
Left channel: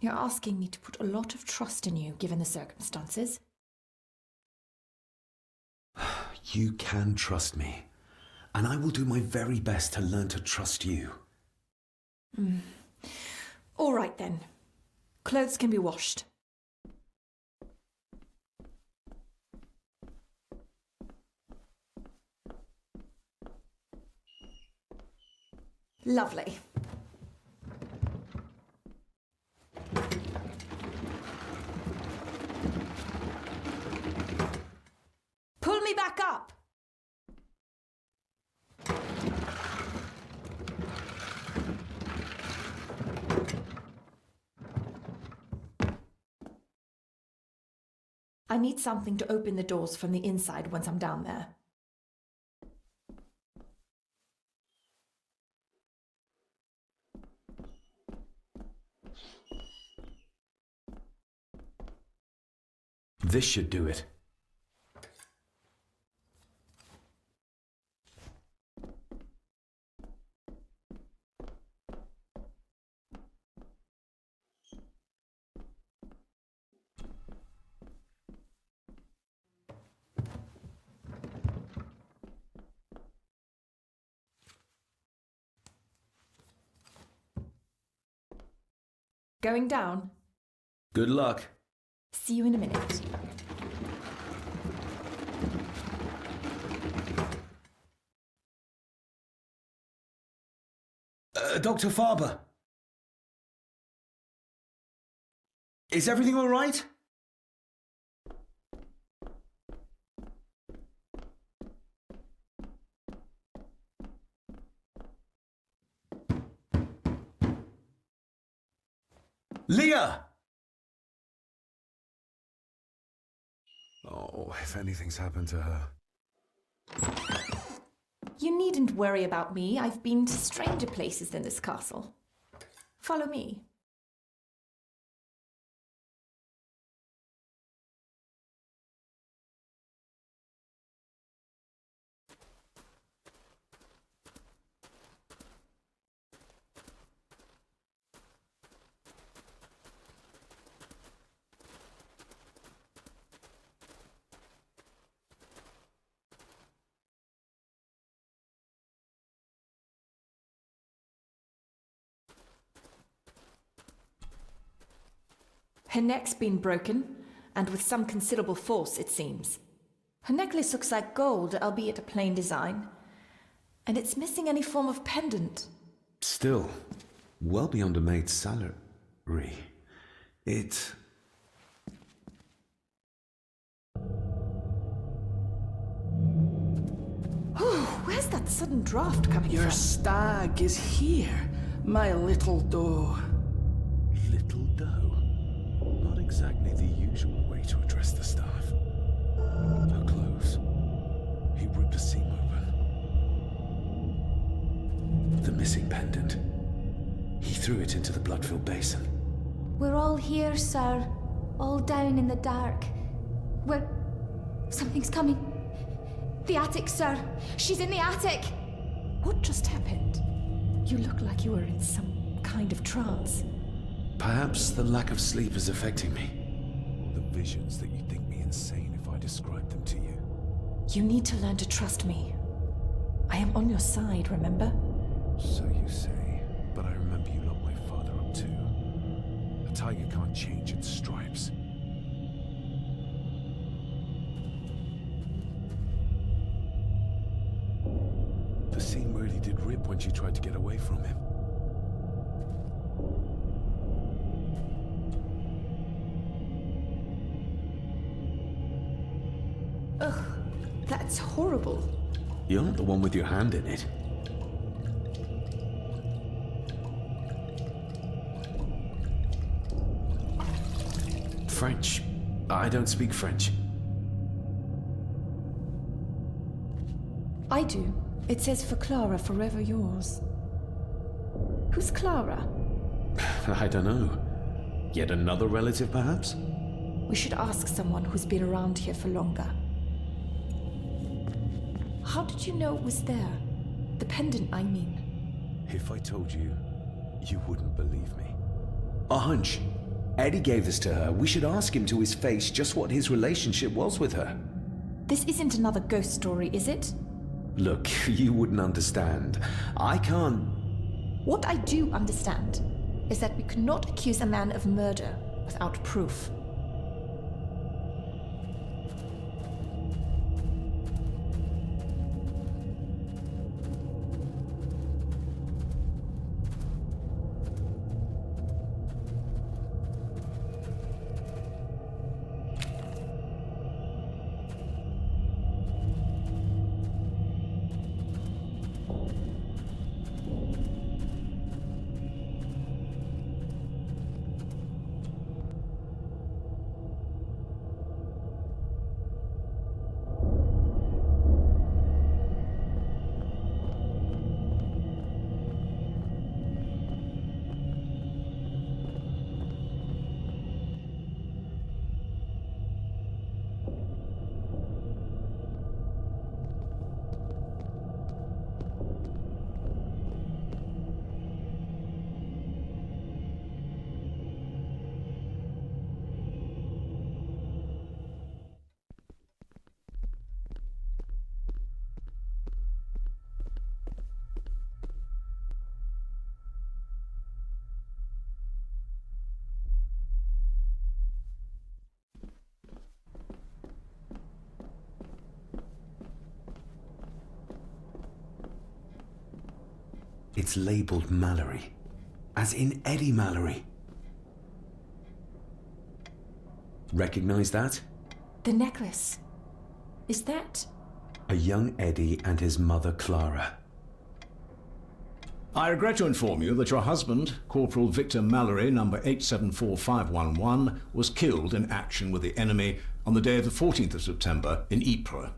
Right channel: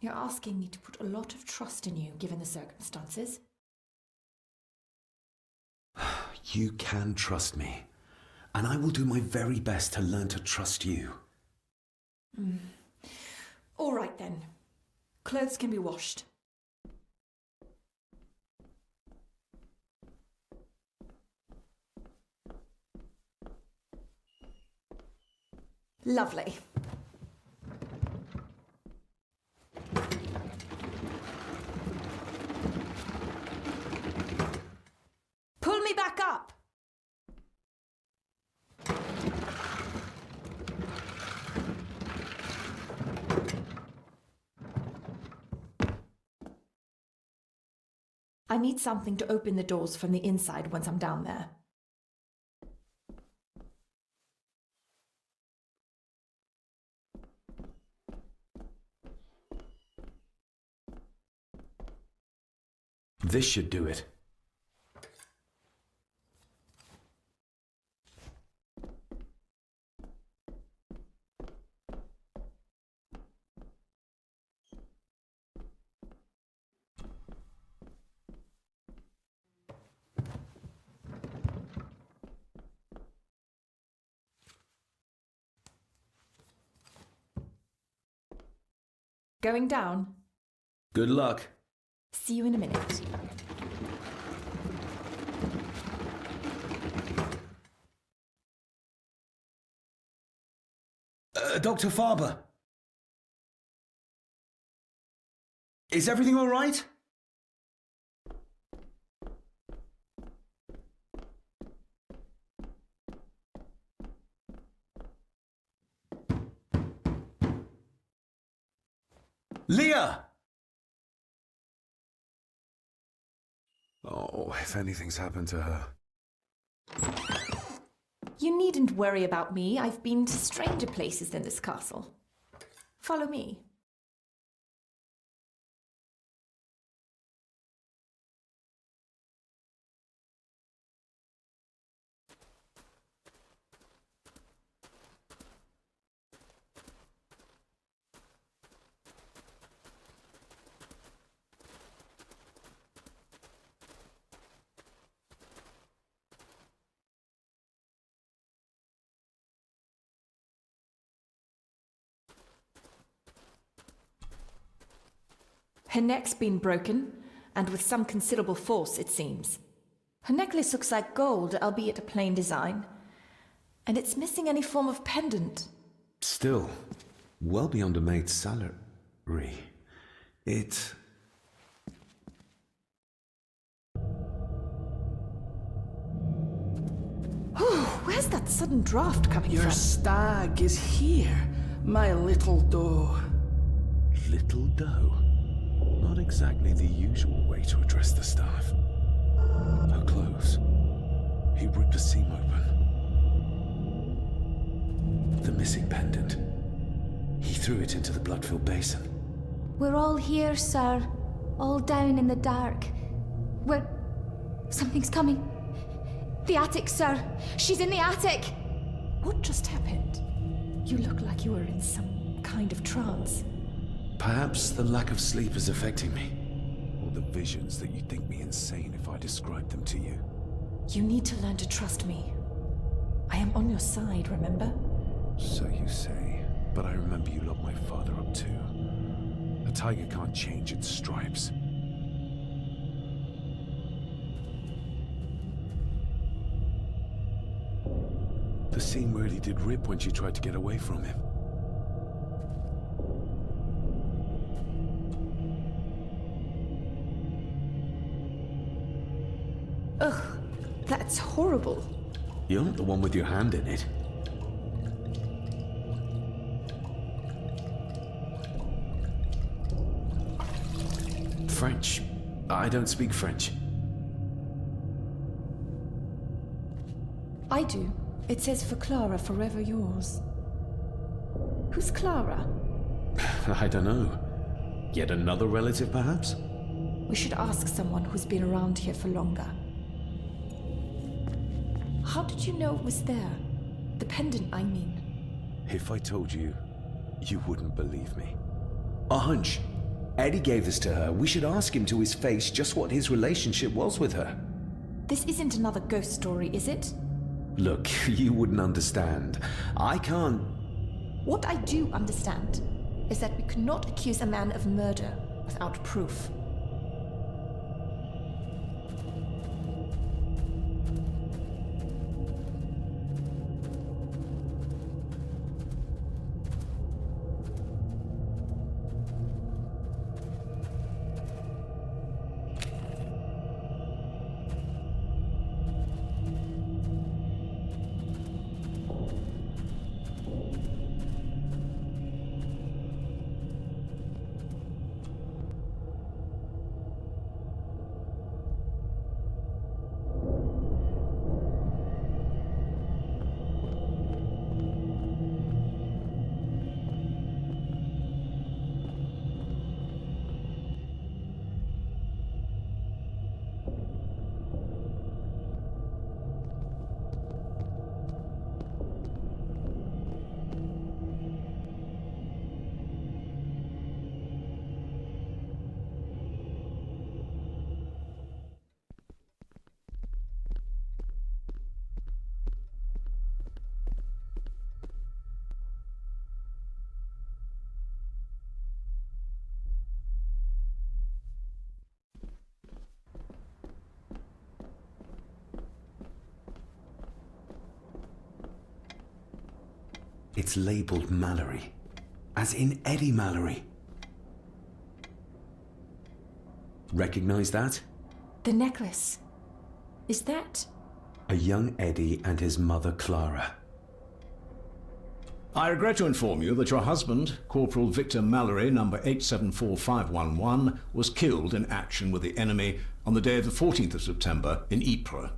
You're asking me to put a lot of trust in you, given the circumstances. You can trust me, and I will do my very best to learn to trust you. All right then. Clothes can be washed. Lovely. Pull me back up! I need something to open the doors from the inside once I'm down there. This should do it. Going down? Good luck. See you in a minute. Dr. Farber. Is everything all right? Leah! Oh, if anything's happened to her. You needn't worry about me. I've been to stranger places than this castle. Follow me. Her neck's been broken, and with some considerable force, it seems. Her necklace looks like gold, albeit a plain design. And it's missing any form of pendant. Still, well beyond a maid's salary. It... Where's that sudden draft coming from? Your stag is here, my little doe. Little doe? Not exactly the usual way to address the staff. Her clothes. He ripped a seam open. The missing pendant. He threw it into the blood-filled basin. We're all here, sir. All down in the dark. Something's coming. The attic, sir. She's in the attic. What just happened? You look like you were in some kind of trance. Perhaps the lack of sleep is affecting me. Or the visions that you'd think me insane if I described them to you. You need to learn to trust me. I am on your side, remember? So you say, but I remember you locked my father up too. A tiger can't change its stripes. The seam really did rip when she tried to get away from him. Ugh, that's horrible. You're not the one with your hand in it. French. I don't speak French. I do. It says for Clara, forever yours. Who's Clara? I don't know. Yet another relative, perhaps? We should ask someone who's been around here for longer. How did you know it was there? The pendant, I mean. If I told you, you wouldn't believe me. A hunch. Eddie gave this to her. We should ask him to his face just what his relationship was with her. This isn't another ghost story, is it? Look, you wouldn't understand. I can't... What I do understand is that we cannot accuse a man of murder without proof. It's labeled Mallory. As in Eddie Mallory. Recognize that? The necklace. Is that... A young Eddie and his mother Clara. I regret to inform you that your husband, Corporal Victor Mallory, number 874511, was killed in action with the enemy on the day of the 14th of September in Ypres.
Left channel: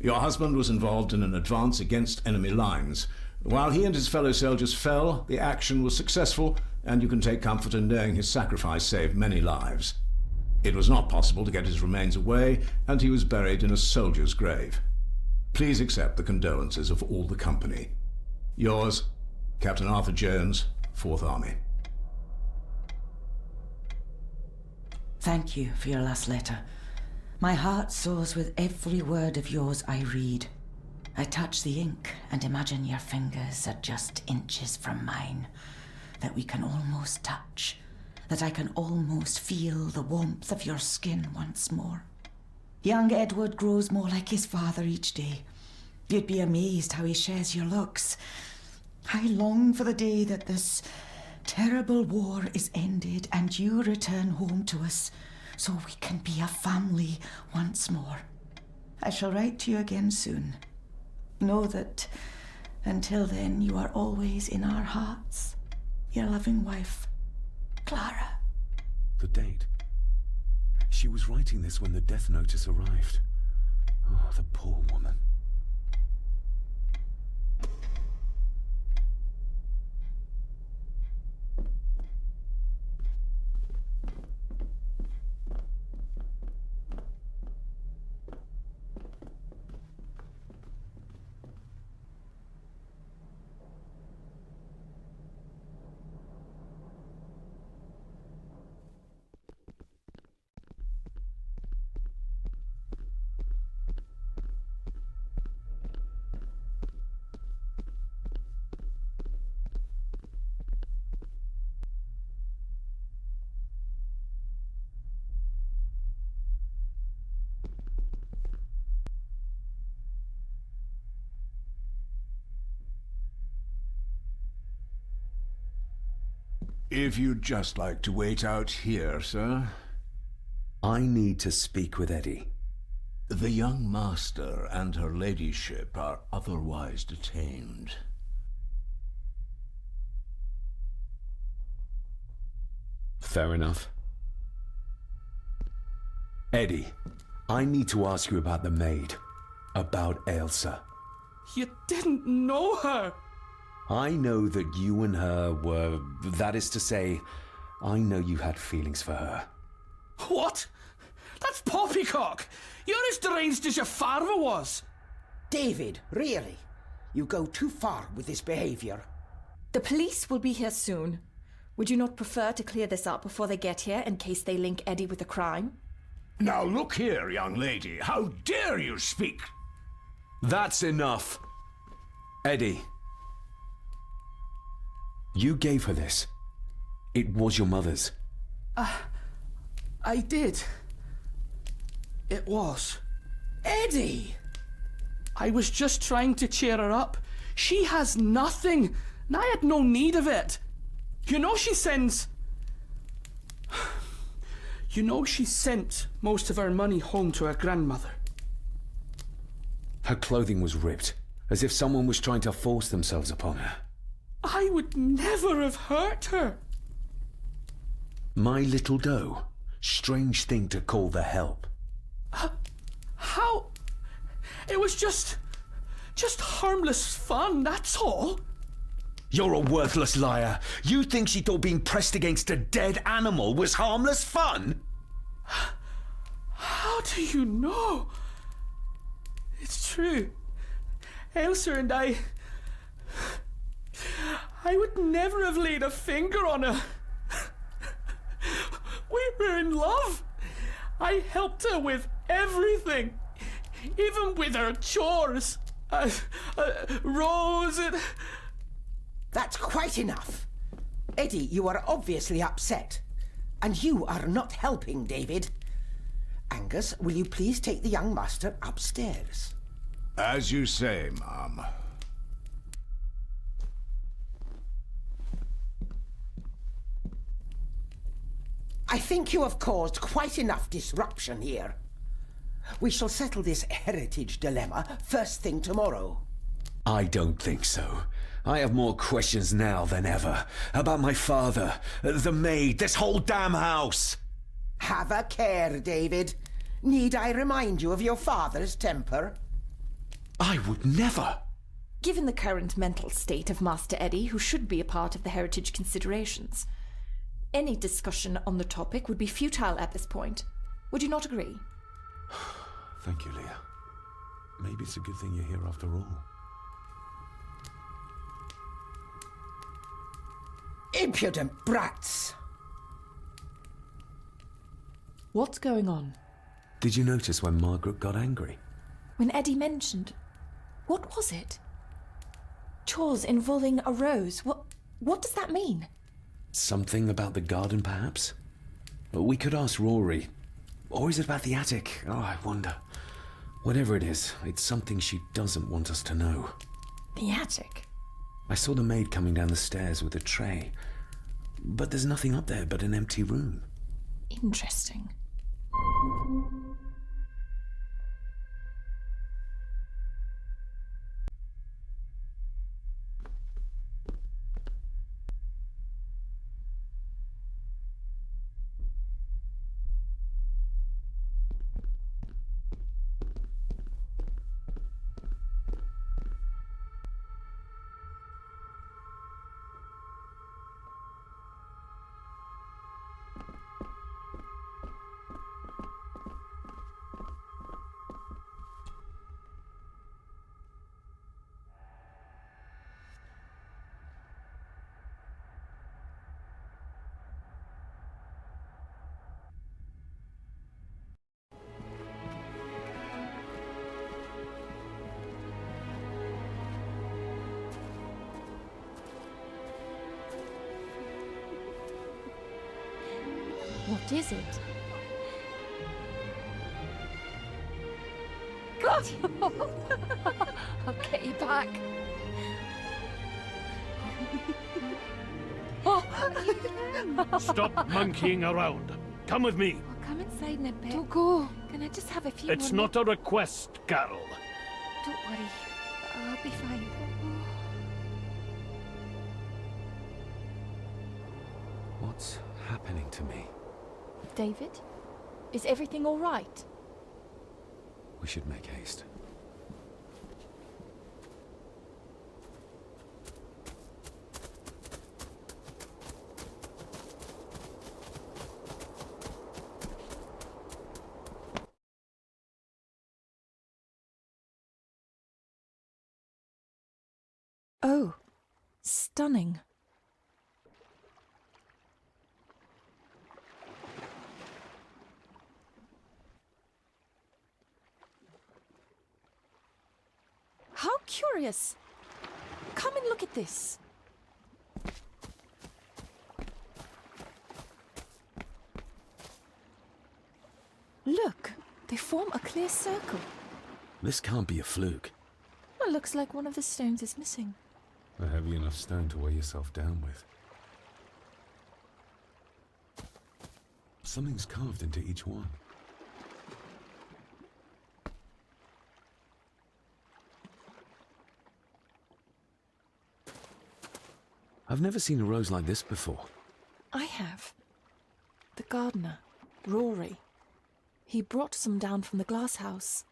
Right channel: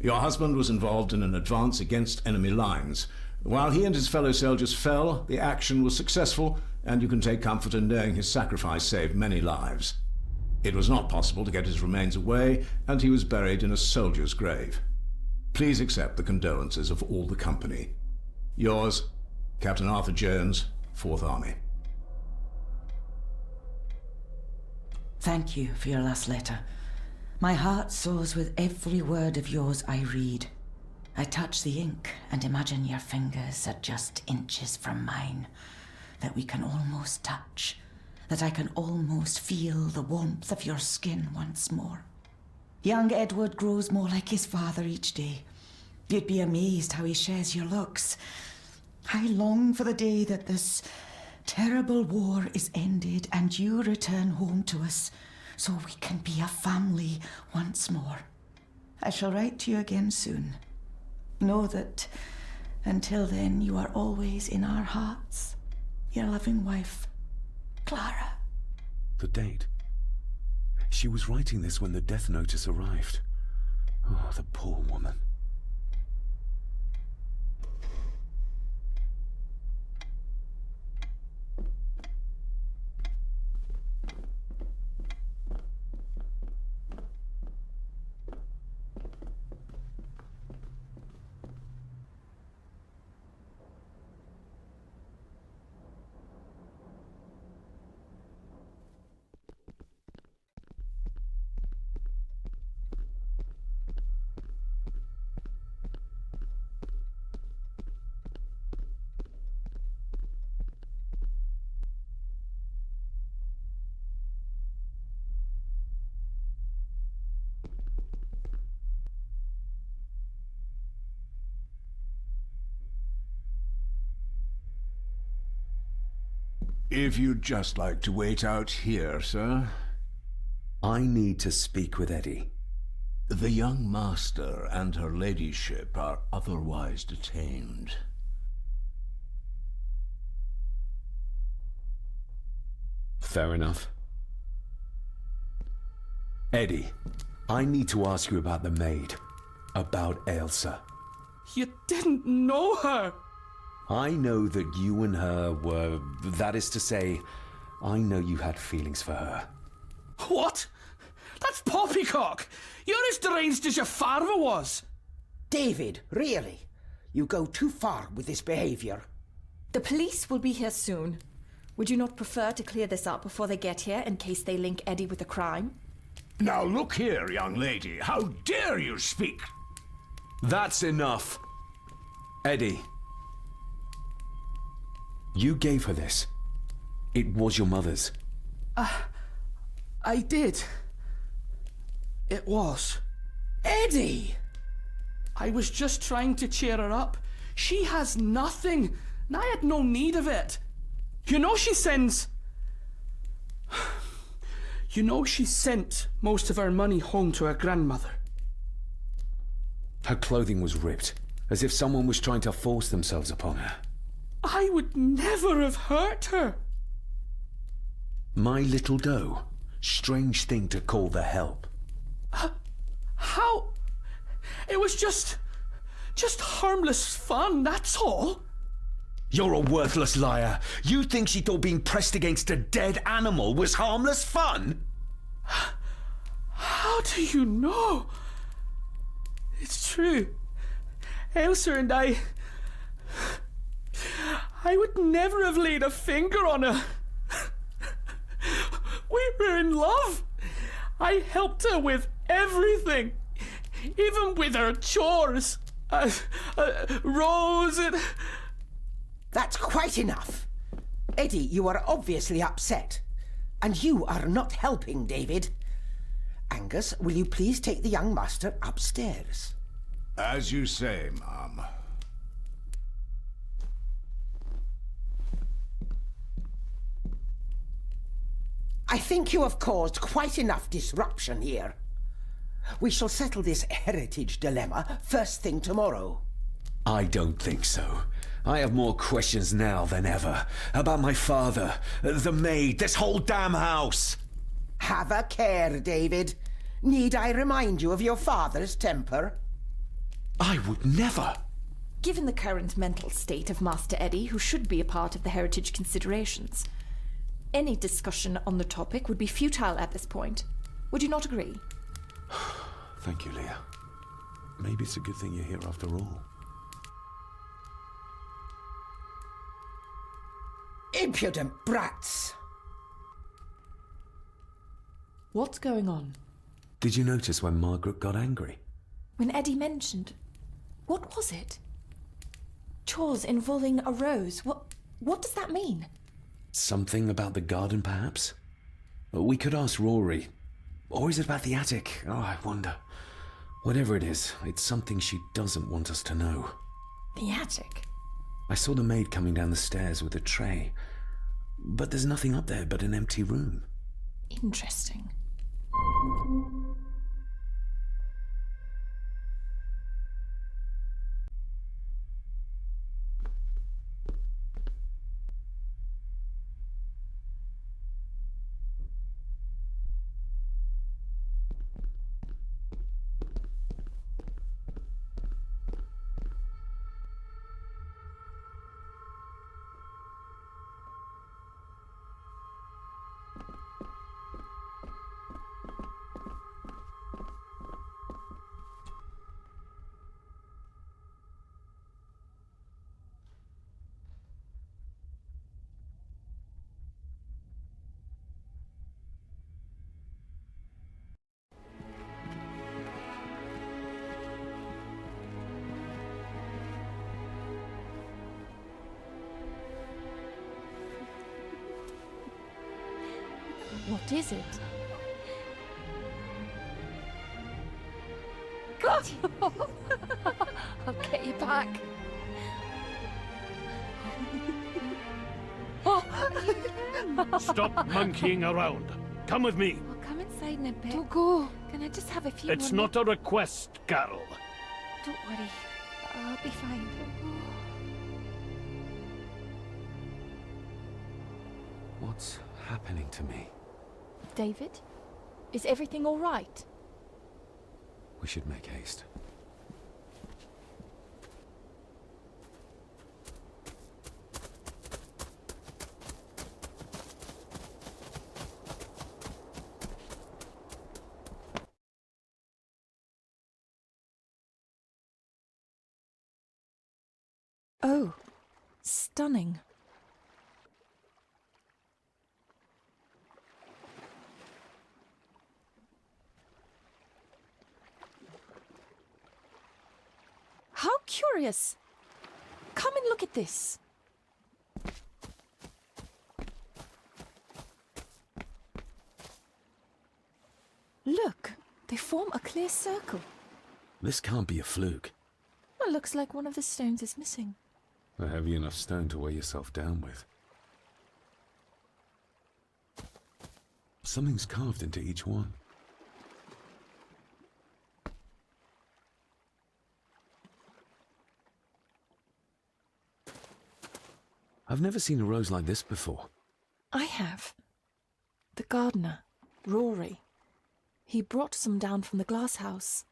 Your husband was involved in an advance against enemy lines. While he and his fellow soldiers fell, the action was successful, and you can take comfort in knowing his sacrifice saved many lives. It was not possible to get his remains away, and he was buried in a soldier's grave. Please accept the condolences of all the company. Yours, Captain Arthur Jones, 4th Army. Thank you for your last letter. My heart soars with every word of yours I read. I touch the ink and imagine your fingers are just inches from mine, that we can almost touch, that I can almost feel the warmth of your skin once more. Young Edward grows more like his father each day. You'd be amazed how he shares your looks. I long for the day that this terrible war is ended and you return home to us so we can be a family once more. I shall write to you again soon. Know that until then you are always in our hearts. Your loving wife, Clara. The date. She was writing this when the death notice arrived. Oh, the poor woman. If you'd just like to wait out here, sir. I need to speak with Eddie. The young master and her ladyship are otherwise detained. Fair enough. Eddie, I need to ask you about the maid. About Ailsa. You didn't know her! I know that you and her were... That is to say, I know you had feelings for her. What? That's poppycock! You're as deranged as your father was! David, really? You go too far with this behavior. The police will be here soon. Would you not prefer to clear this up before they get here, in case they link Eddie with the crime? Now look here, young lady. How dare you speak? That's enough. Eddie. You gave her this. It was your mother's. I did. It was. Eddie! I was just trying to cheer her up. She has nothing, and I had no need of it. You know she sends... You know she sent most of her money home to her grandmother. Her clothing was ripped, as if someone was trying to force themselves upon her. I would never have hurt her. My little doe. Strange thing to call the help. How? It was just harmless fun, that's all. You're a worthless liar. You think she thought being pressed against a dead animal was harmless fun? How do you know? It's true. Ailsa and I would never have laid a finger on her. We were in love. I helped her with everything, even with her chores. Rose and... That's quite enough. Eddie, you are obviously upset. And you are not helping, David. Angus, will you please take the young master upstairs? As you say, ma'am. I think you have caused quite enough disruption here. We shall settle this heritage dilemma first thing tomorrow. I don't think so. I have more questions now than ever. About my father, the maid, this whole damn house! Have a care, David. Need I remind you of your father's temper? I would never! Given the current mental state of Master Eddie, who should be a part of the heritage considerations, any discussion on the topic would be futile at this point. Would you not agree? Thank you, Leah. Maybe it's a good thing you're here after all. Impudent brats! What's going on? Did you notice when Margaret got angry? When Eddie mentioned... What was it? Chores involving a rose. What does that mean? Something about the garden, perhaps? We could ask Rory. Or is it about the attic? Oh, I wonder. Whatever it is, it's something she doesn't want us to know. The attic? I saw the maid coming down the stairs with a tray. But there's nothing up there but an empty room. Interesting. What is it? I'll get you back. Stop monkeying around. Come with me. I'll come inside in a bit. Don't go. Can I just have a few It's more not a request, Carol. Don't worry. I'll be fine. What's happening to me? David? Is everything all right? We should make haste. Oh, stunning. How curious. Come and look at this. Look, they form a clear circle. This can't be a fluke. It looks like one of the stones is missing. A heavy enough stone to weigh yourself down with. Something's carved into each one. I've never seen a rose like this before. I have. The gardener, Rory. He brought some down from the glass house.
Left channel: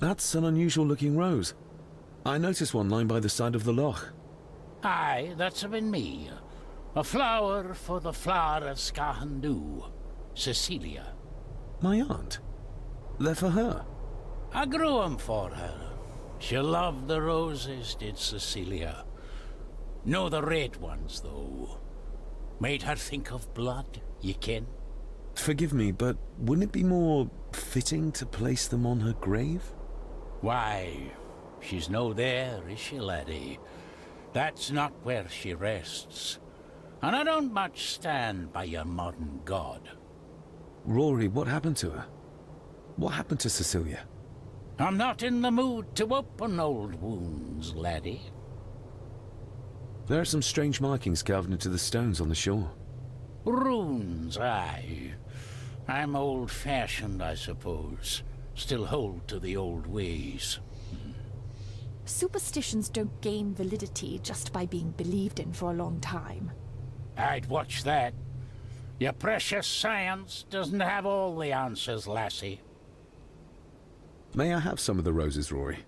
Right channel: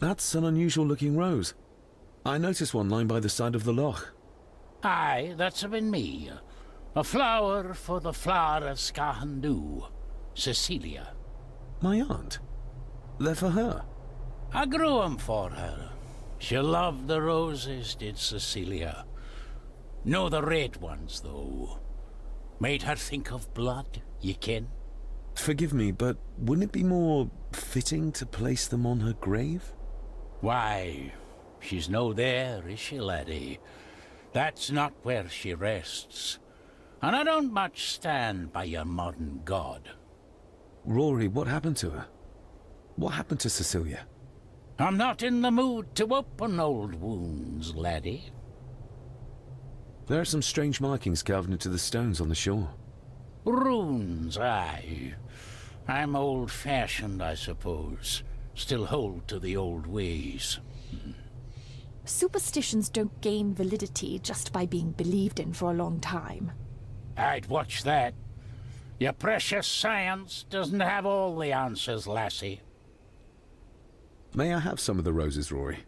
That's an unusual looking rose. I noticed one lying by the side of the loch. Aye, that's been me. A flower for the flower of Scahandoo, Cecilia. My aunt? They're for her? I grew 'em for her. She loved the roses, did Cecilia. No, the red ones, though. Made her think of blood, ye ken. Forgive me, but wouldn't it be more fitting to place them on her grave? Why, she's no there, is she, laddie? That's not where she rests. And I don't much stand by your modern god. Rory, what happened to her? What happened to Cecilia? I'm not in the mood to open old wounds, laddie. There are some strange markings carved into the stones on the shore. Runes, aye. I'm old-fashioned, I suppose. Still hold to the old ways. Superstitions don't gain validity just by being believed in for a long time. I'd watch that. Your precious science doesn't have all the answers, lassie. May I have some of the roses, Rory?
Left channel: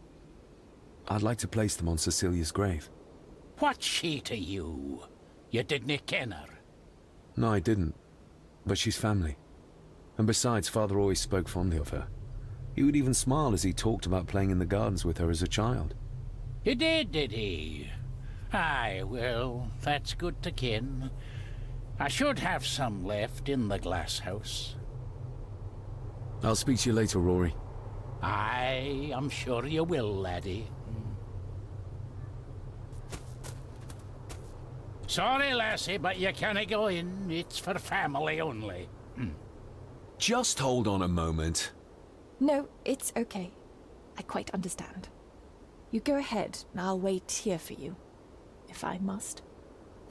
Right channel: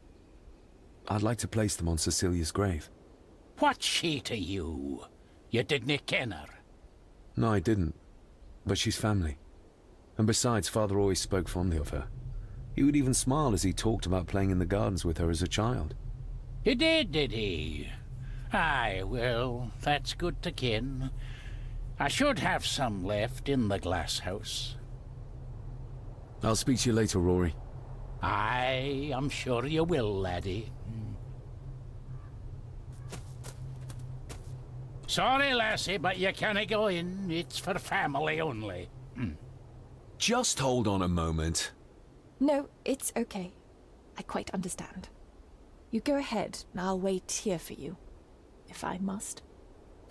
I'd like to place them on Cecilia's grave. What's she to you? You didn't ken her? No, I didn't. But she's family. And besides, Father always spoke fondly of her. He would even smile as he talked about playing in the gardens with her as a child. He did he? Aye, well, that's good to ken. I should have some left in the glass house. I'll speak to you later, Rory. Aye, I'm sure you will, laddie. Sorry, lassie, but you can't go in. It's for family only. Just hold on a moment. No, it's okay. I quite understand. You go ahead, and I'll wait here for you, if I must.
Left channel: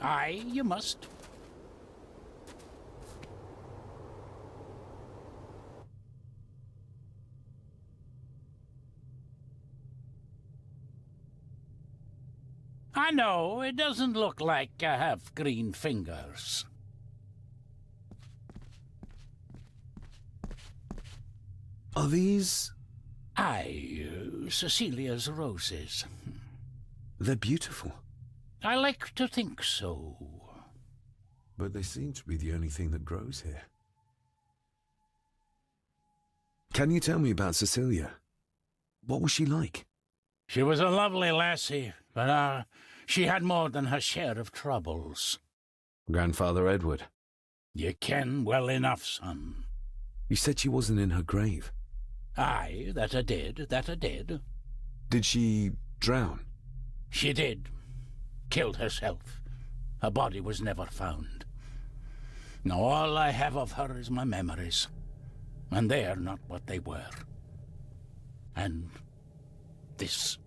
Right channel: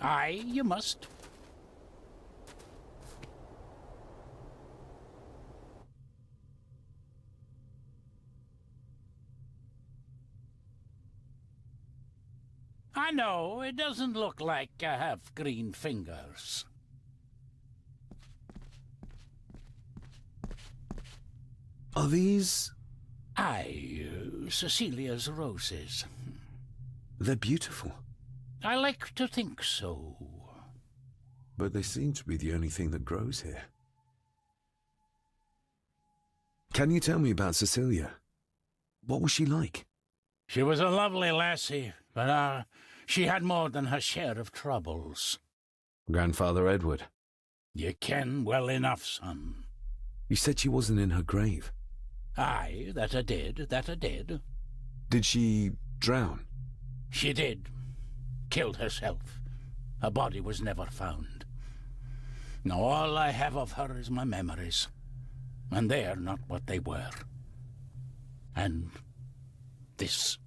Aye, you must. I know, it doesn't look like I have green fingers. Are these... Aye, Cecilia's roses. They're beautiful. I like to think so. But they seem to be the only thing that grows here. Can you tell me about Cecilia? What was she like? She was a lovely lassie, but she had more than her share of troubles. Grandfather Edward. You ken well enough, son. You said she wasn't in her grave. Aye, that I did. Did she drown? She did. Killed herself. Her body was never found. Now all I have of her is my memories. And they're not what they were. And this.